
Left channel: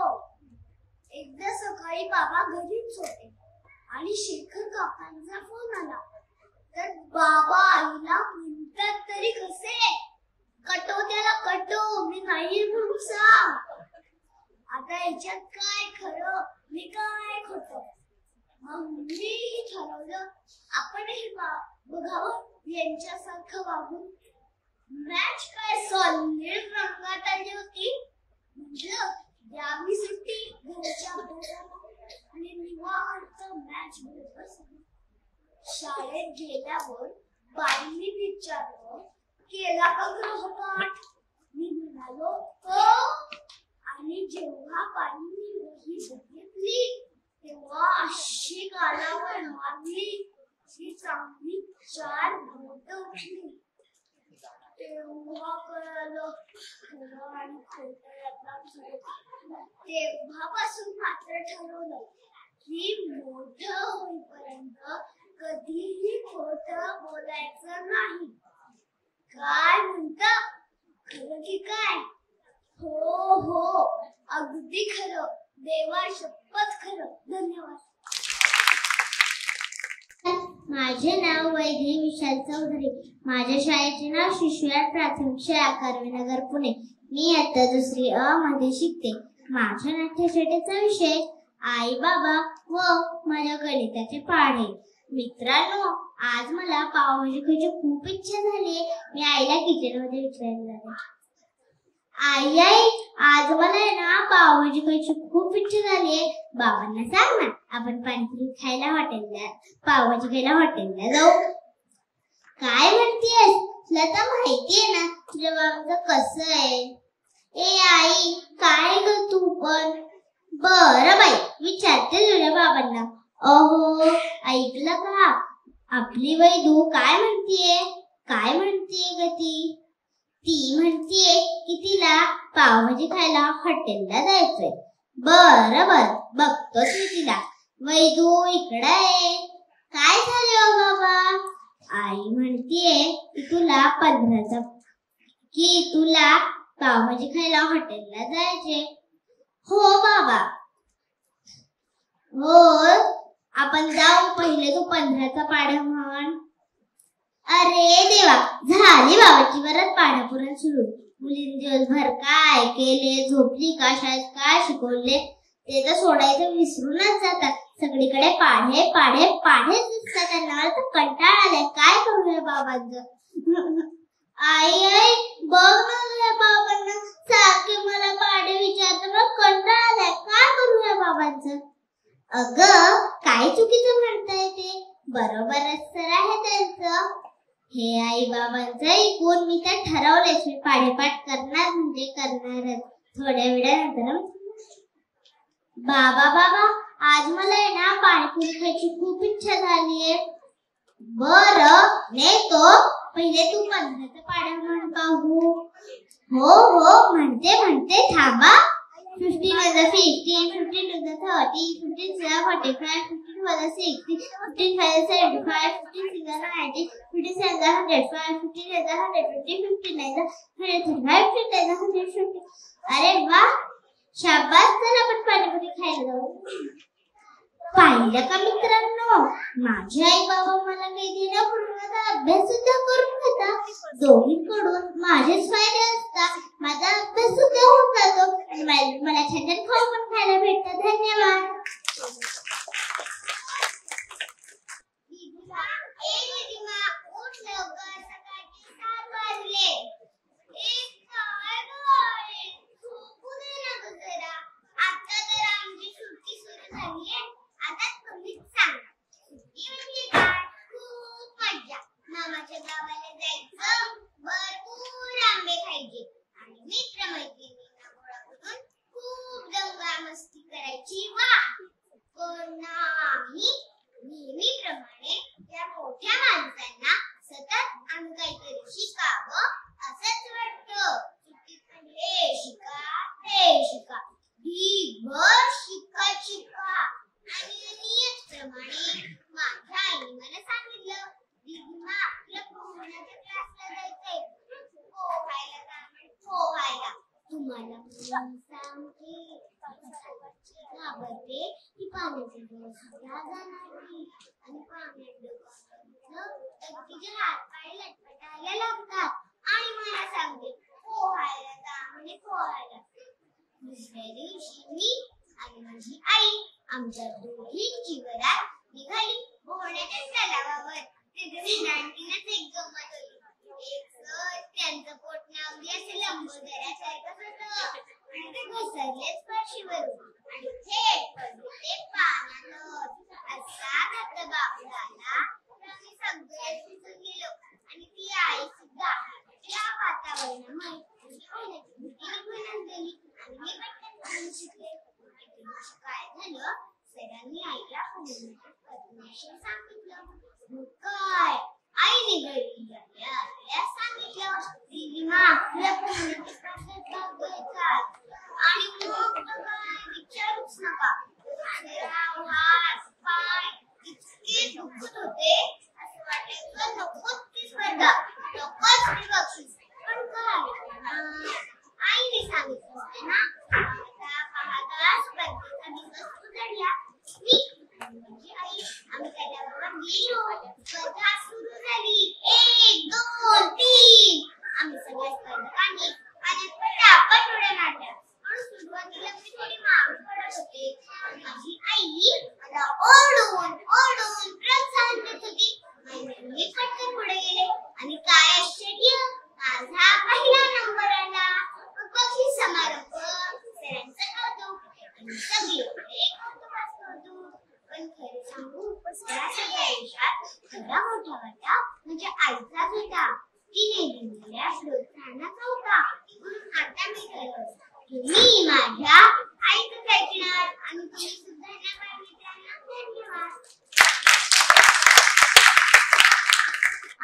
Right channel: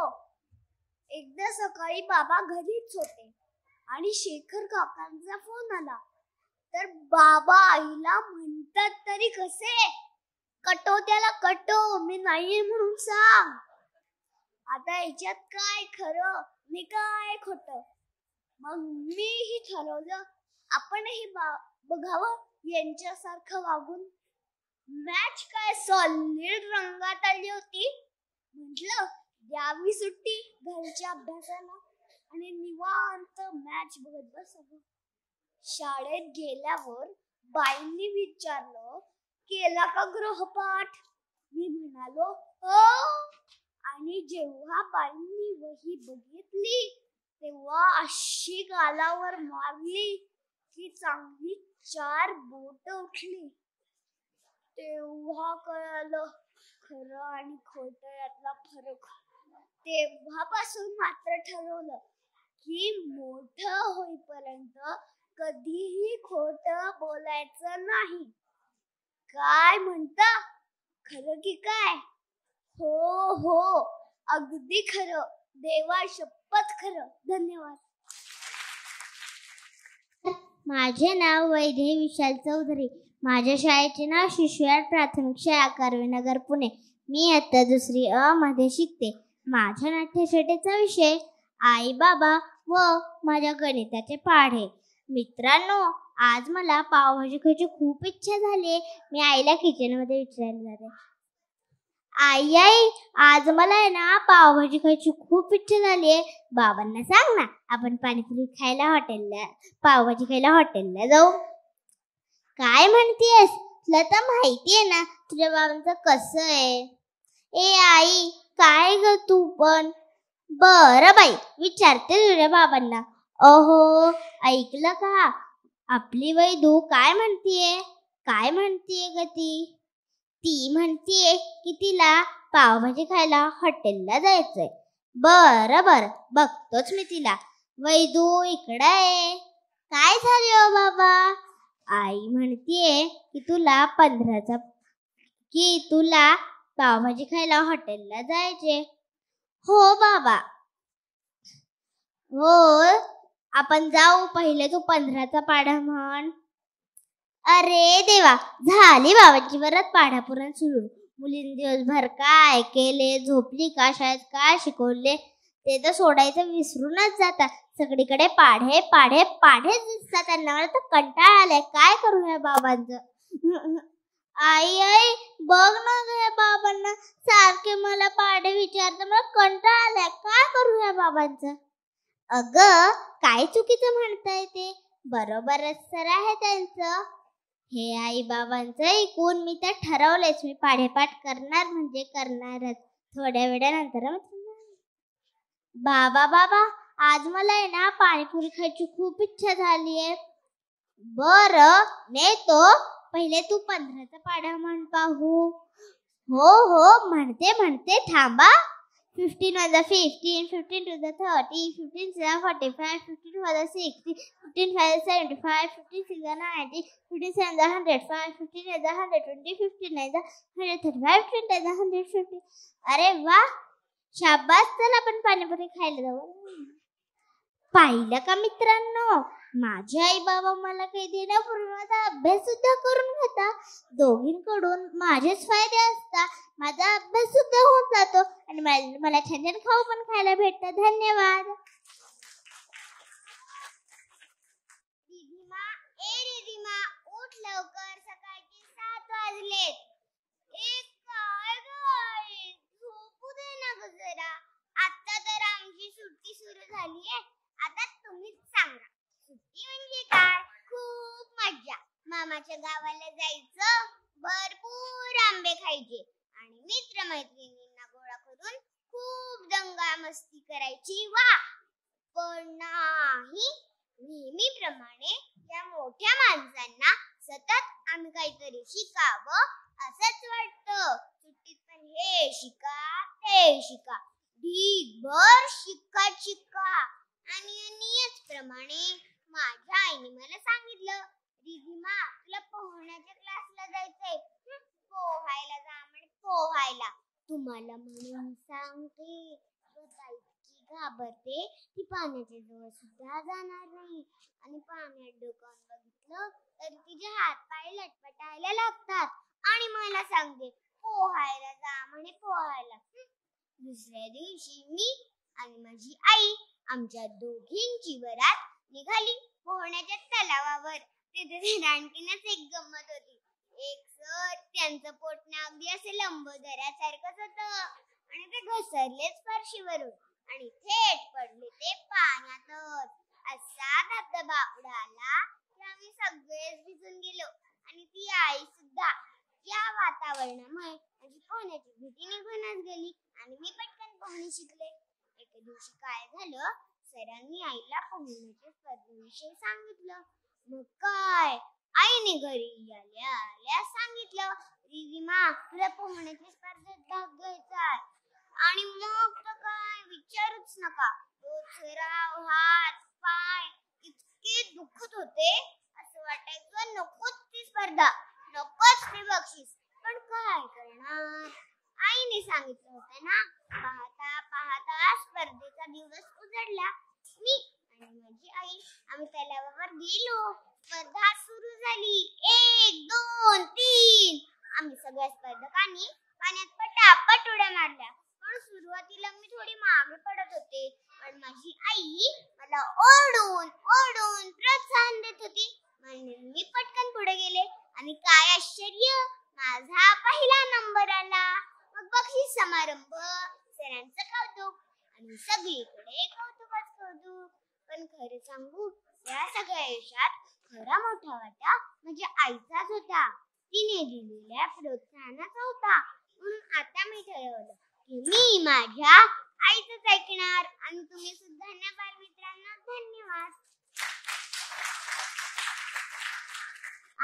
एकदा सकाळी बाबा घरीच होते आणि शेखर काकांचा फोन आला. तर बाबा आईला म्हणतात तरी कसे, कटो त्याला कटो, मी नाही म्हणून सांग. आता याच्यात काय खरं मी काय खोटं? मग मी ठरवलं आपणही बघावं यांच्यासारखं वागून. मॅच काय सॉलिड रंगात आली होती. म्हटलं द्यावी सुट्टी घरच्या अभ्यासाला आणि निवांत मॅच बघत बसलो. शाळेत गेल्यावर बाईंनी विचारलं केला का गृहपाठ? मी म्हणालो हो. आणि जेव्हा बाईंनी वही बघितली तेव्हा अशी गालावर मारली की चांगली 4 बोट उठली. तेव्हा कळालं खरं आणि खोटं यातला फरक. तेव्हापासून मात्र ठरवलं की मोठं होईपर्यंत कधीही खोटं बोलायचं नाही. काय म्हणता? खरं की काय? हो हो, अगदी खरं. देवा शपथ खरं. धन्यवाद. माझे नाव वैदेही विशाल चौधरी. माझ्या शाळेचे नाव शिशुआर प्राथमिक शाळा कर्वेनगर पुणे. मी आता 2री अ मध्ये शिकते. माझ्या नाट्यछटेचा विषय आई बाबा व माझ्या गणिताचे पाढे. मित्रांनो, आज मला पावभाजी खायची खूप इच्छा झाली. मी आईला किचन मध्ये विचारलं, आई आई आज मला आहे ना पावभाजी खायची खूप इच्छा झाली. बाबांना सांग ना आपण पाणीपुरी खायला हॉटेलला, पावभाजी खायला हॉटेलला जाऊ. काय म्हणतेस? तुला तर माहितीये ना तुझ्या बाबांचं कसं आहे. ए आई काय ग तू पण? बरं बाई, विचारते तुझ्या बाबांना. अहो ऐकलं का? आपली वैदू काय म्हणतीये? काय म्हणतीये ग ती? ती म्हणतीये की तिला पावभाजी खायला हॉटेलला जायचंय. बरं बरं, बघतोच मी तिला. वैदू इकडे आहे. काय झालं बाबा? आई म्हणतीये की तुला 15चा की तुला पावभाजी खायला हॉटेलला जायचे. हो बाबा, हो, आपण जाऊ. पहिले तू 15चा पाढा म्हण. अरे देवा, झाली बाबाची परत पाढापुराण सुरू. मुलींनी दिवसभर काय केले, झोपली का, शाळेत काय शिकवले ते तर सोडायचं विसरूनच जातात. सगळीकडे पाढे पाढे पाढेच दिसतात त्यांना. मला तर कंटाळा आलाय. काय करू या बाबांचं? आई आई बघ ना तुझ्या बाबांना सारखे मला पाढे विचारतात. मला कंटाळा आलाय. काय करू या बाबांचं? अगं काय चुकीचं म्हणताय ते? बरोबरच तर आहे त्यांचं. हे आई बाबांचं ऐकून मी तर ठरवलेच, मी पाढेपाठ करणार म्हणजे करणारच. थोड्या वेळानंतर बाबा बाबा आज मला आहे ना पाणीपुरी खायची खूप इच्छा झालीये. बरं नेतो, पहिले तू 15चा पाढा म्हण पाहू. हो हो म्हणते म्हणते, थांबा. 15 + 15, 15 + 30, 15 + 45, 15 + 60, 15 × 75, 15 × 90, 15 × 105, 15 × 120, 15 × 135, 15 × 150. अरे वा, शाबास. तर आपण पाणीपुरी खायला जाऊ. पाहिलं का मित्रांनो, माझे आई बाबा मला काही देण्यापूर्वी माझा अभ्यास सुद्धा करून घेतात. दोन्हीकडून माझेच फायदे असतात. माझा अभ्यास सुद्धा होऊन जातो आणि मला छान खाऊ पण खायला भेटतं. धन्यवाद. मामाच्या गावाला जायचं, भरपूर आंबे खायचे आणि मित्रमैत्रिणींना गोळा करून खूप दंगा मस्ती करायची. वा, पण नाही, नेहमीप्रमाणे त्या मोठ्या माणसांना सतत आम्ही काहीतरी शिकावं असंच वाटतं. हे शिका, हे शिका, भर शिका शिका. आणि नियतप्रमाणे माझ्या आईने मला सांगितलं, दीदीमा तुला पोहण्याच्या क्लासला जायचंय, पोहायला जा म्हणजे पोहायला. तुम्हाला सांगते, घाबरते ती पाण्याच्या जवळ सुद्धा जाणार नाही. आणि पाण्यात तर तिचे हात पाय लटपटायला लागतात. आणि मला सांगते पोहायला जा म्हणजे पोहायला. दुसऱ्या दिवशी मी आणि माझी आई आमच्या दोघींची वरात निघाली पोहण्याच्या तलावावर. तिथे आणखीनच एक गंमत होती. एक सर, त्यांचं पोटणं अगदी असे लंबोदरासारखंच होतं आणि ते घसरलेच फरशीवरून आणि थेट पडले ते पाण्यात. असा धबधबा आला तर आम्ही सगळे भिजून गेलो आणि ती आई सुद्धा. या वातावरणामुळे पोहण्याची भीती निघून गेली आणि मी पटकन पोहणं शिकले. काय झालं, सरांनी आईला पोहण्याच्या पद्धतीविषयी सांगितलं. मग काय, आईने घरी आल्या सांगितलं, दीदीमा तुला पोहण्याची पद्धत दाखवायचा. आणि मग काय विचारूच नका, हात पाय इतके दुखत होते, असं वाटायचं नकोच ती स्पर्धा, नकोच मी बक्षीस. पण काय आईने सांगितलं होतं ना. पाहता स्पर्धेचा दिवस उजाडला. मी आणि माझी आई आम्ही त्याच्याबरोबर गेलो. स्पर्धा सुरू झाली. 1 2 3 आम्ही सगळ्या स्पर्धकांनी पाण्यात पटापट उड्या मारल्या. पण सुरुवातीला मी थोडी मागे पडत होते. माझी आई मला ओढून ओढून प्रोत्साहन देत होती. मी पटकन पुढे गेले आणि काय आश्चर्य, माझा पहिला नंबर आला. बक्षीस समारंभ, सरांचं कौतुक आणि सगळीकडे कौतुकच कौतुक. पण खरं सांगू, या सगळ्या यशात खरा मोठा वाटा माझ्या आईचाच होता. तिने दिलेल्या प्रोत्साहनाचा होता. म्हणून आता मी ठरवलं की मी माझ्या आईचं ऐकणार आणि तुम्ही सुद्धा ना काय मित्रांना. धन्यवाद.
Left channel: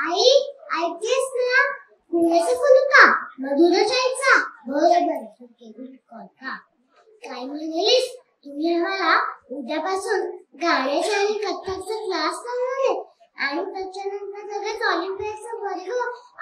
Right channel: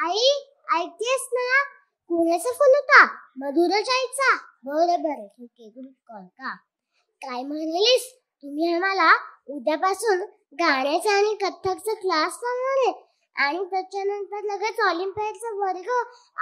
आई ऐकतेस ना, कुणाचा फोन होता? मधुराच्या आईचा. बरोबर, का काय म्हणालीस? तुम्ही आम्हाला उद्यापासून गाण्याचा आणि कथ्थकचा क्लास लावणार आहे. आणि त्याच्यानंतर लगेच ऑलिम्पिकचा वर्ग.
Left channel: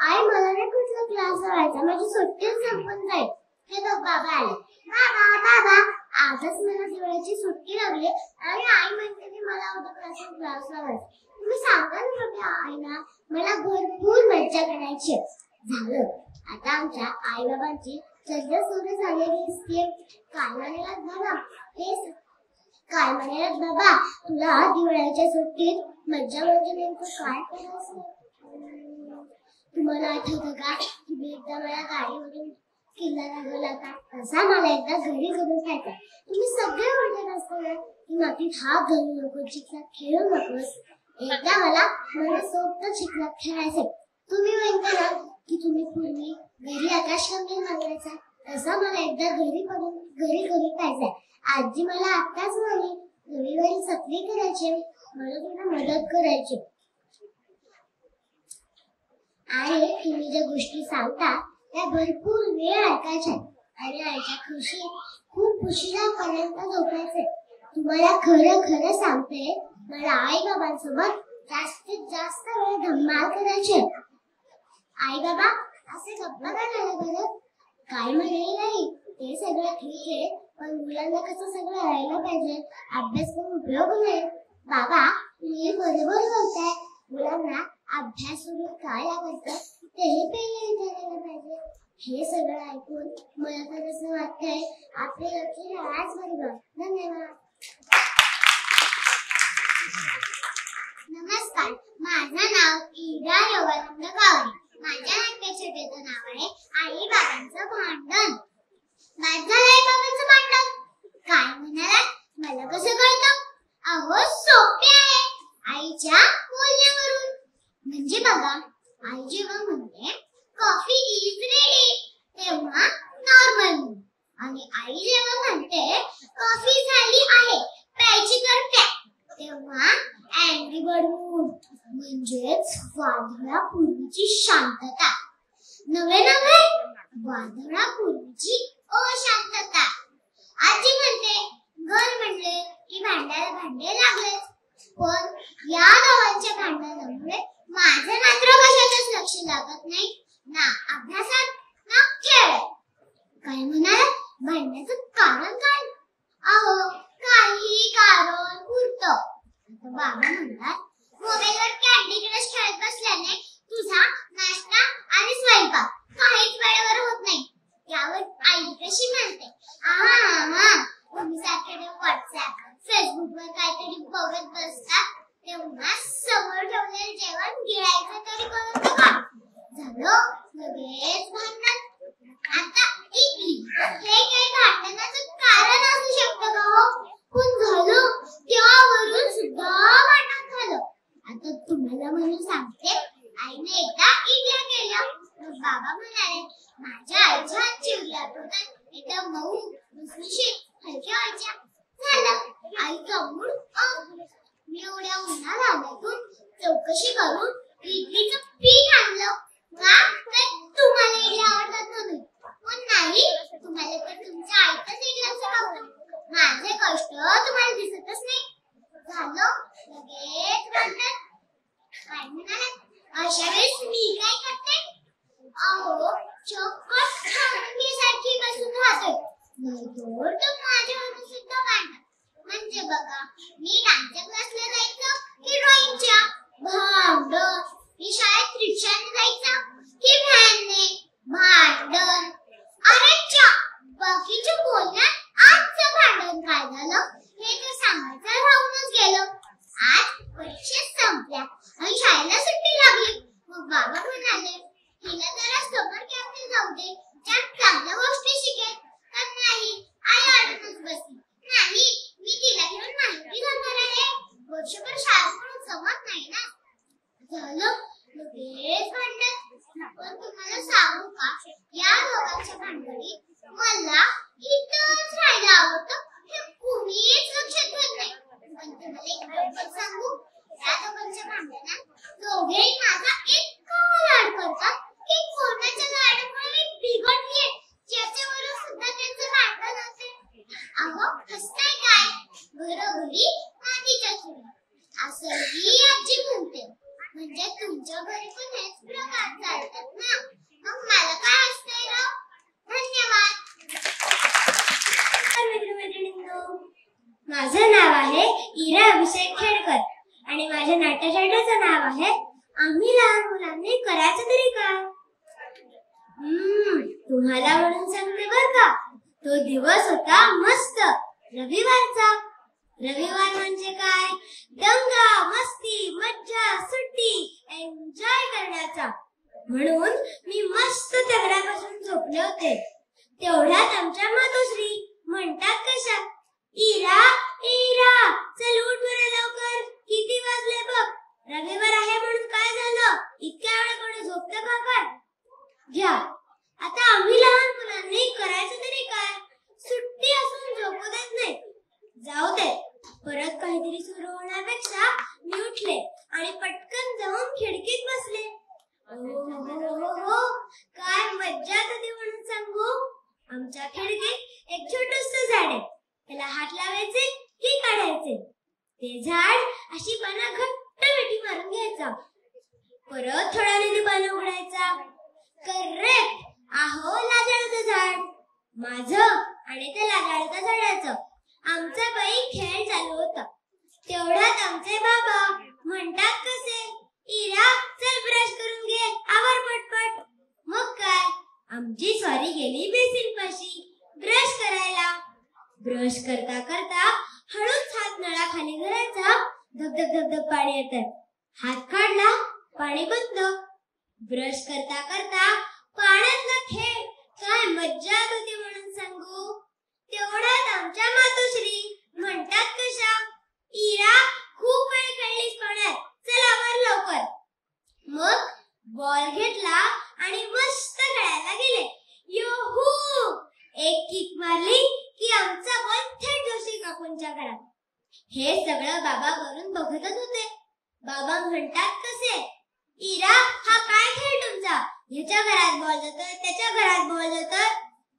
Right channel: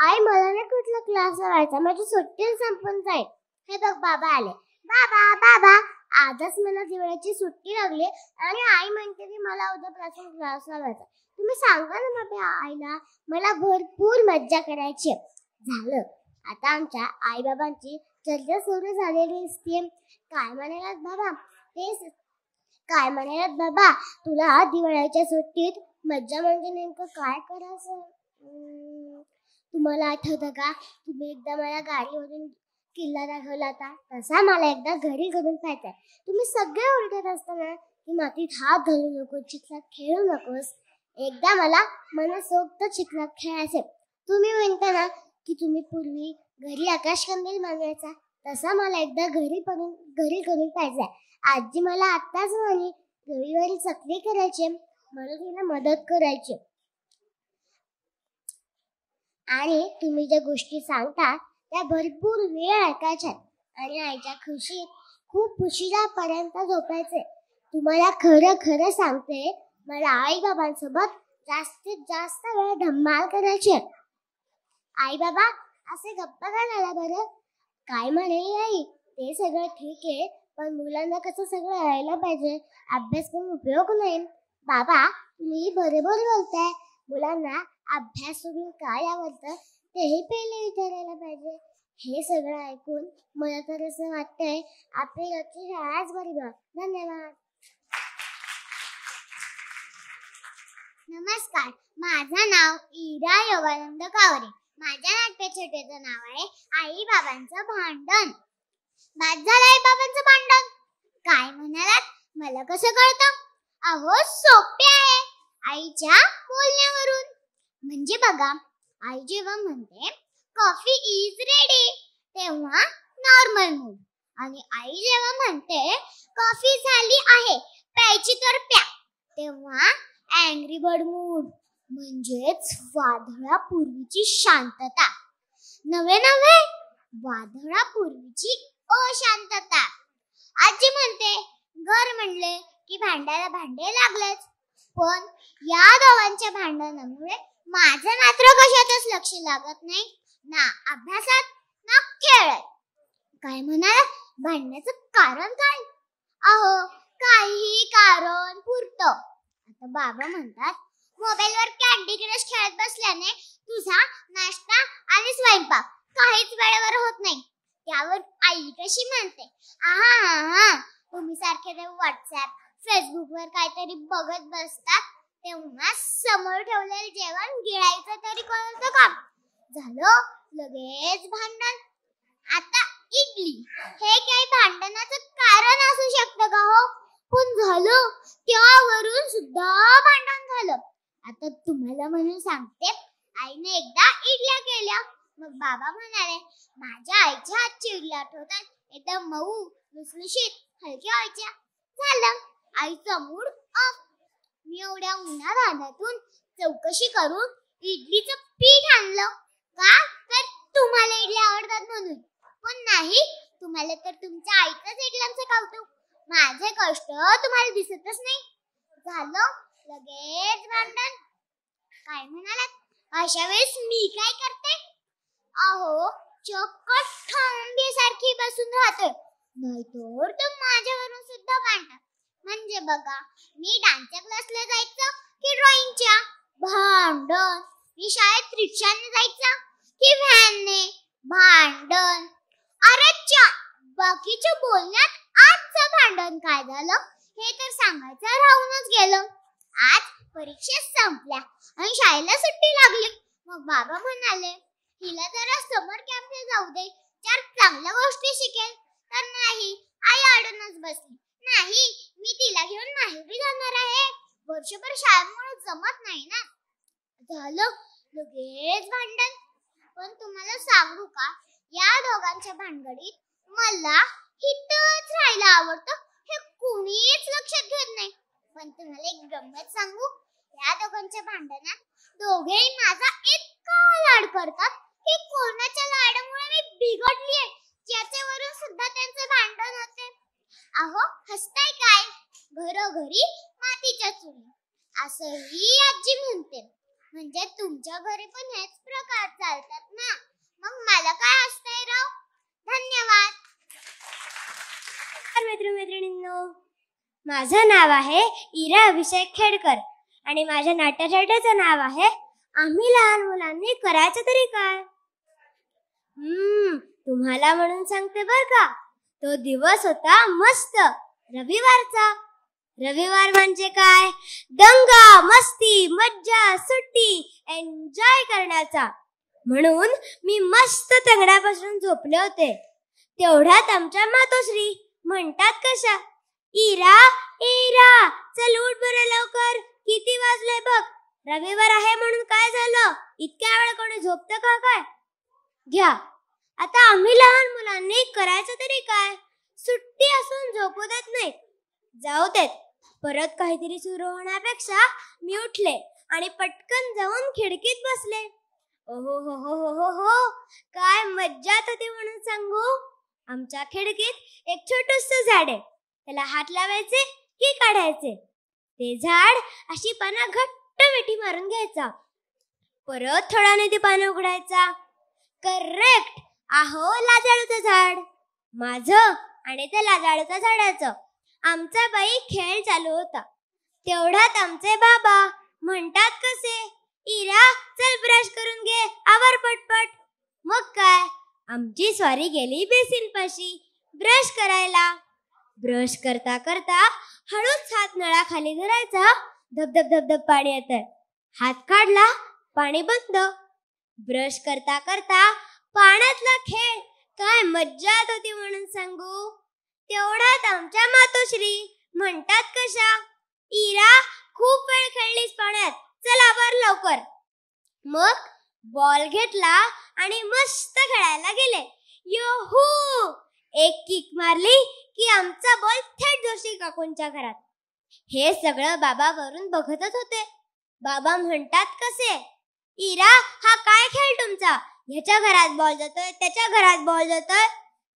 आई मला नाही कुठला क्लास लावायचा, माझी सुट्टी संपून जाईल. हे बघ बाबा आले. बाबा बाबा आजच मला दिवाळीची सुट्टी लागली आणि आई म्हणते की मला उद्या क्लास लावायचा. तुम्ही सांगा ना माझ्या आईला, मला भरपूर मज्जा करायची. झालं आता आमच्या आई बाबांची चर्चा सुरू झालेली असते. काय म्हणालात बाबा, तेच काय म्हणालात बाबा, तुला दिवाळीच्या सुट्टीत मज्जा म्हणजे नेमकं काय करायचं? तुम्हाला आठवतं का तुम्ही एकदा मला गाडीवरून किल्ला दाखवला होता, तसा मला एकदा घरी करून खायचा. तुम्ही सगळे ओरडत असताना की मातीत हात घालू नको, चिखलात खेळू नकोस. एकदा मला मनसोक्त चिखलात खेळायचे. तुम्ही म्हणता ना की तुम्ही पूर्वी घरी आकाशकंदील मागायचा, तसा मला एकदा घरी करून पाहिजे. आजी मला आत्ताच म्हणे रविवारी सत्री करायची, म्हणून तिला मदत करायची. आणि तुम्ही ज्या गोष्टी सांगता त्या भरपूर वेळ ऐकायच्या आणि आईच्या खुशीत खूप उशिरापर्यंत झोपायचे. तुम्हाला खरं खरं सांगते, मला आई बाबांसोबत जास्तीत जास्त वेळ धमाल करायची. आई बाबा असे गप्पा काय बरं? काय म्हणे आई, ते सगळं ठीक आहे, पण मुलांना कसं सगळं यायला पाहिजे, अभ्यास करून उपयोग नाही. बाबा मी बरोबर बोलताय, मुलांना अभ्यास सोडून काय आवडतं तेही पहिले विचारायला पाहिजे. हे सगळं ऐकून मला तर असं वाटतंय आपली लक्ष शाळाच बंद. धन्यवाद. नमस्कार, माझं नाव इरा योगानंद कावरे. माझ्या नाट्यछटेचं नाव आहे आई बाबांचं भांडण. माझं आई बाबांचं भांडण काय म्हणाला, मला कसं कळतं? अहो सोपे आहे, आईच्या बोलण्यावरून. म्हणजे बघा, आई जेव्हा म्हणते कॉफी इज रेडी तेव्हा नॉर्मल मूड, आणि आई जेव्हा म्हणते कॉफी झाली आहे प्यायची तर प्या तेव्हा अँग्री बर्ड मूड, म्हणजेच वादळापूर्वीची शांतता. नवे वादळापूर्वीची अशांतता. आजी म्हणते घर म्हणले की भांड्याला भांडे लागलेच, पण या दोघांच्या भांडणामुळे माझं मात्र कशातच लक्ष लागत नाही, ना अभ्यासात ना खेळात. काय म्हणाल, भांडण्याचं कारण काय? अहो काही कारण पुरतं. आता बाबा म्हणतात मोबाईलवर कॅन्डी क्रश खेळत बसल्याने तुझा नाश्ता आणि स्वयंपाक काहीच वेळेवर होत नाही. त्यावर आई कशी म्हणते, तुम्ही सारखे व्हॉट्सअप फेसबुकवर काहीतरी बघत बसतात तेव्हा समोर ठेवलेलं जेवण गिळायचं तरी कळतं का? झालं लगेच भांडण. आता इडली हे काही भांडणाचं कारण असू शकतं का हो? पण झालं त्यावरून सुद्धा भांडण झालं. आता तुम्हाला म्हणून सांगते, आईने एकदा इडल्या केल्या, मग बाबा म्हणाले माझ्या आईच्या हातची इडल्या आठवतात, एकदम मऊ लुसलुशीत हलक्या व्हायच्या. झालं आईचा मूड ऑफ. मी एवढ्या उन्हाळ्यातून चौकशी करून इडलीचं पीठ आणलं. का तुम्हाला इडली आवडतात म्हणून? पण नाही, तुम्हाला तर तुमच्या आईच्याच इडल्याचं बघतो. माझे कष्ट तुम्हाला दिसतच नाही. झालं लगेच भांडण. काय म्हणालात? अशा वेळेस मी काय करते? अहो चक्क खांबीसारखी बसून राहते, नाहीतर तर माझ्यावरून सुद्धा भांडण. म्हणजे बघा, मी डान्सच्या क्लासला जायचं की ड्रॉइंगच्या? भांडण. मी शाळेत रिक्षाने जायचं की व्हॅनने? भांडण. अरे च्या, बाकीच्या बोलण्यात आजचं भांडण काय झालं हे तर सांगायचं राहूनच गेलं. आज परीक्षा संपल्या आणि शाळेला सुट्टी लागली. मग बाबा म्हणाले हिला जरा समर कॅफे जाऊ दे, त्यात चांगल्या गोष्टी शिकेल. तर नाही, आई अडूनच बसली. नाही, मी तिला घेऊन माहिती जाणार आहे. वर्षभर शाळेत म्हणून जमत नाही ना. झालं लगेच भांडण. पण तुम्हाला सांगू का, या दोघांच्या भांडणीत मला इथंच राहायला आवडतं हे कुणीच लक्षात घेत नाही. पण तुम्हाला एक गंमत सांगू, या दोघांच्या भांडणात दोघेही माझा इतका लाड करतात की कोणाच्या लाडामुळे मी बिघडलीये याच्यावरून सुद्धा त्यांचं भांडण होते. अहो हसताय काय, घरोघरी मातीच्या चुली असंही आजी म्हणते. माझं नाव आहे इरा अभिषेक खेडकर आणि माझ्या नाट्यशाळेचं नाव आहे आम्ही लहान मुलांनी करायचं तरी काय. तुम्हाला म्हणून सांगते बर का, तो दिवस होता मस्त रविवारचा. रविवार म्हणजे काय, दंगा मस्ती मज्जा सुट्टी एन्जॉय करण्याचा. म्हणून मी मस्त तगड्यापासून झोपले होते. तेवढ्यात आमच्या मातोश्री म्हणतात कशा, इरा इरा चल उठ बरं लवकर, किती वाजले बघ, रविवार आहे म्हणून काय झालं, इतक्या वेळ कोणी झोपतं का काय. घ्या आता आम्ही लहान मुलांनी करायचं तरी काय, सुट्टी असून झोपू देत नाही. जाऊ देत, परत काहीतरी सुरू होण्यापेक्षा मी उठले आणि पटकन जाऊन खिडकीत बसले. हो काय मज्जा होती म्हणून सांगू. आमच्या खिडकीत एक छोटुसं झाड आहे, त्याला हात लावायचे की काढायचे. ते झाड अशी पानं घट्ट मिठी मारून घ्यायचा, परत थोड्याने ते पानं उघडायचा. करेक्ट, आहो लाजाळूचं झाड. माझं आणि त्या लाजाळूच्या झाडाचं आमचा बाई खेळ चालू होता. तेवढ्यात आमचे बाबा म्हणतात कसे, इरा चल ब्रश करून घे, आवर पटपट. मग काय, आमची स्वारी गेली बेसिन पाशी ब्रश करायला. ब्रश करता करता हळूच हात नळाखाली धरायचा, धब धब धब धब पाणी येतं. हात काढला, पाणी बंद. ब्रश करता करता पाण्यातला खेळ काय मज्जा होती म्हणून सांगू. तेवढ्यात आमच्या मातोश्री म्हणतात कशा, इरा खूप वेळ खेळलीस पाण्यात, चल आवर लवकर. मग बॉल घेतला आणि मस्त खेळायला गेले. योहू, एक किक मारली की आमचा बॉल थेट जोशी काकूंच्या घरात. हे सगळं बाबा वरून बघतच होते. बाबा म्हणतात कसे, इरा हा काय खेळ तुमचा, ह्याच्या घरात बॉल जातोय त्याच्या घरात बॉल जातोय,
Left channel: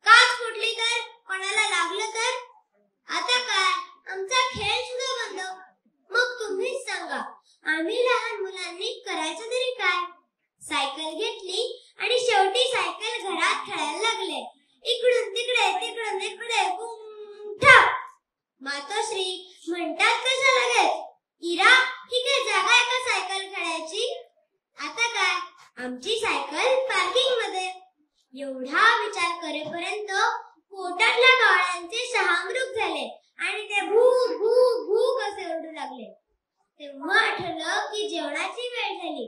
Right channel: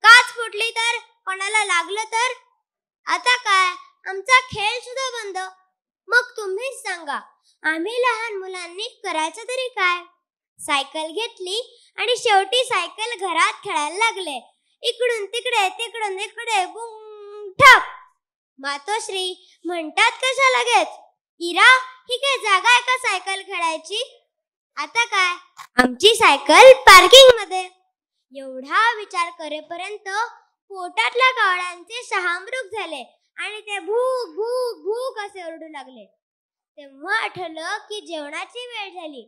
काच फुटली तर, कोणाला लागलं तर. आता काय, आमचा खेळ सुद्धा बंद. मग तुम्हीच सांगा, आम्ही लहान मुलांनी करायचं तरी काय. सायकल घेतली आणि शेवटी सायकल घरात खेळायला लागले. इकडून तिकडे तिकडून इकडे ठप. मातोश्री म्हणतात कशा लगेच, इरा ही काय जागा आहे का सायकल खेळायची. आता काय, आमची सायकल पार्किंग मध्ये. एवढा विचार करेपर्यंत पोटातल्या कावळ्यांचे शहामृग झाले आणि ते भू भू भू कसे ओरडू लागले. तेव्हा आठवलं की जेवणाची वेळ झाली.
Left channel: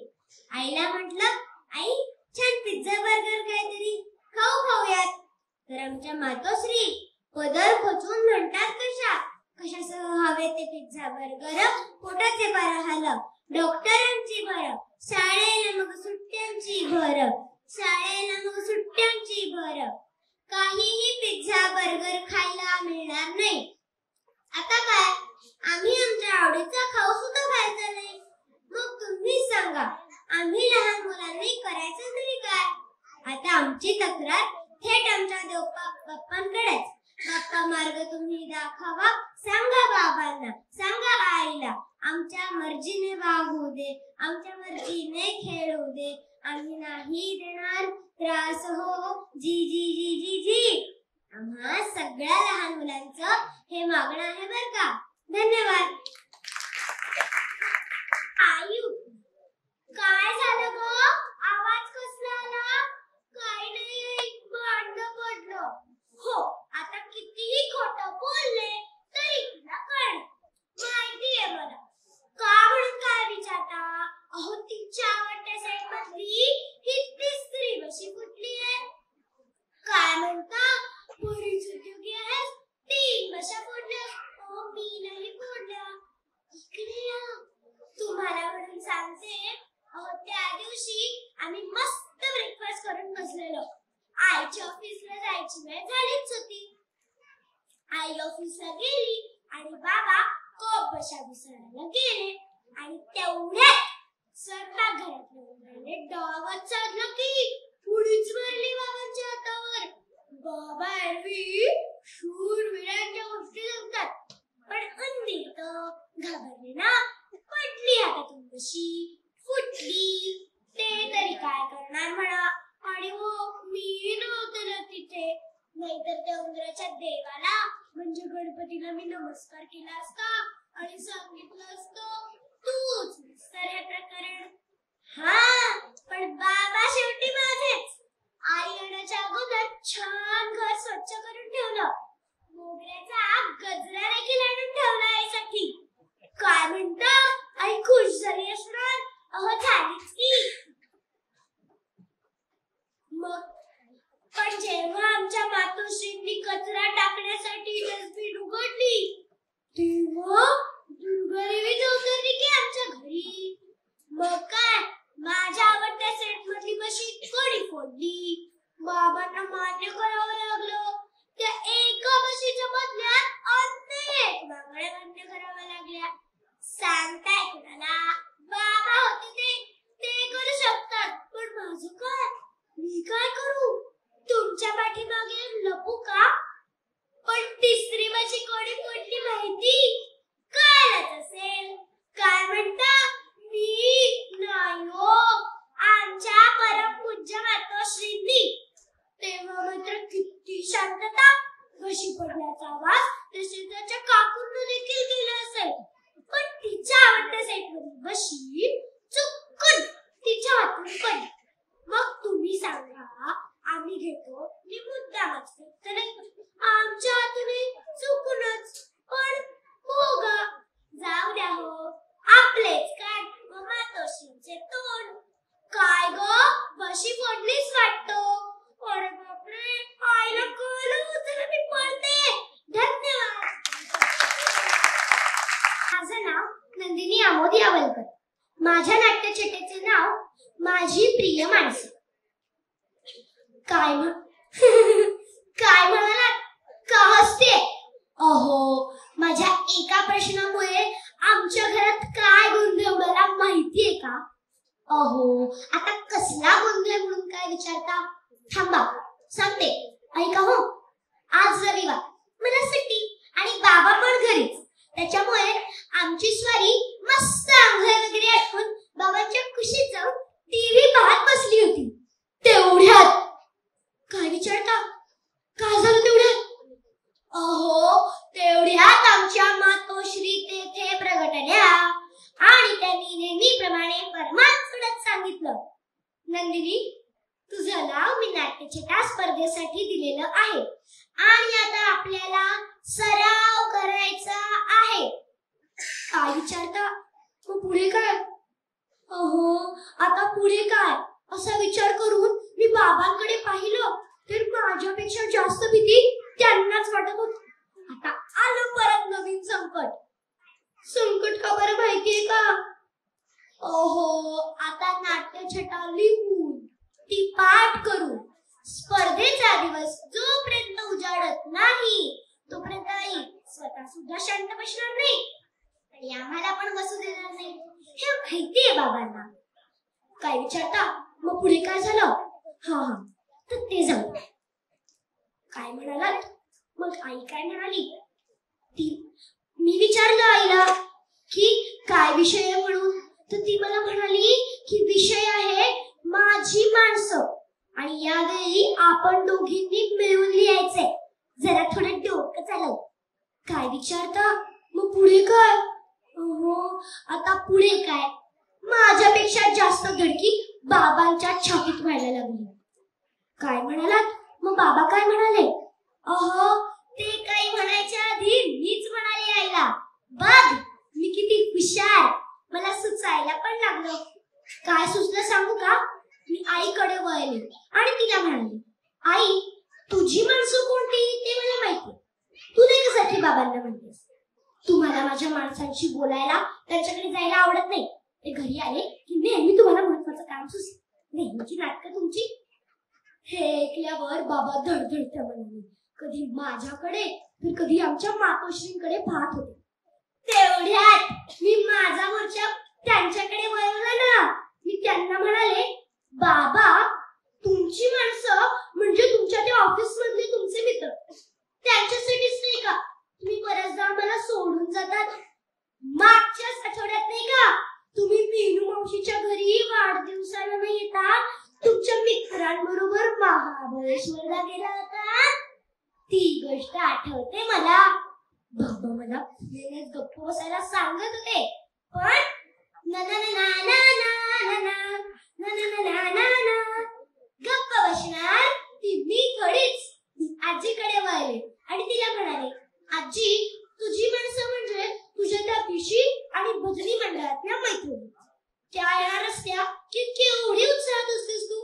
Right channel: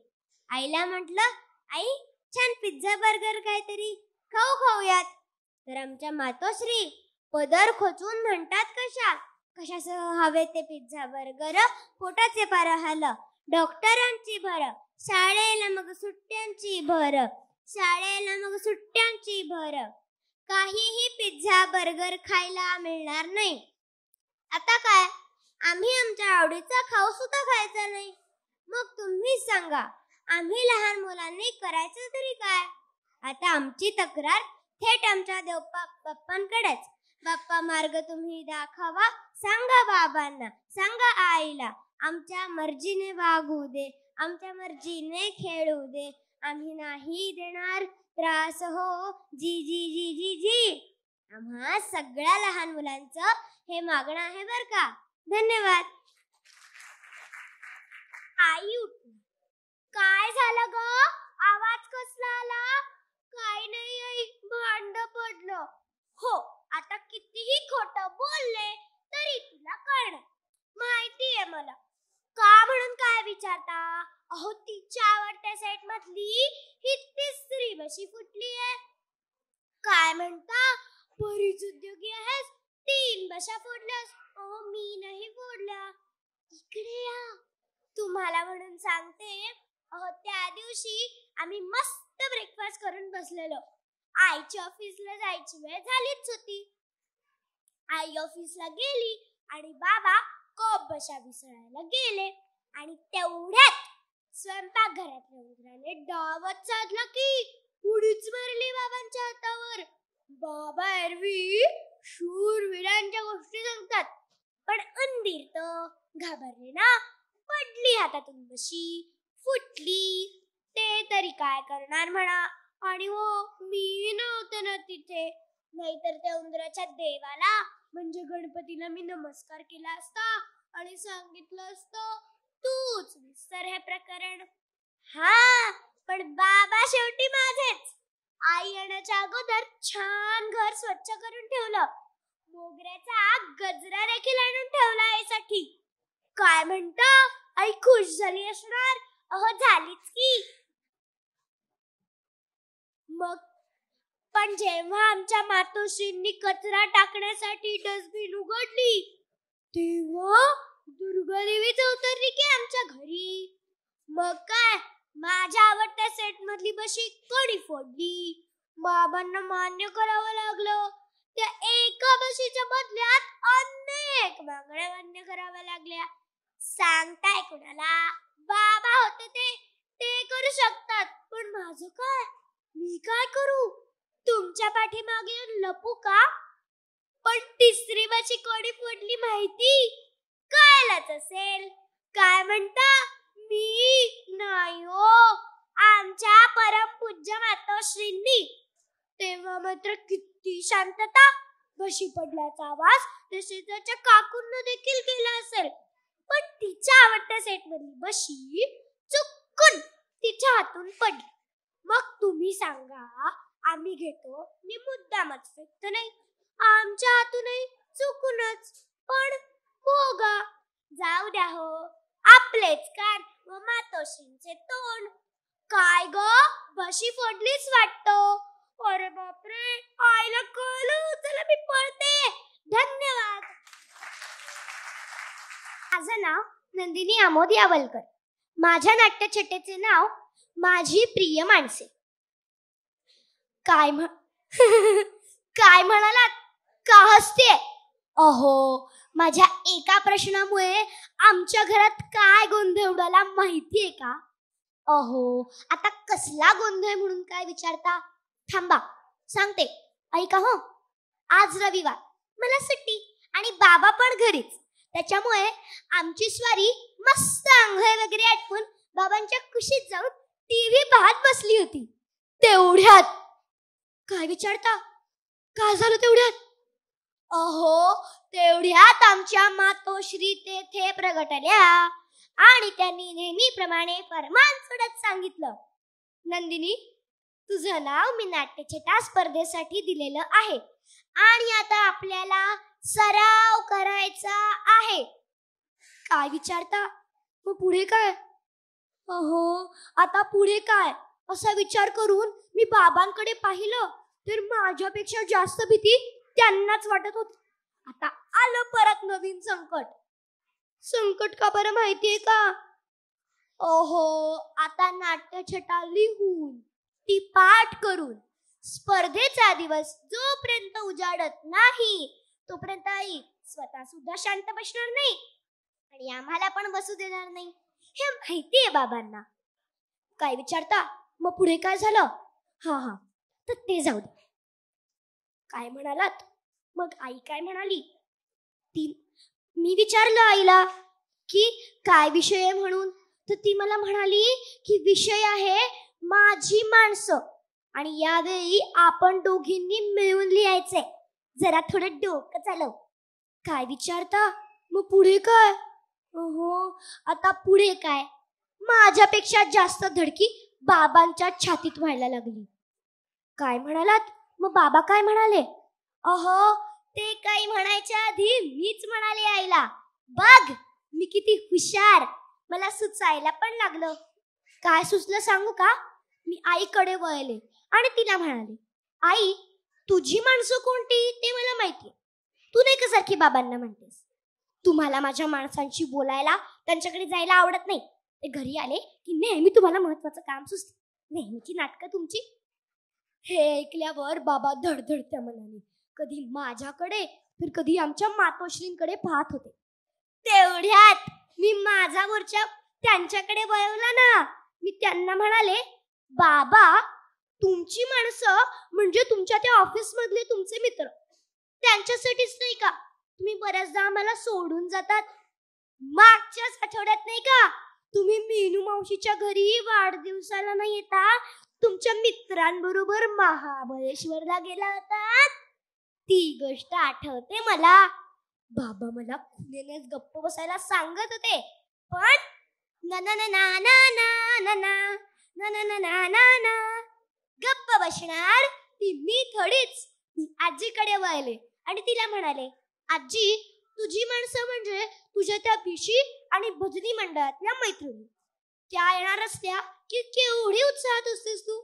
आईला म्हटलं, आई छान पिझ्झा बर्गर काहीतरी खाऊयात. तर आमच्या मातोश्री पदर खोचून म्हणतात कशासह हवे ते पिझ्झा बर्गर, पोटाचे बरं हाल, डॉक्टरांची भर, शाळेला मग सुट्ट्यांची भर, शाळेला मग सुट्ट्यांची भर. काहीही पिझ्झा बर्गर खायला मिळणार नाही. आता काय, आम्ही आमच्या आवडीचा खाऊ सुद्धा खायचा नाही. मग तुम्हीच सांगा, आम्ही लहान मुलांनी करायचं तरी काय. आता आमची तक्रार थेट आमच्या बाप्पांकडेच. बाप्पा मार्ग तुम्ही दाखवा, सांगा बाबांना, सांगा आईला, आमच्या मर्जीने वागू दे, आमच्या मर्जीने खेळू दे, आम्ही नाही देणार त्रास हो, जी जी जी जी जी. आम्हा सगळ्या लहान मुलांचं हे मागणं आहे बर का. धन्यवाद. आयु, काय झालं ग, आवाज कसला आला. काही नाही, भांडण पडलं. हो, आता कितीही खोटं बोलले तरी तुला कळलं. माहितीये मला. का म्हणून काय विचारता. अहो, तिच्या आवडत्या सेट मधली ही तिसरी बशी फुटली आहे. काय म्हणता, पुरी चुकी आहे, 3 बशा फोडल्या. अहो, मी नाही फोडल्या. इकडे या, तुम्हाला म्हणून सांगते. अहो, त्या दिवशी आम्ही मस्त ब्रेकफास्ट करून बसलेलो. आईच्या ऑफिसला जायची वेळ झालीच होती. आई ऑफिसला गेली आणि बाबा कप बशा विसरायला गेले. आणि तेवढ्यात स्वयंपाकघरातले डावात साधलं की पुढीच मारली बाबांच्या हातावर. बाबा एरवी शूरवीरांच्या गोष्टी सांगतात, पण अंधी तर घाबरले ना, पडली हातातून बशी, फुटली. ते तरी काय करणार म्हणा. आणि हो, मी नव्हते ना तिथे, नाहीतर त्या उंदराच्या देवाला म्हणजे गणपतीला मी नमस्कार केला असता आणि सांगितलं असतं तूच मिस्टर हे प्रकरण. हा, पण बाबा शेवटी माझेच. आई येण्याच्या अगोदर छान घर स्वच्छ करून ठेवलं. मोगऱ्याचा गजरा देखील आणून ठेवला यासाठी. काय म्हणता, आई खुश झाली असणार? अहो झालीच की. मग पण जेव्हा आमच्या मातोश्रींनी कचरा टाकण्यासाठी डस्टबिन उघडली तेव्हा दुर्गादेवी उतरली की आमच्या घरी. मग काय, माझ्या आवडत्या सेट मधली बशी कोणी फोडली. बाबांना मान्य करावं लागलं. त्या एका बशीच्या बदल्यात अनेक बांगड्या मान्य कराव्या लागल्या. सांगताय कुणाला? बाबा होते ते करू शकतात, पण माझं काय? मी काय करू? तुमच्या पाठीमागे लपू का? पण तिसरी बशी कोणी फोडली माहिती? कळलंच असेल. काय म्हणता? मी नाही हो, आमच्या परमपूज्य मातोश्रींनी. तेव्हा मात्र किती शांतता. बशी पडल्याचा आवाज त्या शेजारच्या काकूंना देखील गेला असेल, पण तिच्या आवडत्या सेटमधली बशी चुकून तिच्या हातून पडली. मग तुम्ही सांगा, आम्ही घेतो मी मुद्दामच तर आमच्या हातूनही चुकूनच. पण हो ग, जाऊ द्या हो, आपलेच काय मातोश्रींचे तोंड. काय ग, बशी फोडलीच वाटतं. अरे बापरे, आईला कळलं. चला मी पळते. धन्यवाद. माझं नाव नंदिनी आमोद यावलकर. माझ्या नाट्यछटेचे नाव माझी प्रिय माणसे. काय काय म्हणालात? का हसते? अहो, माझ्या एका प्रश्नामुळे आमच्या घरात काय गोंधळ उडाला माहितीये का? अहो, आता कसला गोंधळ म्हणून काय विचारता? थांबा सांगते, ऐका हो. आज रविवार, मला सुट्टी आणि बाबा पण घरीच. त्याच्यामुळे आमची स्वारी मस्त आंघोळ वगैरे आटवून बाबांच्या कुशीत जाऊन टीव्ही पाहत बसली होती. तेवढ्यात काय विचारता? काय झालं तेवढ्यात? अहो, तेवढ्यात आमच्या मातोश्री तेथे प्रगटल्या आणि त्यांनी नेहमीप्रमाणे फरमान सोडत सांगितलं, नंदिनी, तुझं नाव मी नाट्यछटा स्पर्धेसाठी दिलेलं आहे आणि आता आपल्याला सराव करायचा आहे. काय विचारता? मग पुढे काय? अहो, आता पुढे काय असा विचार करून मी बाबांकडे पाहिलं तर माझ्यापेक्षा जास्त भीती त्यांनाच वाटत होती. आता आलं परत नवीन संकट. संकट का बरं माहितीये का? अहो, आता नाट्यछटा लिहून ती पाठ करून स्पर्धेचा दिवस जोपर्यंत उजाडत नाही तोपर्यंत आई स्वतः सुद्धा शांत बसणार नाही आणि आम्हाला पण बसू देणार नाही. हे माहितीये बाबांना. काय विचारता? मग पुढे काय झालं? हा, तर ते जाऊ. काय म्हणालात? मग आई काय म्हणाली? मी विचारलं आईला की काय विषय आहे म्हणून, तर ती मला म्हणाली की विषय आहे माझी माणसं आणि यावेळी आपण दोघींनी मिळून लिहायचंय. जरा थोडं डोकं चालव. काय विचारता? मग पुढे काय? हो, आता पुढे काय? माझ्यापेक्षा जास्त धडकी बाबांच्या छातीत व्हायला लागली. काय म्हणालात? मग बाबा काय म्हणाले? अहो, ते काही म्हणायच्या आधी मीच म्हणाले आईला, बघ मी किती हुशार. मला सुचायला पण लागलं. काय सुचलं सांगू का? मी आईकडे वळले आणि तिला म्हणाले, आई, तुझी माणसं कोणती ते मला माहिती. तू नाही का सारखी बाबांना म्हणतेस? तुम्हाला माझ्या माणसांशी बोलायला, त्यांच्याकडे जायला आवडत नाही. ते घरी आले की नेहमी तुम्हाला महत्वाचं काम सुचतं. नेहमीची नाटकं तुमची. हे ऐकल्यावर बाबा धडधडत्या म्हणाले. कधी माझ्याकडे तर कधी आमच्या मातोश्रींकडे पाहत होते. तेवढ्यात मी माझा मोर्चा त्यांच्याकडे वळवला ना. मी त्यांना म्हणाले, बाबा, तुमची माणसं म्हणजे तुमच्या त्या ऑफिस मधले तुमचे मित्र. त्यांच्यासाठीच नाही का तुम्ही बऱ्याचदा आम्हाला सोडून जातात? मागच्याच आठवड्यात नाही का तुम्ही मीनू मावशीच्या घरी वाढदिवसाला नाही येता तुमच्या मित्रांबरोबर महाबळेश्वरला गेला होता? ती गोष्ट आठवते मला. बाबा मला नेहमीच गप्प बसायला सांगत होते, पण ना ना ना ना ना ना ना ना ना ना ना ना ना ना गप्प बसणार ती मी थोडीच. आजीकडे वळले आणि तिला म्हणाले, आजी, तुझी माणसं म्हणजे तुझ्या त्या पिशी आणि भजनी मंडळातल्या मैत्रिणी. त्या येणार असत्या की केवढी उत्साहात असतेस तू.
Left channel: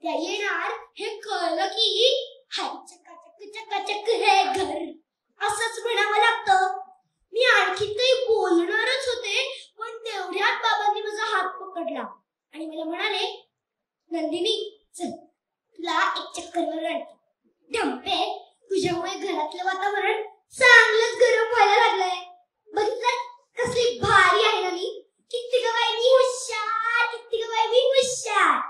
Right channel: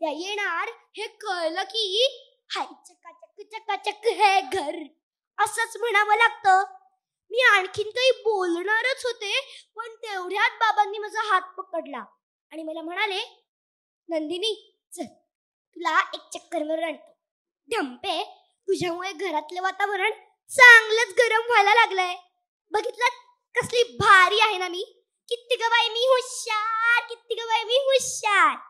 त्या येणार हे कळलं की हाय चकाचक चकाचक हे घर असंच म्हणावं लागतं. मी आणखी काही बोलणारच होते, पण तेवढ्यात बाबांनी माझा हात पकडला आणि मला म्हणाले, नंदिनी चल तुला एक चक्करवर आणते. ढंपे, तुझ्यामुळे घरातलं वातावरण चांगलंच गरम व्हायला लागलंय. बघितलं कसली भारी आहे ना मी. किती ग बाई मी हुशार, किती ग बाई मी हुशार.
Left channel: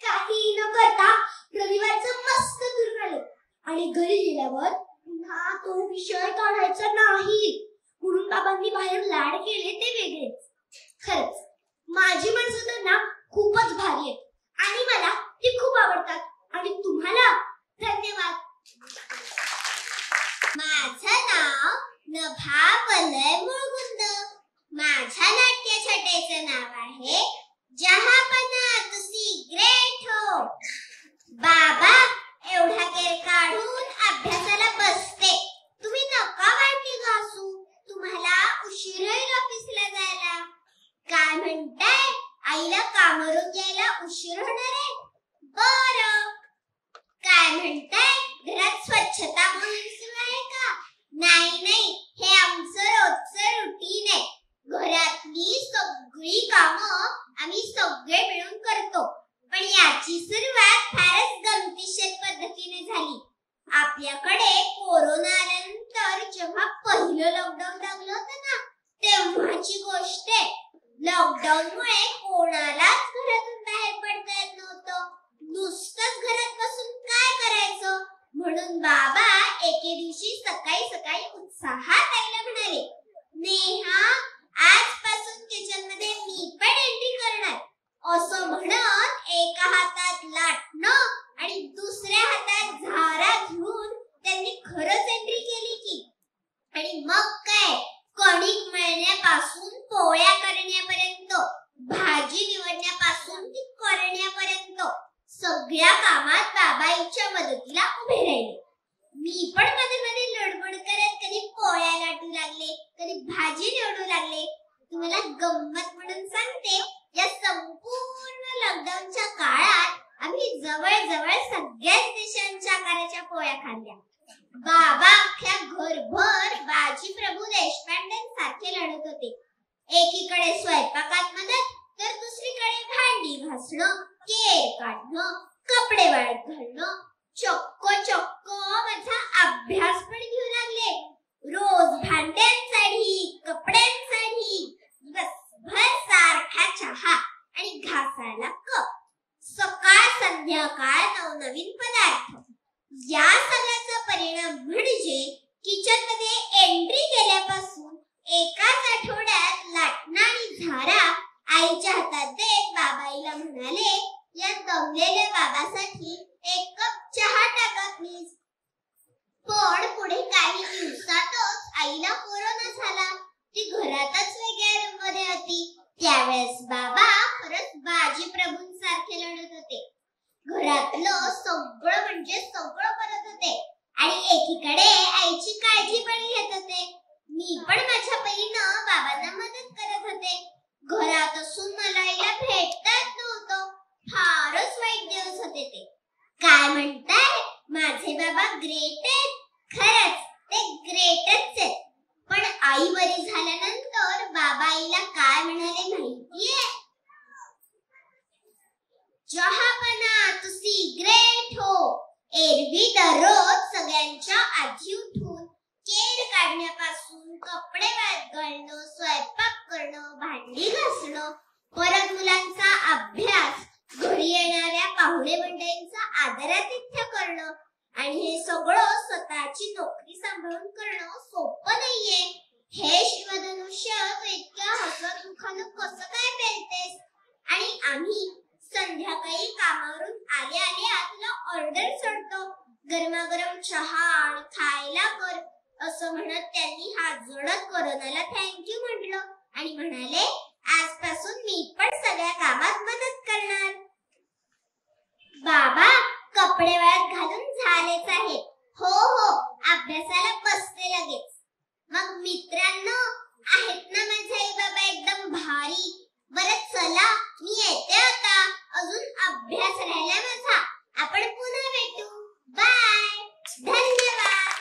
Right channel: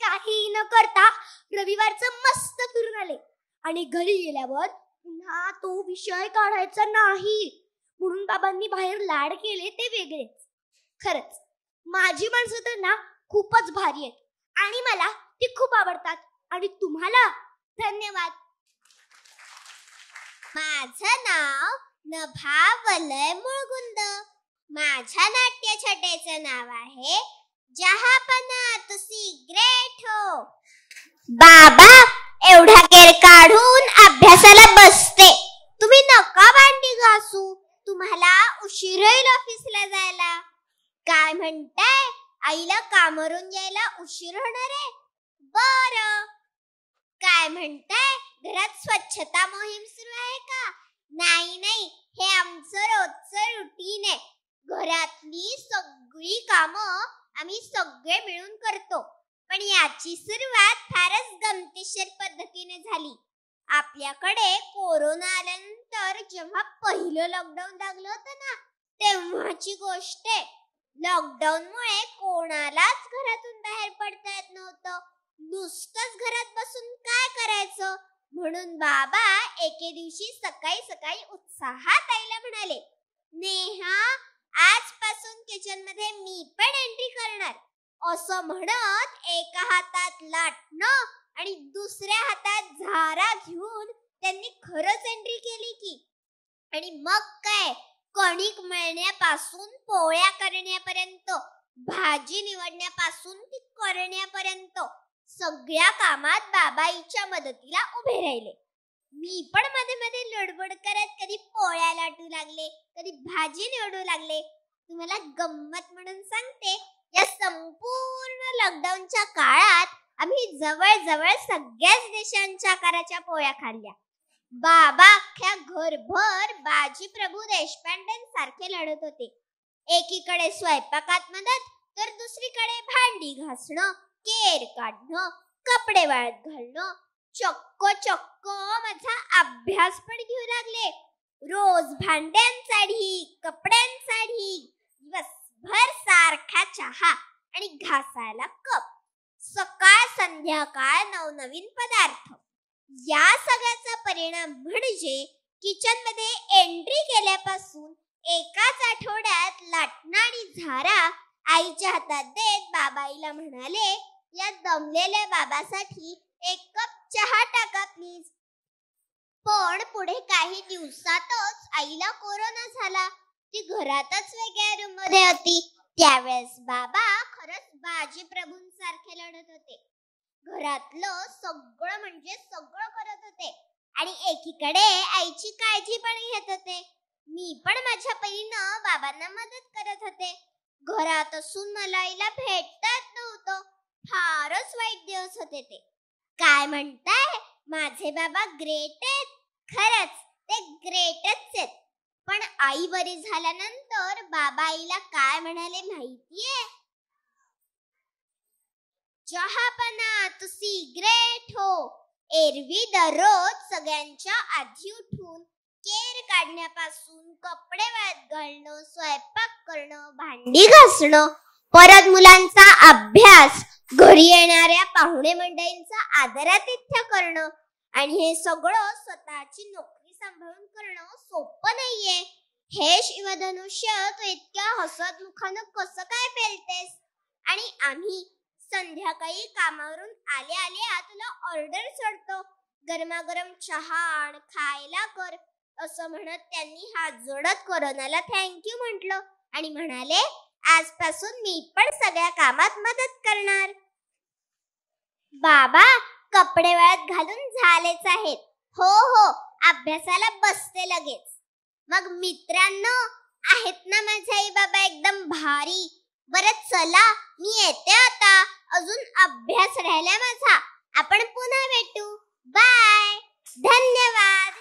काही न करता रविवारचं मस्त करून आले आणि घरी गेल्यावर पुन्हा तो विषय काढायचा नाही म्हणून बाबांनी बाहेर लाड केले ते वेगळेच. खरंच माझी माणसं तर ना खूपच भारी आहेत आणि मला ती खूप आवडतात. आणि तुम्हाला धन्यवाद. माझं नाव नभा वलय मुळगुंद. माझ्या नाट्यछटेचं नाव आहे जहापना तुसी ग्रेट हो. बाबा एवढा केर काढून अभ्यासाला बसते. तुम्ही नका भांडी घासू, तुम्हाला उशीर होईल ऑफिसला जायला. काय म्हणताय, आईला कामावरून यायला उशीर होणार आहे? बरं. काय म्हणताय, घरात स्वच्छता मोहीम सुरू आहे का? नाही नाही, हे आमचं रोजचं रुटीन आहे. घरातली सगळी कामं आम्ही सगळे मिळून करतो. पण याची सुरुवात फारच गमतीशीर पद्धतीने झाली. आपल्याकडे कोरोना आल्यानंतर जेव्हा पहिलं लॉकडाऊन लागलं होतं ना, तेव्हाची गोष्ट आहे. लॉकडाऊनमुळे कोणालाच घरातून बाहेर पडता येत नव्हतं. नुसतंच घरात बसून काय करायचं म्हणून बाबा एके दिवशी सकाळी सकाळी उत्साहात आईला म्हणाले, नेहा आजपासून किचन मध्ये मी पण एंट्री करणार. असं म्हणत एका हातात लाटणं आणि दुसऱ्या हातात झारा घेऊन त्यांनी खरंच एंट्री केली की. आणि मग काय, कणिक मळण्यापासून पोळ्या करण्यापर्यंत, भाजी निवडण्यापासून ती करण्यापर्यंत सगळ्या कामात बाबाईच्या मदतीला उभे राहिले. मी पण मध्ये मध्ये लडबड करत कधी पोळ्या लाटू लागले, कधी भाजी निवडू लागले. तुम्हाला गंमत म्हणून सांगते, या संपूर्ण लॉकडाऊनच्या काळात आम्ही जवळजवळ सगळ्याच देशांच्या आकाराच्या पोळ्या खाल्ल्या. बाबा अख्ख्या घरभर बाजी प्रभू देशपांडेंसारखे लढत होते. एकीकडे स्वयंपाकात मदत, तर दुसरीकडे भांडी घासणं, केर काढणं, कपडे वाळत घालणं. चक्क माझा अभ्यास पण घेऊ लागले. रोज भांड्यांसाठी, कपड्यांसाठी, दिवसभर सारखा चहा आणि घासायला कप, सकाळ संध्याकाळ नवनवीन पदार्थ. या सगळ्याचा परिणाम म्हणजे किचन मध्ये एंट्री केल्यापासून एकाच आठवड्यात लाटणं आणि झारा आईच्या हातात देत बाबाईला म्हणाले, या दमलेल्या बाबासाठी एक कप चहा टाका प्लीज. पण पुढे काही दिवसातच आईला कोरोना झाला. ती घरातच वेगळ्या रूम मध्ये होती. त्यावेळेस बाबा खरंच बाजी प्रभूंसारखे लढत होते. घरातलं सगळं म्हणजे सगळं करत होते आणि एकीकडे आईची काळजी पण घेत होते. मी पण माझ्या परीनं बाबांना मदत करत होते. घरात असून मला आईला भेटता येत नव्हतं. फारच वाईट दिवस होते ते. काय म्हणताय, माझे बाबा ग्रेट आहेत? खरंच ते ग्रेटच आहेत. पण आई बरी झाल्यानंतर बाबा आईला काय म्हणाले माहितीये? जहापना तुसी ग्रेट हो. एरवी दररोज सगळ्यांच्या आधी उठून केर काढण्यापासून कपडे वाळत घालणं, स्वयंपाक करणं, भांडी घासणं, परत मुलांचा अभ्यास, घरी येणाऱ्या पाहुणे मंडळींचा आदरातिथ्य करणं आणि हे सगळं स्वतःची नोकरी सांभाळून करणं सोपं नाहीये. हे शिवधनुष्य तू इतक्या हसतमुखानं कसं काय पेलतेस? आणि आम्ही संध्याकाळी कामावरून आले आले तुला ऑर्डर सोडतो, गरमागरम चहा आणि खायला कर असं म्हणत त्यांनी जोडत कोरोनाला थँक्यू म्हटलं आणि म्हणाले आजपासून मी पण सगळ्या कामात मदत करणार. बाबा कपडे वाळत घालून झालेच आहे. हो हो अभ्यासाला बसते लगेच. मग मित्रांनो आहेत ना माझे आई बाबा एकदम भारी. बरं चला मी येते आता, अजून अभ्यास राहिला माझा. आपण पुन्हा भेटू. बाय. धन्यवाद.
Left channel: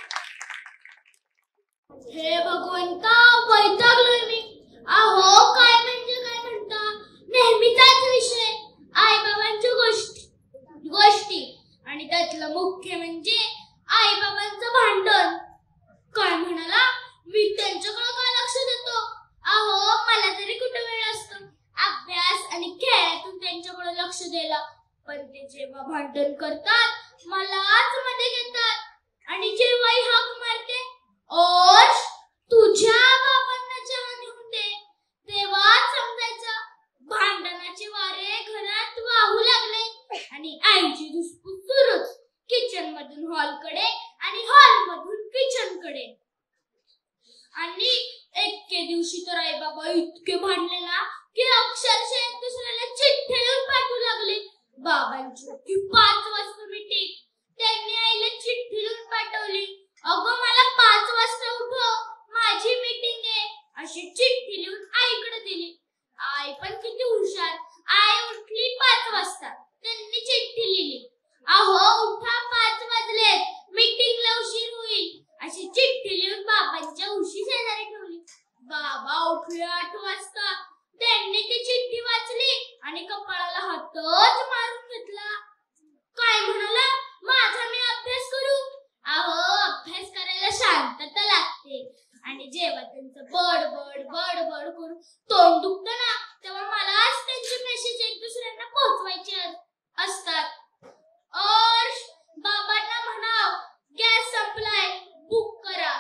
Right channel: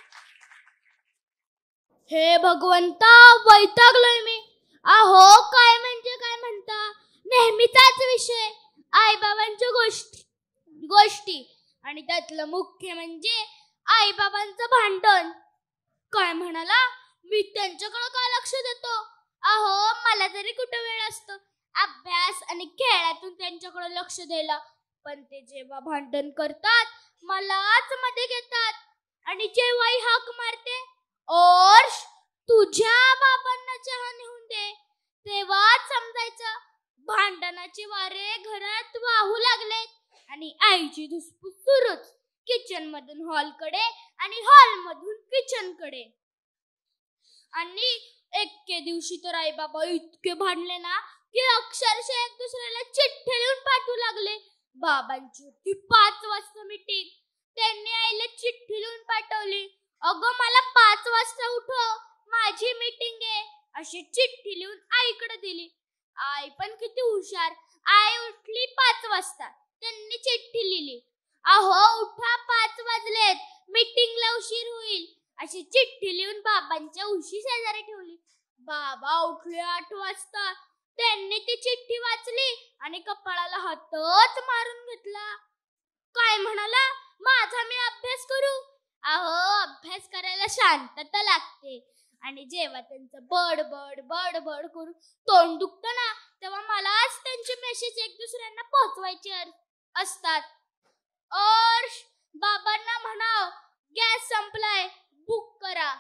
हे भगवंता वैतागलोय मी. अहो काय म्हणजे काय म्हणता, नेहमीचाच विषय आई बाबांच्या गोष्टी आणि त्यातलं मुख्य म्हणजे आई बाबांचं भांडण. काय म्हणाला, मी त्यांच्याकडे काय लक्ष देतो. अहो मला तरी कुठं वेळ असतो अभ्यास आणि खेळातून त्यांच्याकडे लक्ष द्यायला. पण ते जेव्हा भांडण करतात मलाच मध्ये घेतात आणि जेव्हाही हाक मारते ओश तुझ्या बाबांना चहा नेऊन दे, तेव्हा समजायचं भांडणाचे वारे घरात वाहू लागले आणि आईची धुसफूस सुरूच. किचन मधून हॉलकडे आणि हॉल मधून किचन कडे. आणि एके दिवशी तर आई बाबा इतके भांडले ना की अक्षरशः एक दुसऱ्याला चिठ्ठी लिहून पाठवू लागले. बाबांची होती 5 वाजता मीटिंग. त्यांनी आईला चिठ्ठी लिहून पाठवली, अगं मला 5 वाजता उठव, माझी मीटिंग आहे, अशी चिठ्ठी लिहून आईकडे दिली. आई पण किती हुशार. आई उठली 5 वाजता, त्यांनी चिठ्ठी लिहिली, अहो उठा 5 वाजलेत, मीटिंगला उशीर होईल, अशी चिठ्ठी लिहून बाबांच्या उशी शेजारी ठेवली. बाबा उठले 8 वाजता, त्यांनी ती चिठ्ठी वाचली आणि कपाळाला हातच मारून घेतला. काय म्हणाला, माझा मी अभ्यास करू. अहो अभ्यास करायला शांतता लागते आणि जेव्हा त्यांचं बड करून तोंड दुखतं ना, तेव्हा मलाच त्यांचे मेसेज एक दुसऱ्यांना पोहोचवायचे असतात. और बाबांना म्हणाव गॅस संपलाय, बुक करा.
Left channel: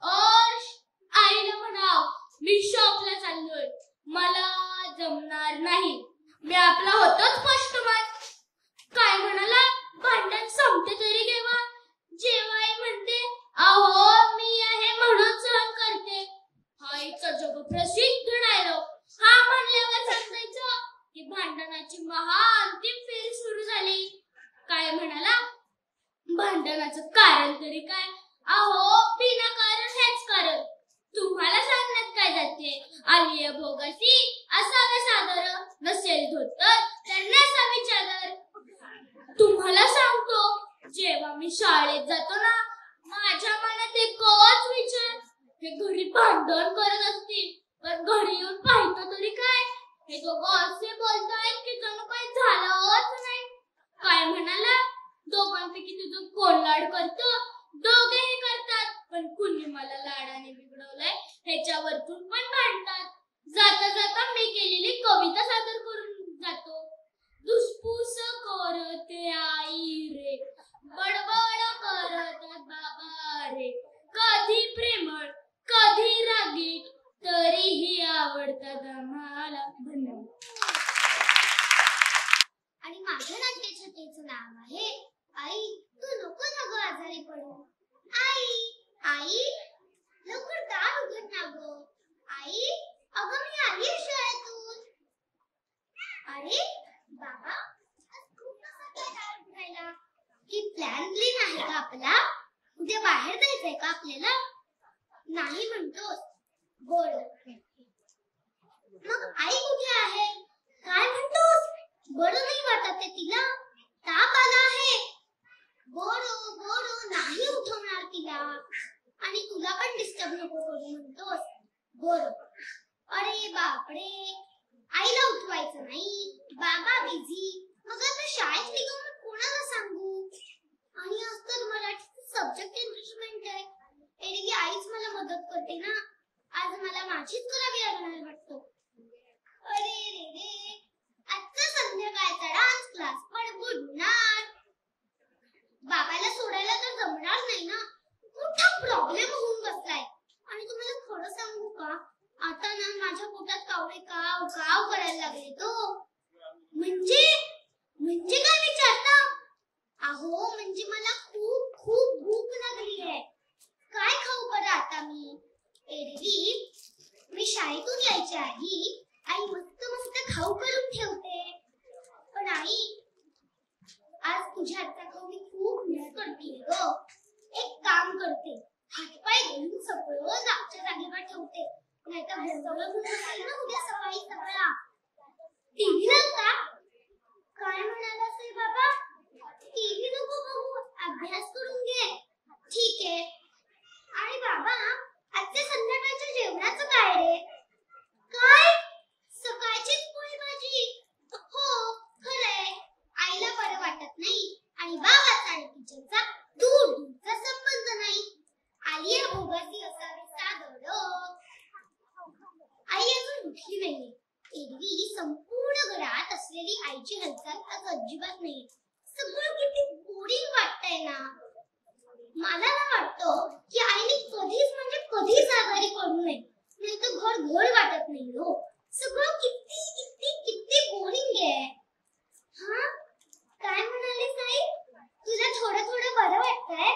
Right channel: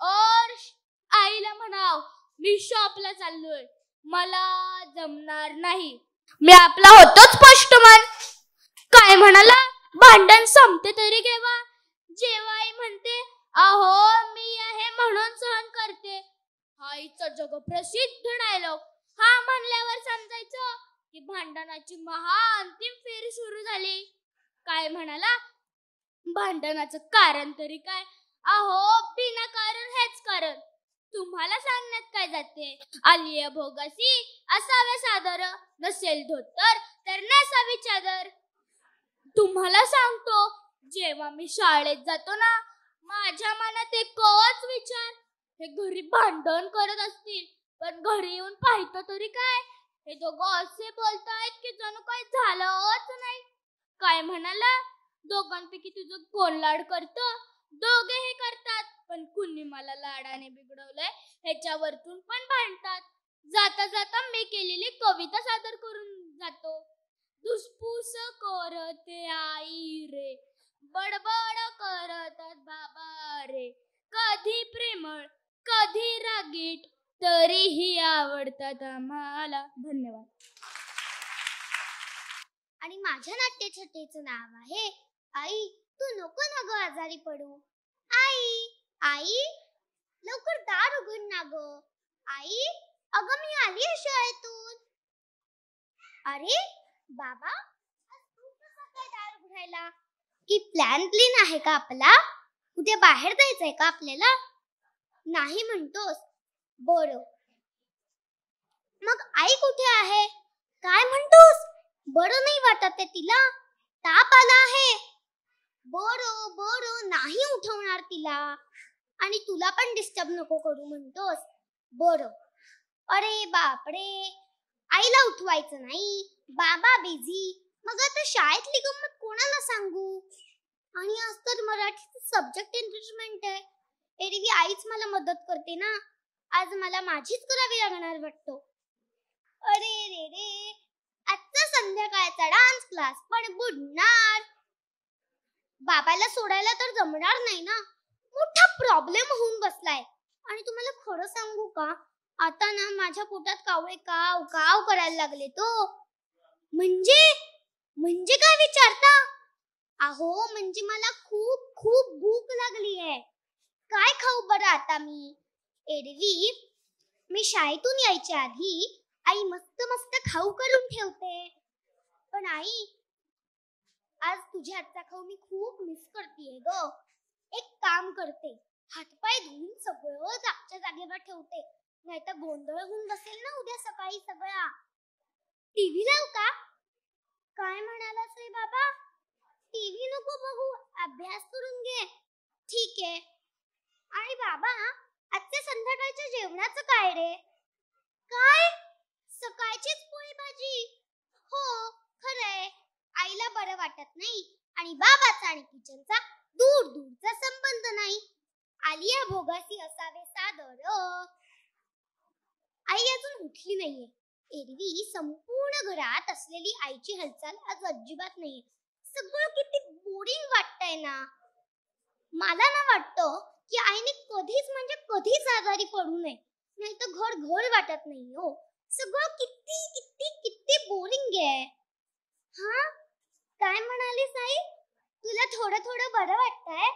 और आईला म्हणाव मी शॉपला चाललोय, मला जमणार नाही, मी आपला होतोच पोस्टमन. काय म्हणाला, भांडण संपते तरी केव्हा, जेव्हा आई म्हणते अहो मी आहे म्हणून सहन करते. आईचा जगप्रसिद्ध डायलॉग. हा म्हणल्यावर समजायचं की भांडणाची महाअंतिम फेरी सुरू झाली. काय म्हणाला, भांडणाचं कारण तरी काय, अहो बिना कारण हेच कारण. तुम्हाला सांगण्यात काय जाते, आलिया भोगासी असावे सादर, नसेल धोतर तर नसावी चादर. तुम्हाला सांगतो, जेव्हा मी शाळेत जातो ना, माझ्या मनात एकच विचार, हे घरी भांडण करत असतील पण घरी येऊन पाहिलं तरी काय, हे दोघं असे बोलतायत की जणू काही झालंच नाही. काय म्हणाला, दोघांपैकी तुझं कोण लाड करतं, दोघेही करतात, पण कुणी मला लाडाने बिघडवलंय ह्याच्यावरतून पण भांडतात. जाता जाता मी केलेली कविता सादर करून जातो. धुसफूस करते आई रे, बडबड करतात बाबा रे, कधी प्रेमळ कधी रागीट, तरीही आवडतात आम्हाला. धन्यवाद. आणि माझ्या नाट्यछटेचं नाव आहे आई तू नको ना गं आजारी पडू. आई आई लवकर दार उघड ना गं. आई अगं मी आली आहे शाळेतून. अरे बाबा खूप दार उघडायला. की प्लॅन आहे का आपला, उद्या बाहेर जायचंय का आपल्याला. नाही म्हणतोस, बरं मग आई कुठे आहे, काय म्हणतोस. बरं नाही वाटत आहे तिला, ताप आला आहे. बरं नाही उठवणार तिला, आणि तुला पण डिस्टर्ब नको करू म्हणतोस. बरं. अरे बापरे, आईला उठवायचं नाही, बाबा बिझी. मग आता शाळेतली गंमत कोणाला सांगू. आणि आज तर मराठीचं सब्जेक्ट एनरिचमेंट आहे. एरवी आईच मला मदत करते ना, आज मला माझीच करावी लागणार वाटतं. अरे रे रे, आजचा संध्याकाळचा डान्स क्लास पण बुडणार. बाबाला सोडायला तर जमणार नाही ना, मोठा प्रॉब्लेम होऊन बसलाय. आणि तुम्हाला खरं सांगू का, आता ना माझ्या पोटात कावळे काव काव करायला लागले तो. म्हणजे काय विचारता. अहो म्हणजे मला खूप खूप भूक लागली आहे. काय खाऊ बरं आता मी. एरवी मी शाळेतून यायच्या आधी आई मस्त मस्त खाऊ करून ठेवते. पण आई, आज तुझ्या हातचा खाऊ मी खूप मिस करते ग. एक काम करते, हातपाय धुवून सगळं जागच्या जागेवर ठेवते. नाहीतर भरभरून बसेल ना उद्या सकाळी सगळा. टीव्ही का? काय म्हणाला साई बाबा? टीव्ही नको बघू, अभ्यास करून घे. ठीक आहे. आणि बाबा, आजच्या संध्याकाळच्या जेवणाचं काय रे? काय? सकाळचीच पोळी भाजी? हो, खरंय. आईला बरं वाटत नाही आणि बाबाचा आणि किचनचा दूरचा संबंध नाही. आलिया भोगासी असावे सादर. आई अजून उठली नाहीये. एरवी संपूर्ण घरात असलेली आईची हालचाल आज अजिबात नाहीये. सगळं किती बोरिंग वाटतंय ना. मला ना वाटतं की आईने कधीच म्हणजे कधीच आजारी पडू नये, नाही तर घर घर वाटत नाही हो. सगळं किती किती किती बोरिंग आहे. हा, काय म्हणाली साई? तुला थोडं थोडं बरं वाटतंय?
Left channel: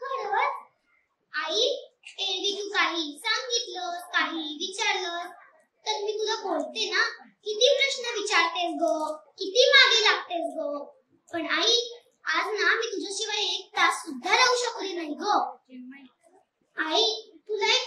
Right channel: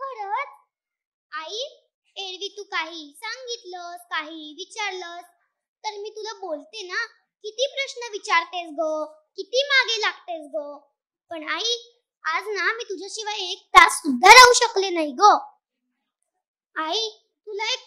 खरंच? आई, एरवी तू काही सांगितलंस, काही विचारलंस तर मी तुला बोलते ना, किती प्रश्न विचारतेस गो, किती मागे लागतेस गो. पण आई, आज ना मी तुझ्याशिवाय एक तास सुद्धा राहू शकले नाही गो. आई, तुला एक